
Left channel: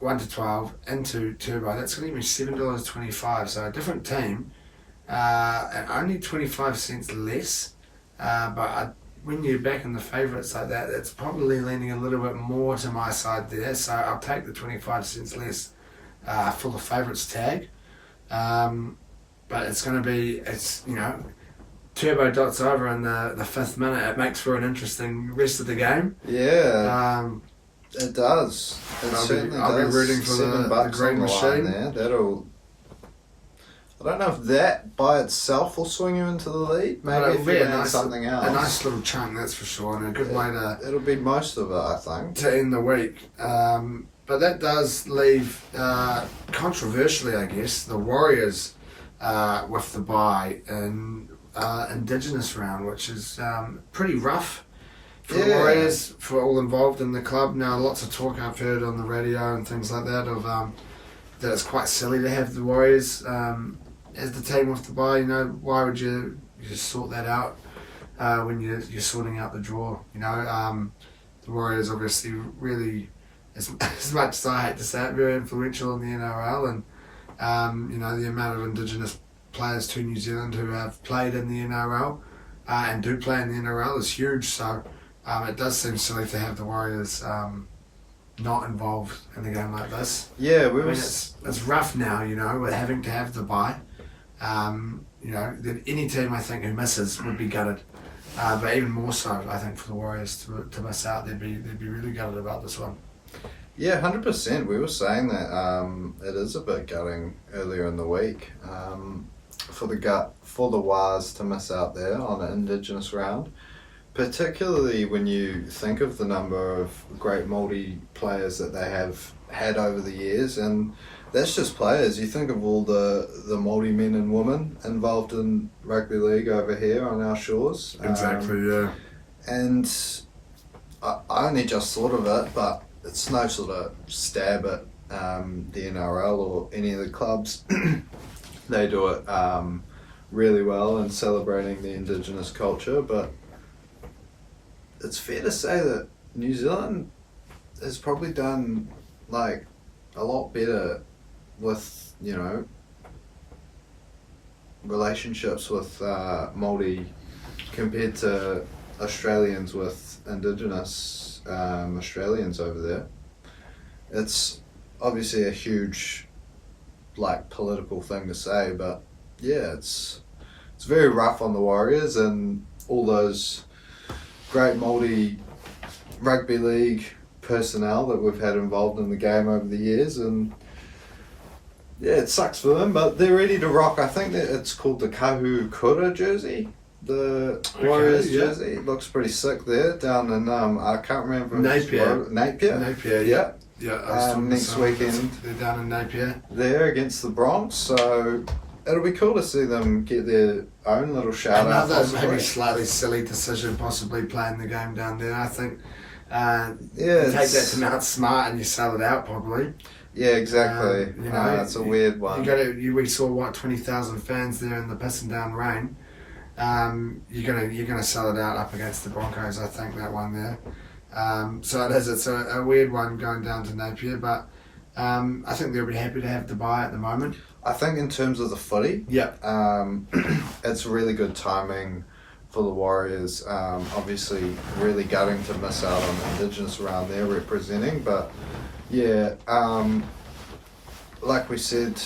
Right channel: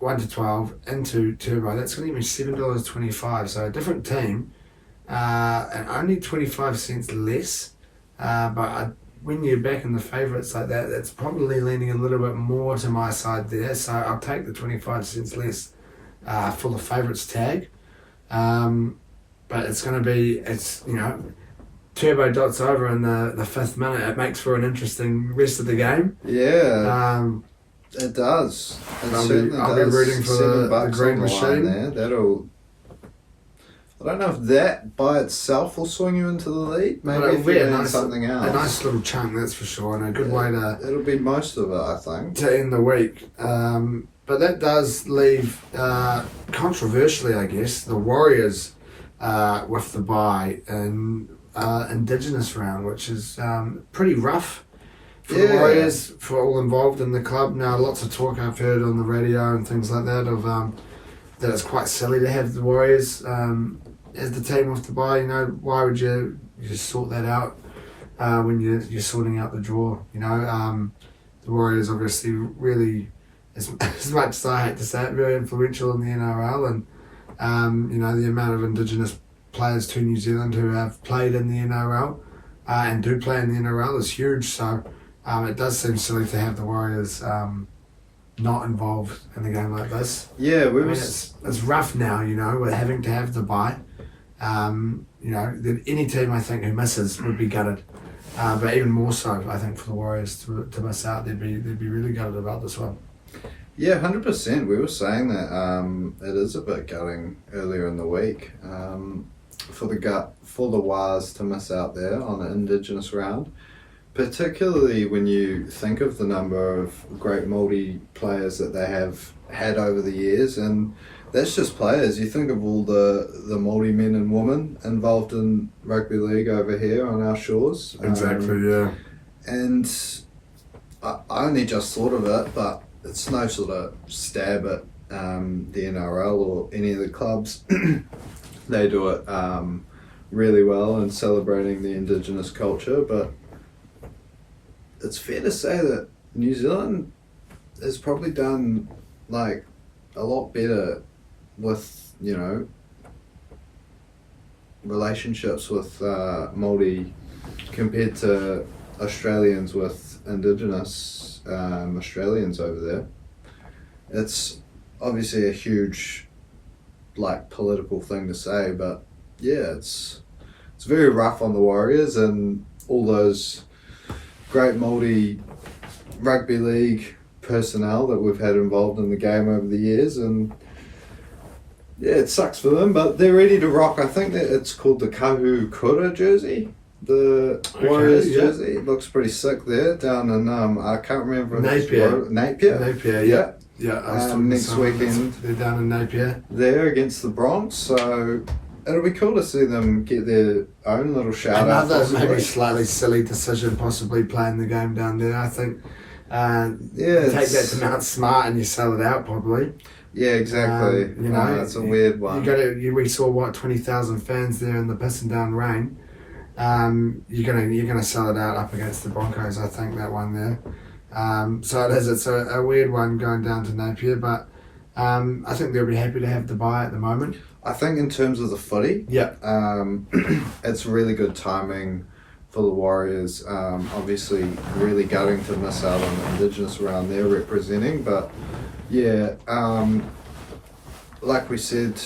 1-12 into Turbo, that's going to give me $7.25, so a different team, and only 25 cents less. When you're backing the favourites like that, it's probably leaning a little bit more to my side there, so I'll take the 25 cents less for the favourites tag. But it's going to be, Turbo dots over in the 5th minute. It makes for an interesting rest of the game. Yeah, it does. I'll be rooting for the green machine. There. I don't know if that by itself will swing you into the lead. Maybe if you something else. A nice little chunk, that's for sure, and a good way to... It'll be most of it, I think. To end the week. But that does leave, controversially, I guess, the Warriors with the bye in Indigenous round, which is pretty rough for the Warriors, for all involved in the club. Now, lots of talk I've heard on the radio and things like that of that it's quite silly to have the Warriors as the team with the bye. Why would you just sort that out when you're sorting out the draw? The Warriors obviously really, as much as I hate to say it, very influential in the NRL, and the amount of Indigenous players to New Zealand who have played in the NRL and do play in the NRL is huge. So it does seem silly to have the Warriors not involved in a game like this. Yeah, it's rough now, with having to have the bye. Any team I think who misses would be gutted, but even more so, I think, for the Warriors to miss out, they'd be really gutted about this one. Yeah, 100%. We were saying that it is a bit gutting earlier in the week for the Wars to miss out there on an Indigenous round. Particularly when you think of the number of great Māori players that they have had over the years, and that's just players. You think of all the Māori men and women involved in rugby league over here on our shores. Exactly, yeah. And I only just thought of it, but it's no sort of stab at the NRL or any of the clubs. They do it really well in celebrating the Indigenous culture, but it's fair to say that New Zealand has probably done a lot better with relationships with Māori compared to Australians with Indigenous Australians over there. It's obviously a huge political thing to say, but yeah, it's very rough on the Warriors and all those great Māori rugby league personnel that we've had involved in the game over the years, and yeah, it sucks for them, but they're ready to rock. I think that it's called the Kahu Kura jersey, the Warriors jersey. It looks pretty sick there down in I can't remember Napier, yeah. Next weekend they're down in Napier there against the Bronx, so it'll be cool to see them get their own little shout out. Another maybe slightly silly decision, possibly playing the game down there. I think you take that to Mount Smart and you sell it out probably. Yeah, exactly. It's a weird one. We saw 20,000 fans there in the pissing down rain. You're gonna sell it out up against the Broncos. I think that one there. So it is. It's a weird one going down to Napier, but I think they'll be happy to have the bye at the moment. I think in terms of the footy, it's really good timing for the Warriors. Obviously, really gutting to miss out on Indigenous around there representing, but yeah, like we said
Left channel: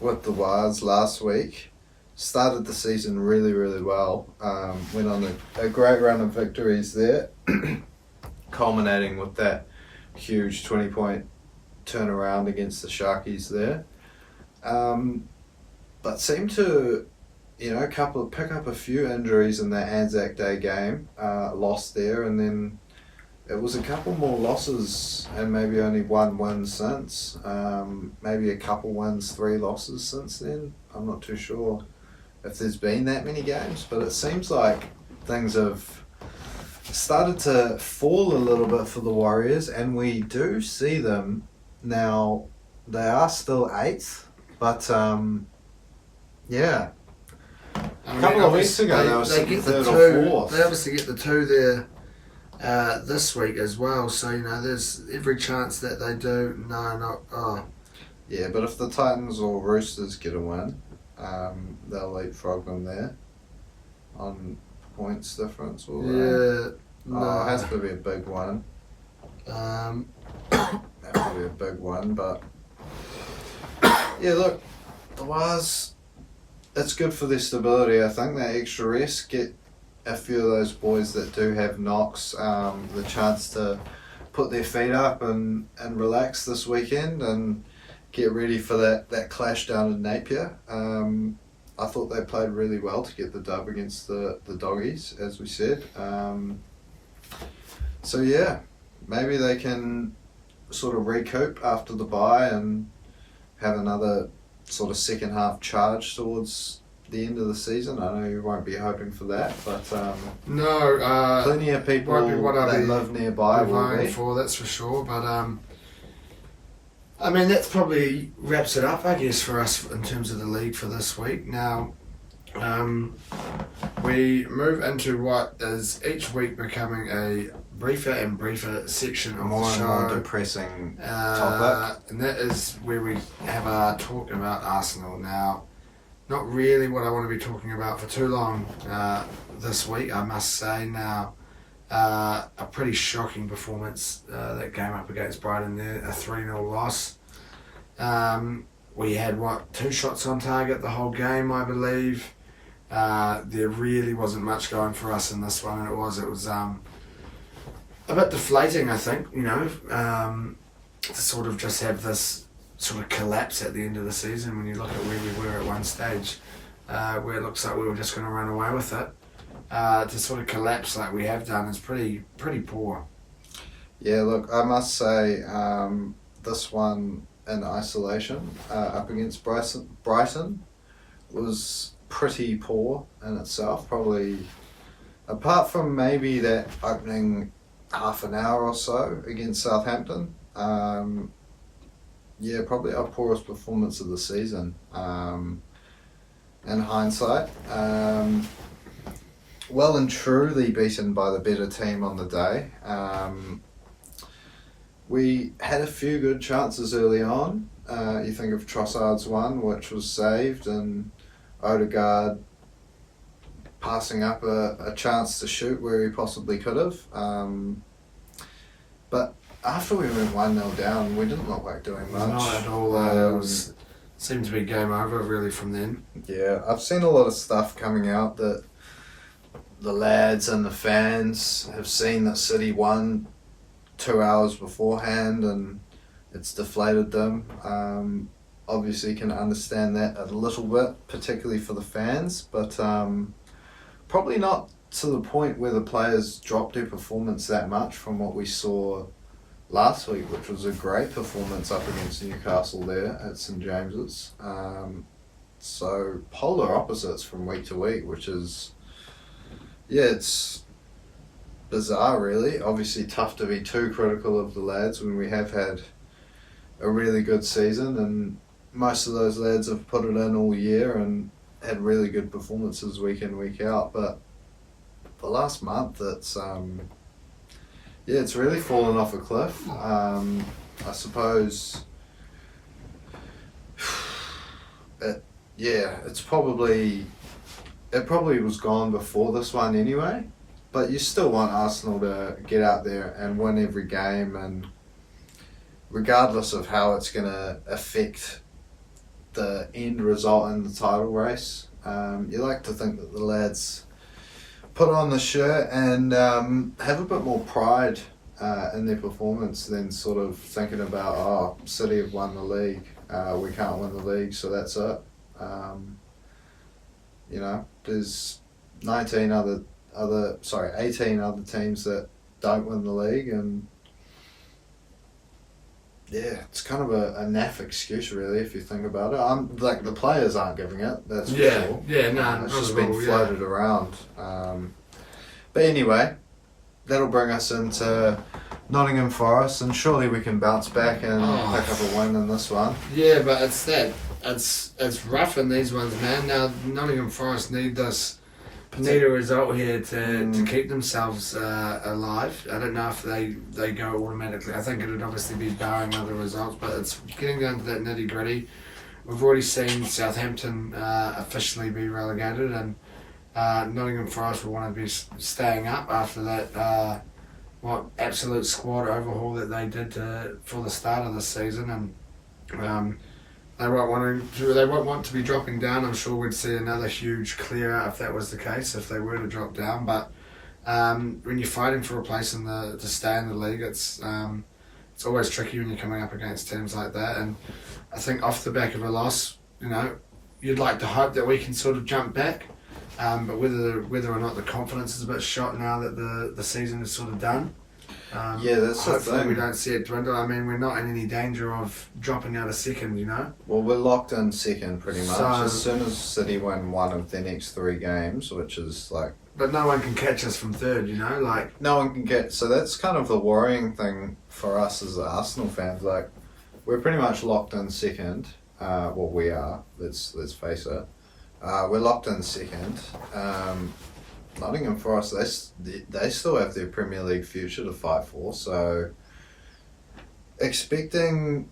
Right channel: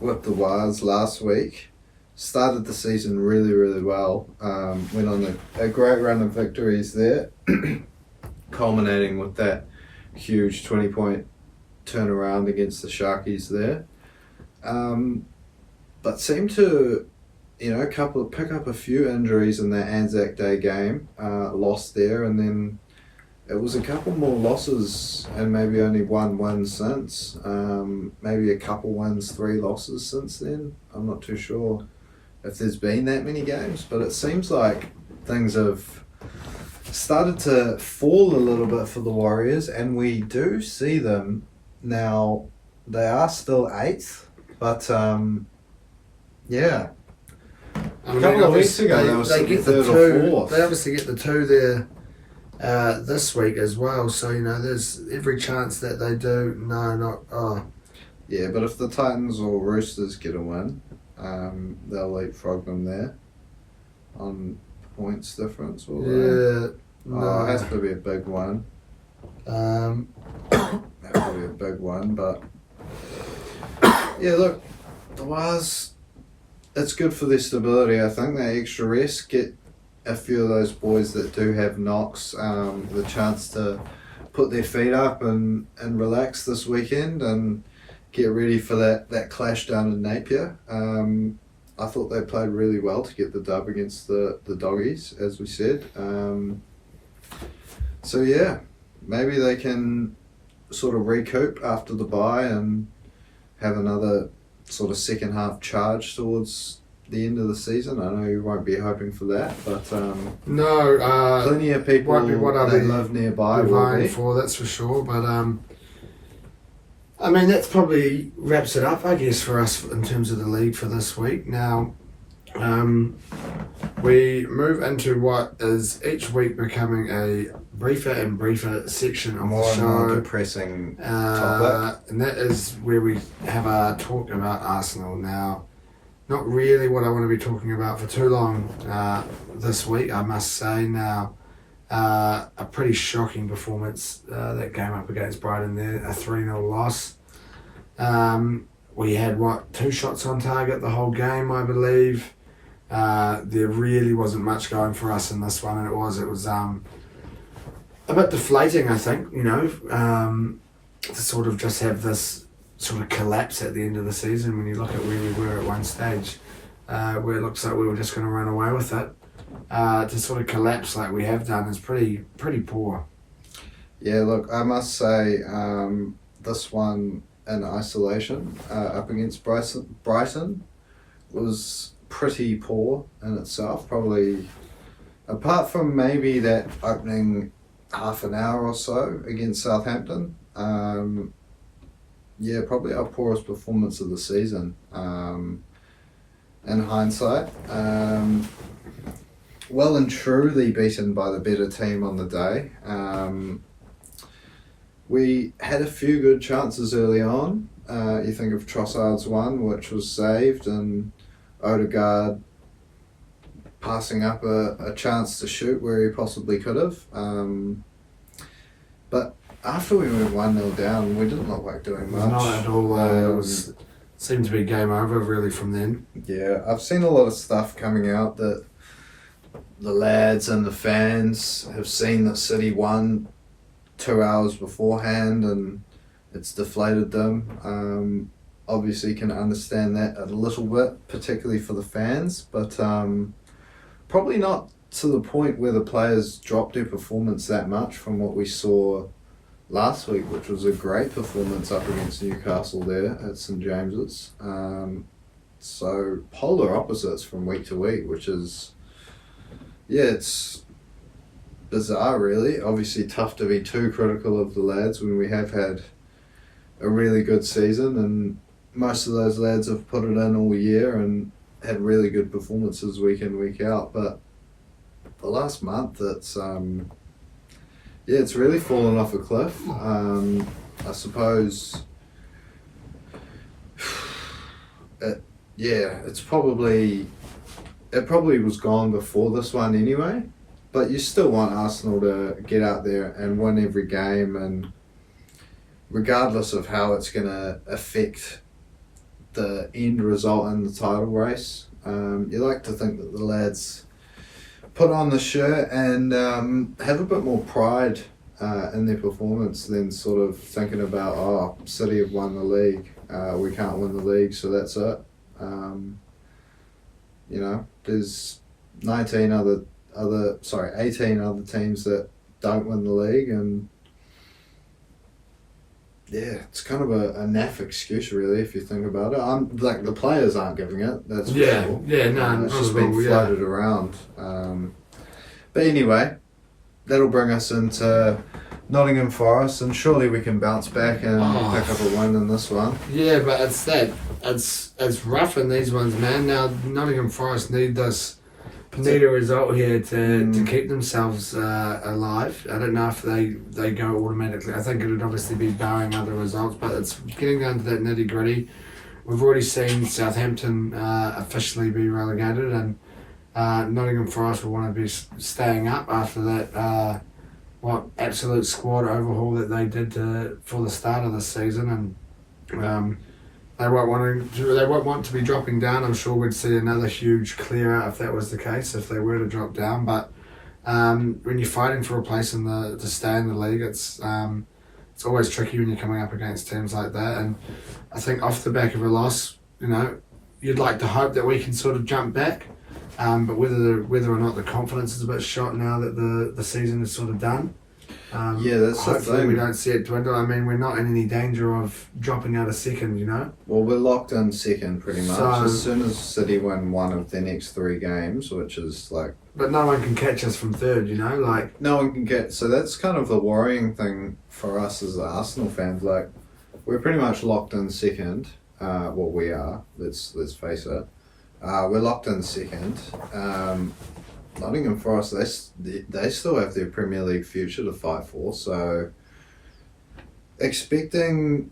with the Wars last week, started the season really, really well. Went on a great run of victories there, culminating with that huge 20-point turnaround against the Sharkies there. But seemed to, pick up a few injuries in that Anzac Day game, lost there, and then it was a couple more losses and maybe only one win since. Maybe a couple wins, 3 losses since then. I'm not too sure if there's been that many games, but it seems like things have started to fall a little bit for the Warriors, and we do see them now. They are still 8th, but yeah. I mean, A couple of weeks ago, they get the 2. They obviously get the 2 there this week as well. So there's every chance that they do. Yeah, but if the Titans or Roosters get a win, they'll leapfrog them there on points difference. Will they? It has to be a big one. That would be a big one, but yeah, look, the Wars, it's good for their stability. I think that extra rest, get a few of those boys that do have knocks the chance to put their feet up and relax this weekend and get ready for that clash down in Napier. I thought they played really well to get the dub against the Doggies, as we said. So yeah, maybe they can sort of recoup after the bye and have another sort of second half charge towards the end of the season. I know you won't be hoping for that, but plenty of people that live nearby will be for, that's for sure. But I mean, that probably wraps it up, I guess, for us in terms of the league for this week. Now, we move into what is each week becoming a briefer and briefer section of the show. More depressing topic. And that is where we have a talk about Arsenal. Now, not really what I want to be talking about for too long this week, I must say. Now, a pretty shocking performance, that game up against Brighton there, a 3-0 loss. We had, 2 shots on target the whole game, I believe. There really wasn't much going for us in this one, and it was a bit deflating, I think, to sort of just have this sort of collapse at the end of the season when you look at where we were at one stage, where it looks like we were just going to run away with it. To sort of collapse like we have done is pretty poor. Yeah, look, I must say this one in isolation up against Brighton was pretty poor in itself. Probably, apart from maybe that opening half an hour or so against Southampton, probably our poorest performance of the season in hindsight. Well and truly beaten by the better team on the day. We had a few good chances early on. You think of Trossard's one, which was saved, and Odegaard passing up a chance to shoot where he possibly could have. But after we went 1-0 down, we didn't look like doing much. Not at all. It seemed to be game over really from then. Yeah, I've seen a lot of stuff coming out that the lads and the fans have seen that City won 2 hours beforehand and it's deflated them. Obviously can understand that a little bit, particularly for the fans, but probably not to the point where the players dropped their performance that much from what we saw last week, which was a great performance up against Newcastle there at St James's. So polar opposites from week to week, which is, it's bizarre really. Obviously tough to be too critical of the lads when we have had a really good season, and most of those lads have put it in all year and had really good performances week in, week out. But the last month, it's really fallen off a cliff. I suppose it's probably it probably was gone before this one anyway, but you still want Arsenal to get out there and win every game, and regardless of how it's going to affect the end result in the title race, you like to think that the lads put on the shirt and have a bit more pride in their performance than sort of thinking about, City have won the league, we can't win the league, so that's it. There's 18 other teams that don't win the league, and yeah, it's kind of a naff excuse, really, if you think about it. The players aren't giving it. That's for sure. It's just been floated around. But anyway, that'll bring us into Nottingham Forest, and surely we can bounce back and pick up a win in this one. Yeah, but it's rough in these ones, man. Now Nottingham Forest need a result here to keep themselves alive. I don't know if they go automatically. I think it would obviously be barring other results, but it's getting down to that nitty gritty. We've already seen Southampton officially be relegated, and Nottingham Forest will want to be staying up after that absolute squad overhaul that they did for the start of the season, and they won't want to be dropping down. I'm sure we'd see another huge clear out if that was the case, if they were to drop down. But when you're fighting for a place to stay in the league, it's always tricky when you're coming up against teams like that. And I think off the back of a loss, you'd like to hope that we can sort of jump back. But whether or not the confidence is a bit shot now that the season is sort of done. That's the hopefully thing. We don't see it dwindle. I mean, we're not in any danger of dropping out a second, Well, we're locked in second pretty much. So, as soon as City win one of their next 3 games, which is like... But no one can catch us from third, No one can get... So that's kind of the worrying thing for us as Arsenal fans. Like, we're pretty much locked in second. We are. Let's face it. We're locked in second. Nottingham Forest, they still have their Premier League future to fight for, so expecting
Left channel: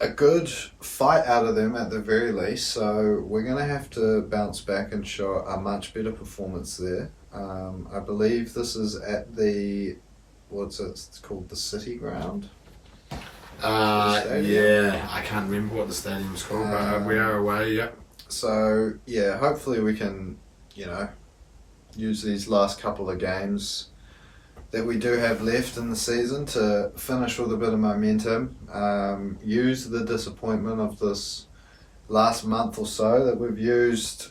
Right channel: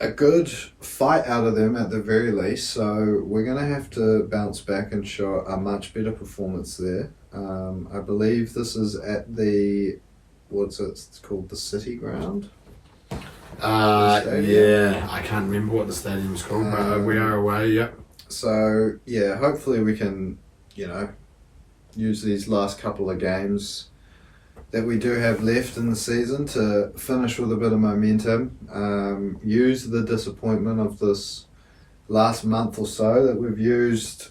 a good fight out of them at the very least. So we're going to have to bounce back and show a much better performance there. I believe this is at it's called the City Ground. I can't remember what the stadium's called, but we are away, yep. So, yeah, hopefully we can, use these last couple of games that we do have left in the season to finish with a bit of momentum. Use the disappointment of this last month or so that we've used.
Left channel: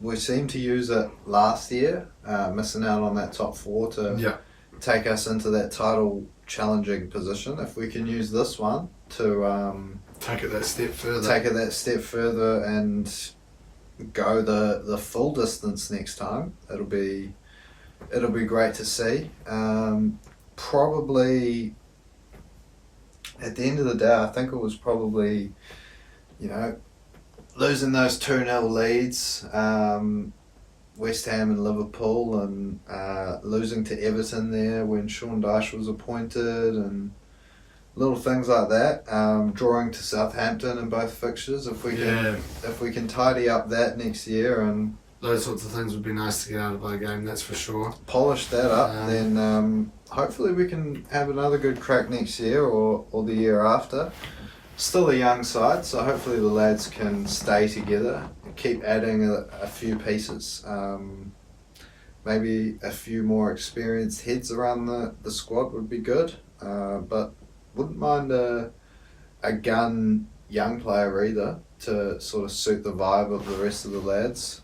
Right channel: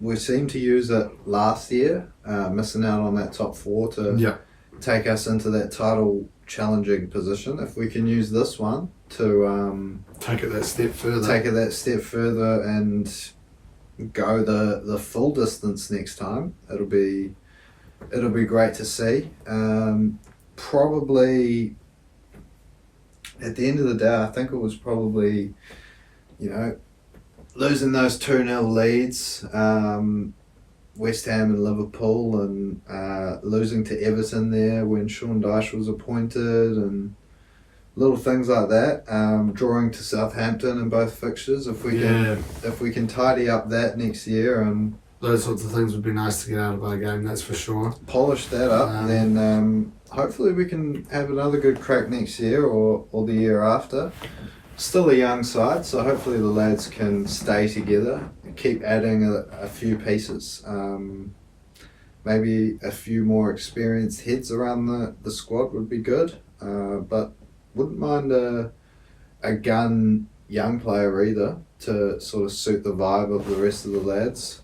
We seemed to use it last year, missing out on that top 4 to take us into that title challenging position. If we can use this one to take it that step further and go the full distance next time, it'll be great to see. Probably at the end of the day, I think it was probably losing those 2-0 leads, West Ham and Liverpool, and losing to Everton there when Sean Dyche was appointed, and little things like that. Drawing to Southampton in both fixtures. If we can tidy up that next year, and those sorts of things would be nice to get out of our game, that's for sure. Polish that up, then hopefully we can have another good crack next year or the year after. Still a young side, so hopefully the lads can stay together and keep adding a few pieces. Maybe a few more experienced heads around the squad would be good, but wouldn't mind a gun young player either to sort of suit the vibe of the rest of the lads.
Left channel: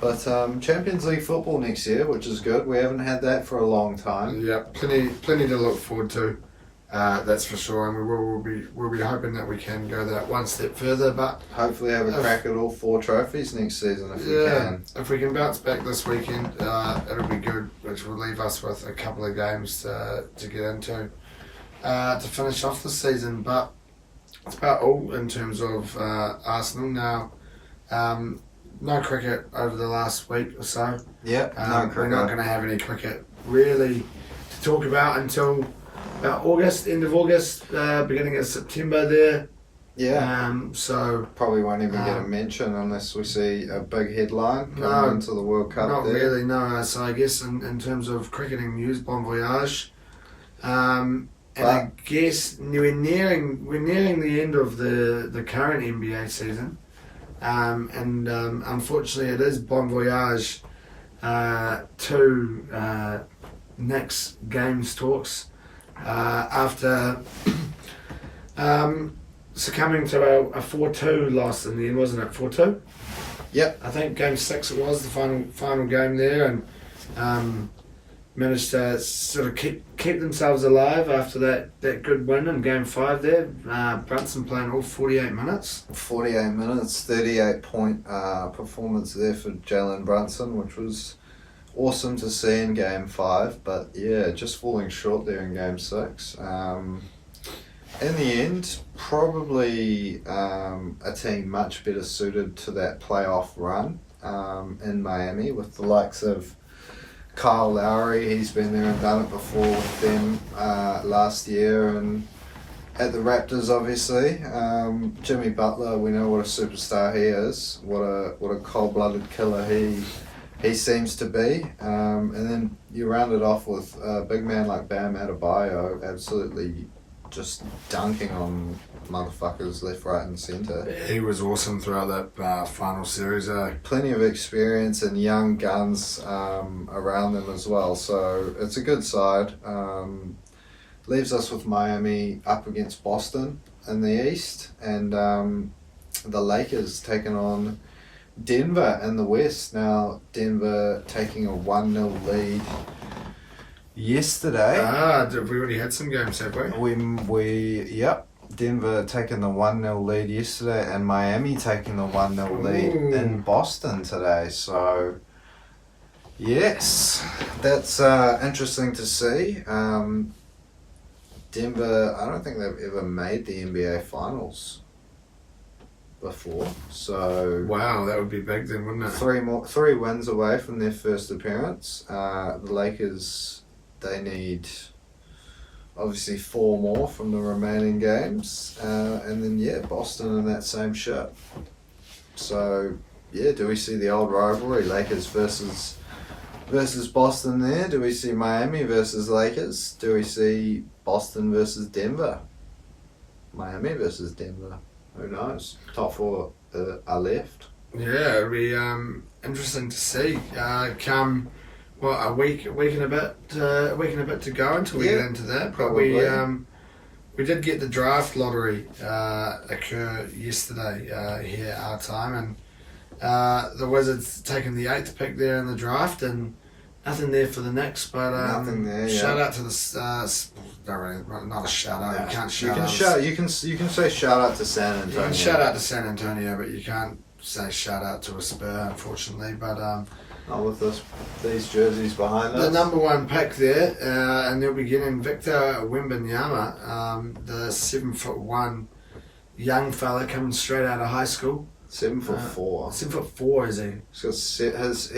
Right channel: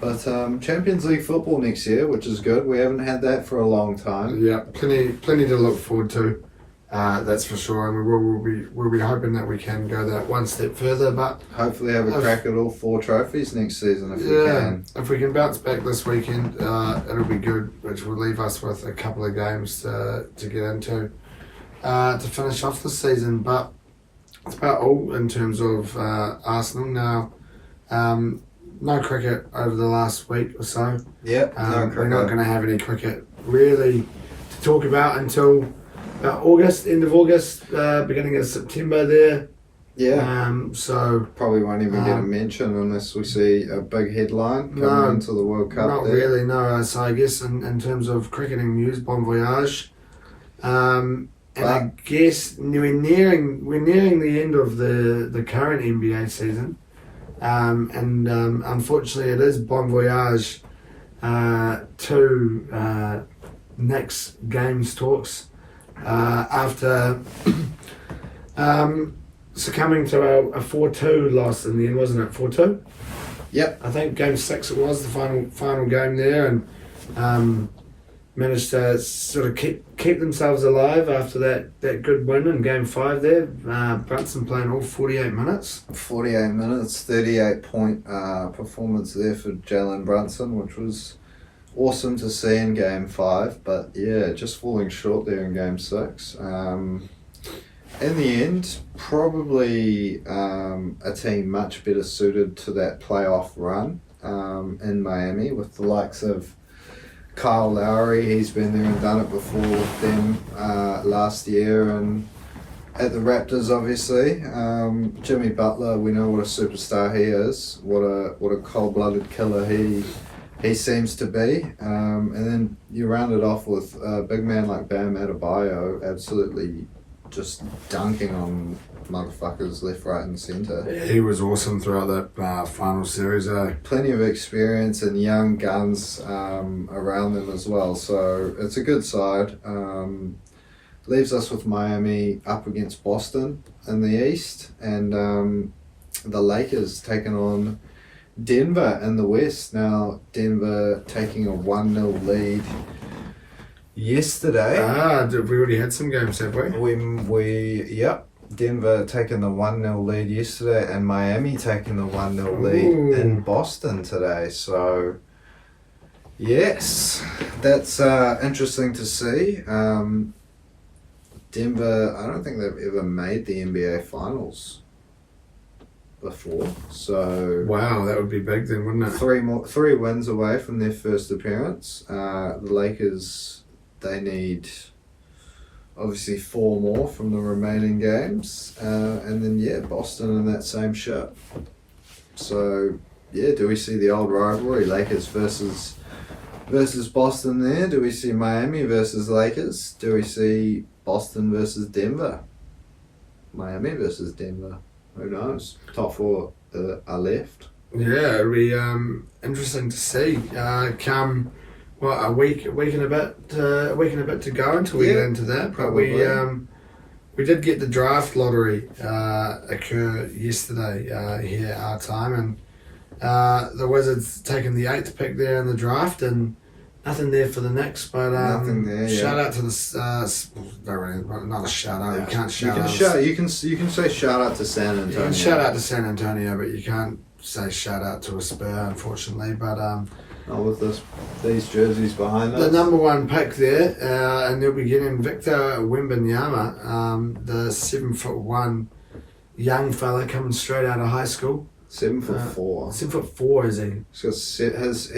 But Champions League football next year, which is good. We haven't had that for a long time. Yeah, plenty to look forward to. That's for sure, and we'll be hoping that we can go that one step further. But hopefully have a crack at all 4 trophies next season if we can. If we can bounce back this weekend, it'll be good, which will leave us with a couple of games to get into to finish off the season. But it's about all in terms of Arsenal now. No cricket over the last week or so. Yeah, we're not going to have any cricket really to talk about until about August, end of August, beginning of September there. Yeah. So probably won't even get a mention unless we see a big headline coming into the World Cup. Not really, no. So I guess in terms of cricketing news, bon voyage. And I guess we're nearing the end of the current NBA season. And unfortunately it is bon voyage to Knicks games talks after succumbing to a 4-2 loss in the end, wasn't it? 4-2? Yep. I think game 6 it was, the final game there, and managed to sort of keep themselves alive after that good win in game 5 there. Brunson playing all 48 minutes. 48 minutes, 38-point performance there for Jalen Brunson, which was awesome to see in game 5, but yeah, just falling short there in game 6. In the end, probably a team much better suited to that playoff run in Miami with the likes of Kyle Lowry. He's been there and done it before with them last year, and at the Raptors, obviously. Jimmy Butler, we know what a superstar he is, what a cold-blooded killer he seems to be. And then you round it off with a big man like Bam Adebayo, absolutely just dunking on motherfuckers left, right and centre. He was awesome throughout that final series. Plenty of experience and young guns around them as well, so it's a good side. Leaves us with Miami up against Boston in the East, and the Lakers taking on Denver in the West. Now Denver taking a 1-0 lead yesterday. We already had some games, have we? Yep. Denver taking the 1-0 lead yesterday, and Miami taking the 1-0 lead in Boston today. So, yes, that's interesting to see. Denver, I don't think they've ever made the NBA Finals before. So wow, that would be big then, wouldn't it? 3 wins away from their first appearance. The Lakers, they need obviously 4 more from the remaining games, and then Boston in that same ship. So do we see the old rivalry, Lakers versus Boston there? Do we see Miami versus Lakers? Do we see Boston versus Denver? Miami versus Denver? Who knows? Top 4 are left. Yeah, it'll be interesting to see. Come a week and a bit to go until we get into that. But probably. we did get the draft lottery occur yesterday here at our time, and the Wizards taking the 8th pick there in the draft, and nothing there for the Knicks. But nothing there. Shout out to the not a shout out. You can't shout out. You can say shout out to San Antonio. You can shout out to San Antonio, but you can't say shout out to a Spur, unfortunately. But not with these jerseys behind us. The number 1 pick there, and they'll be getting Victor Wembanyama, the 7'1" young fella coming straight out of high school. 7'4". 7'4", is he?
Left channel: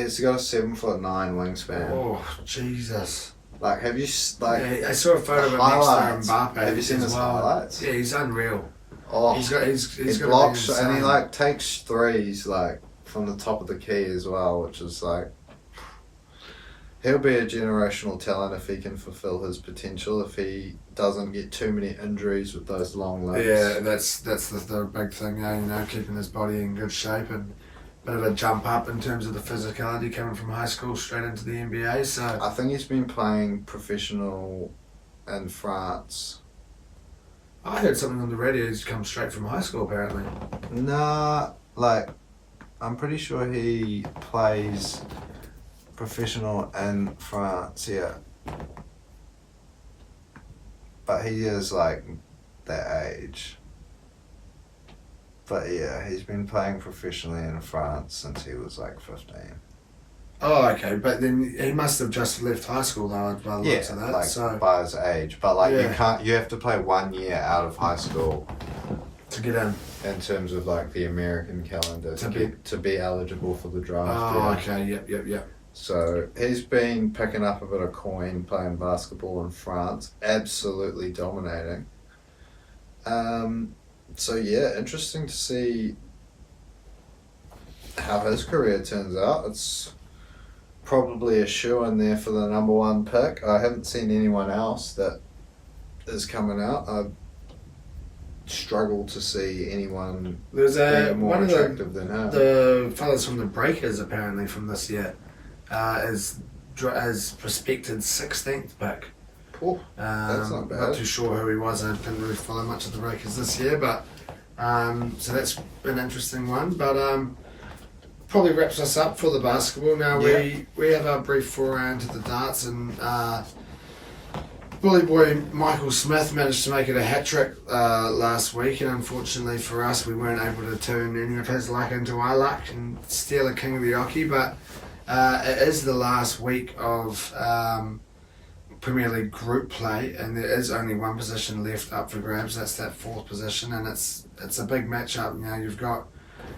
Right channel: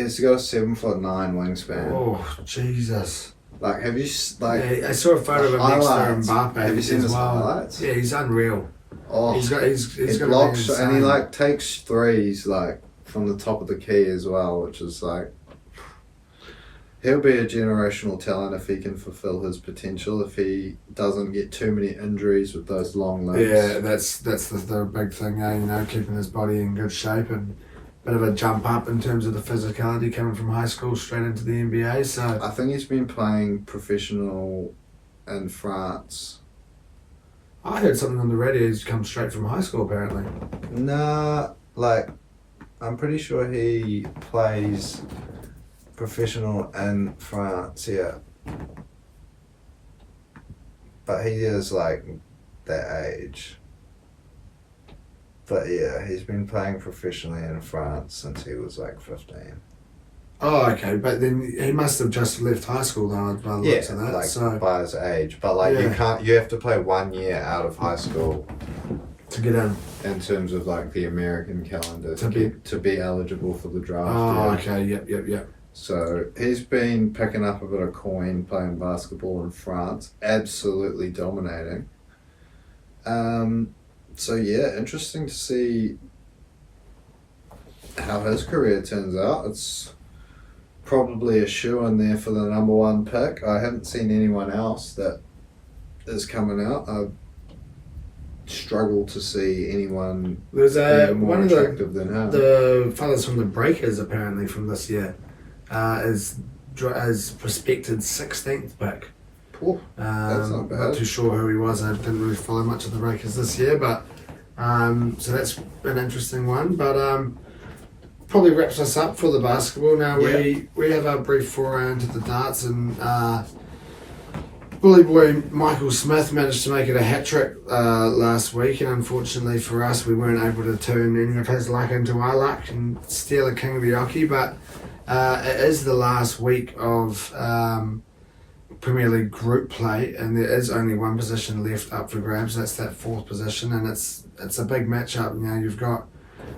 He's got a 7'9" wingspan. Oh Jesus! Like, have you I saw a photo of him next to Mbappe. Have you seen his well. highlights? Yeah, he's unreal. Oh, he's got blocks, and he takes threes from the top of the key as well, which is he'll be a generational talent if he can fulfill his potential, if he doesn't get too many injuries with those long legs. Yeah, that's the big thing, keeping his body in good shape, and bit of a jump up in terms of the physicality coming from high school straight into the NBA. So I think he's been playing professional in France. I heard something on the radio. He's come straight from high school, apparently. Nah, I'm pretty sure he plays professional in France, yeah. But he is that age. But yeah, he's been playing professionally in France since he was 15. Oh, okay, but then he must have just left high school though, by the looks of that. By his age. But you have to play 1 year out of high school to get in terms of the American calendar to be eligible for the draft. Oh, okay, yep. So he's been picking up a bit of coin playing basketball in France, absolutely dominating. So yeah, interesting to see how his career turns out. It's probably a shoe-in there for the number 1 pick. I haven't seen anyone else that is coming out. I've struggled to see anyone There's more one of attractive than him. the fellas from the Breakers apparently from this year is prospected 16th pick. Cool. That's not bad. Not too sure who he was. I didn't really follow much of the Breakers this year, but so that's an interesting one. But probably wraps us up for the basketball. Now we have our brief foray into the darts, and bully boy Michael Smith managed to make it a hat-trick last week, and unfortunately for us we weren't able to turn any of his luck into our luck and steal a King of the Oche. But it is the last week of Premier League group play, and there is only one position left up for grabs. That's that 4th position, and it's a big matchup. You know, you've got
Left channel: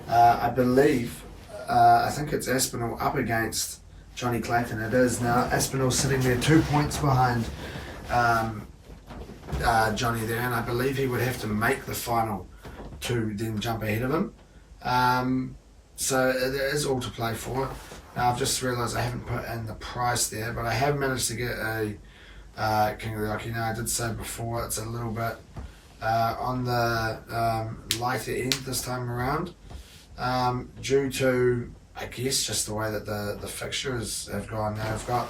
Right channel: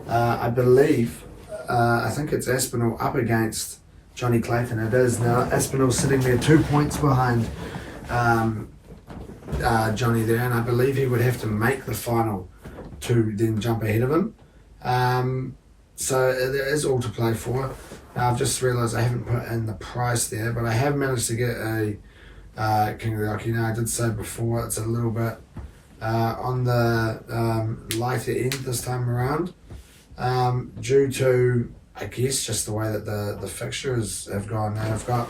I believe I think it's Aspinall up against Johnny Clayton. It is now. Aspinall sitting there 2 points behind Johnny there, and I believe he would have to make the final to then jump ahead of him. So there is all to play for. Now, I've just realised I haven't put in the price there, but I have managed to get a King of the Oche. Now, I did say before it's a little bit on the lighter end this time around, due to, I guess, just the way that the fixtures have gone. Now, I've got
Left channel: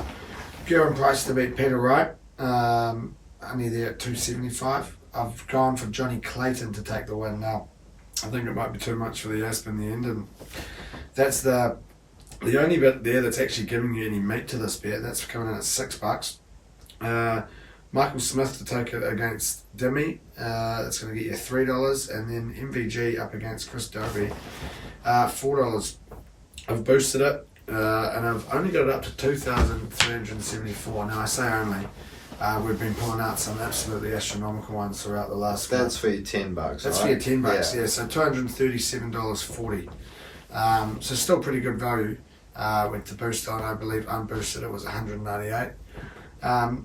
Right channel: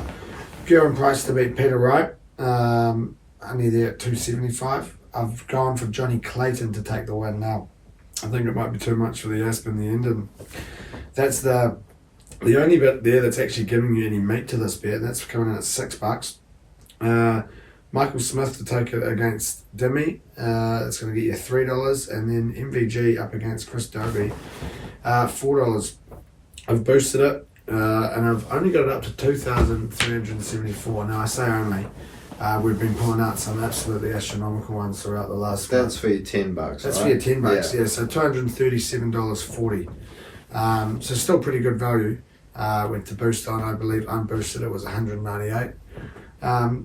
Kieran Price to beat Peter Wright, only there at 275. I've gone for Johnny Clayton to take the win now. I think it might be too much for the Asp in the end, and that's the only bit there that's actually giving you any meat to this bet, and that's coming in at $6. Michael Smith to take it against Dimmy, that's going to get you $3, and then MVG up against Chris Dobie, $4. I've boosted it, and I've only got it up to 2,374. Now I say only. We've been pulling out some absolutely astronomical ones throughout the last month. That's for your $10, That's right? for your $10, yeah. So $237.40. So still pretty good value. With the boost on, I believe unboosted it was $198.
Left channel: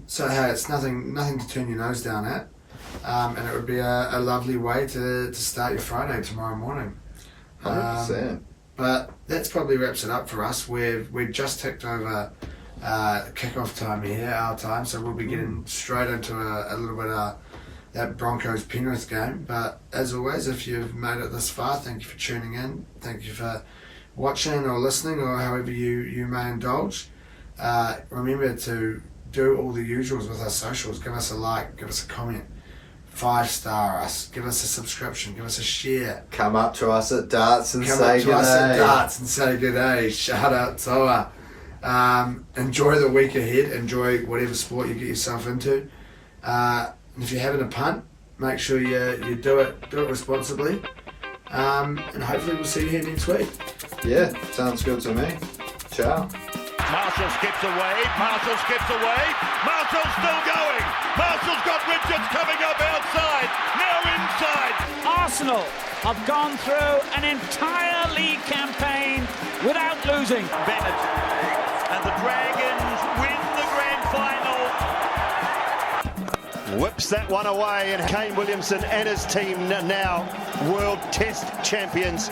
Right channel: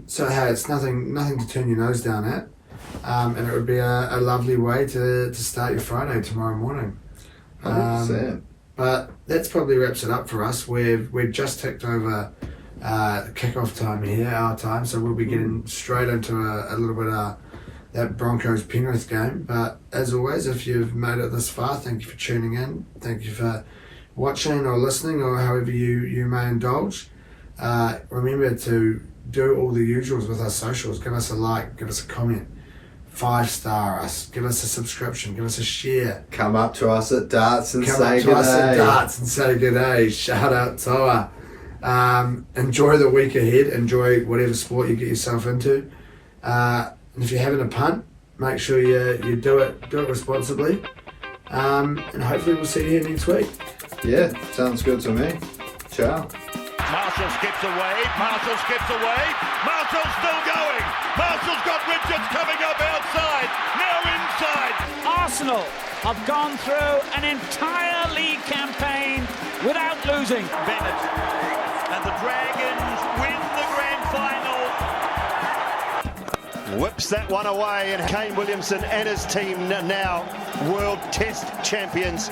So hey, it's nothing to turn your nose down at, and it would be a lovely way to start your Friday tomorrow morning. 100%. But that's probably wraps it up for us. We've just ticked over kickoff time here, our time, so we'll be getting straight into a little bit of that Broncos Penrith game. But as always, if you've made it this far, thank you for tuning in. Thank you for watching or listening, or however you may indulge. Remember to do all the usuals with our socials. Give us a like, give us a comment, 5-star us, give us a subscription, give us a share. Come up to us at darts and Come say up to us at good day. darts and say good day. Shout out Toa. Enjoy the week ahead. Enjoy whatever sport you get yourself into. And if you're having a punt, make sure you do it responsibly. And hopefully we'll see you here next week. Yeah, sounds good to me. Ciao. Marshall skips away. Marshall's still going. Marshall's got Richards coming up outside. Now inside. Arsenal have gone through an entire league campaign without losing. Bennett and the Dragons win the grand final. Whips that one away, and Kane Williamson and his team now World Test champions.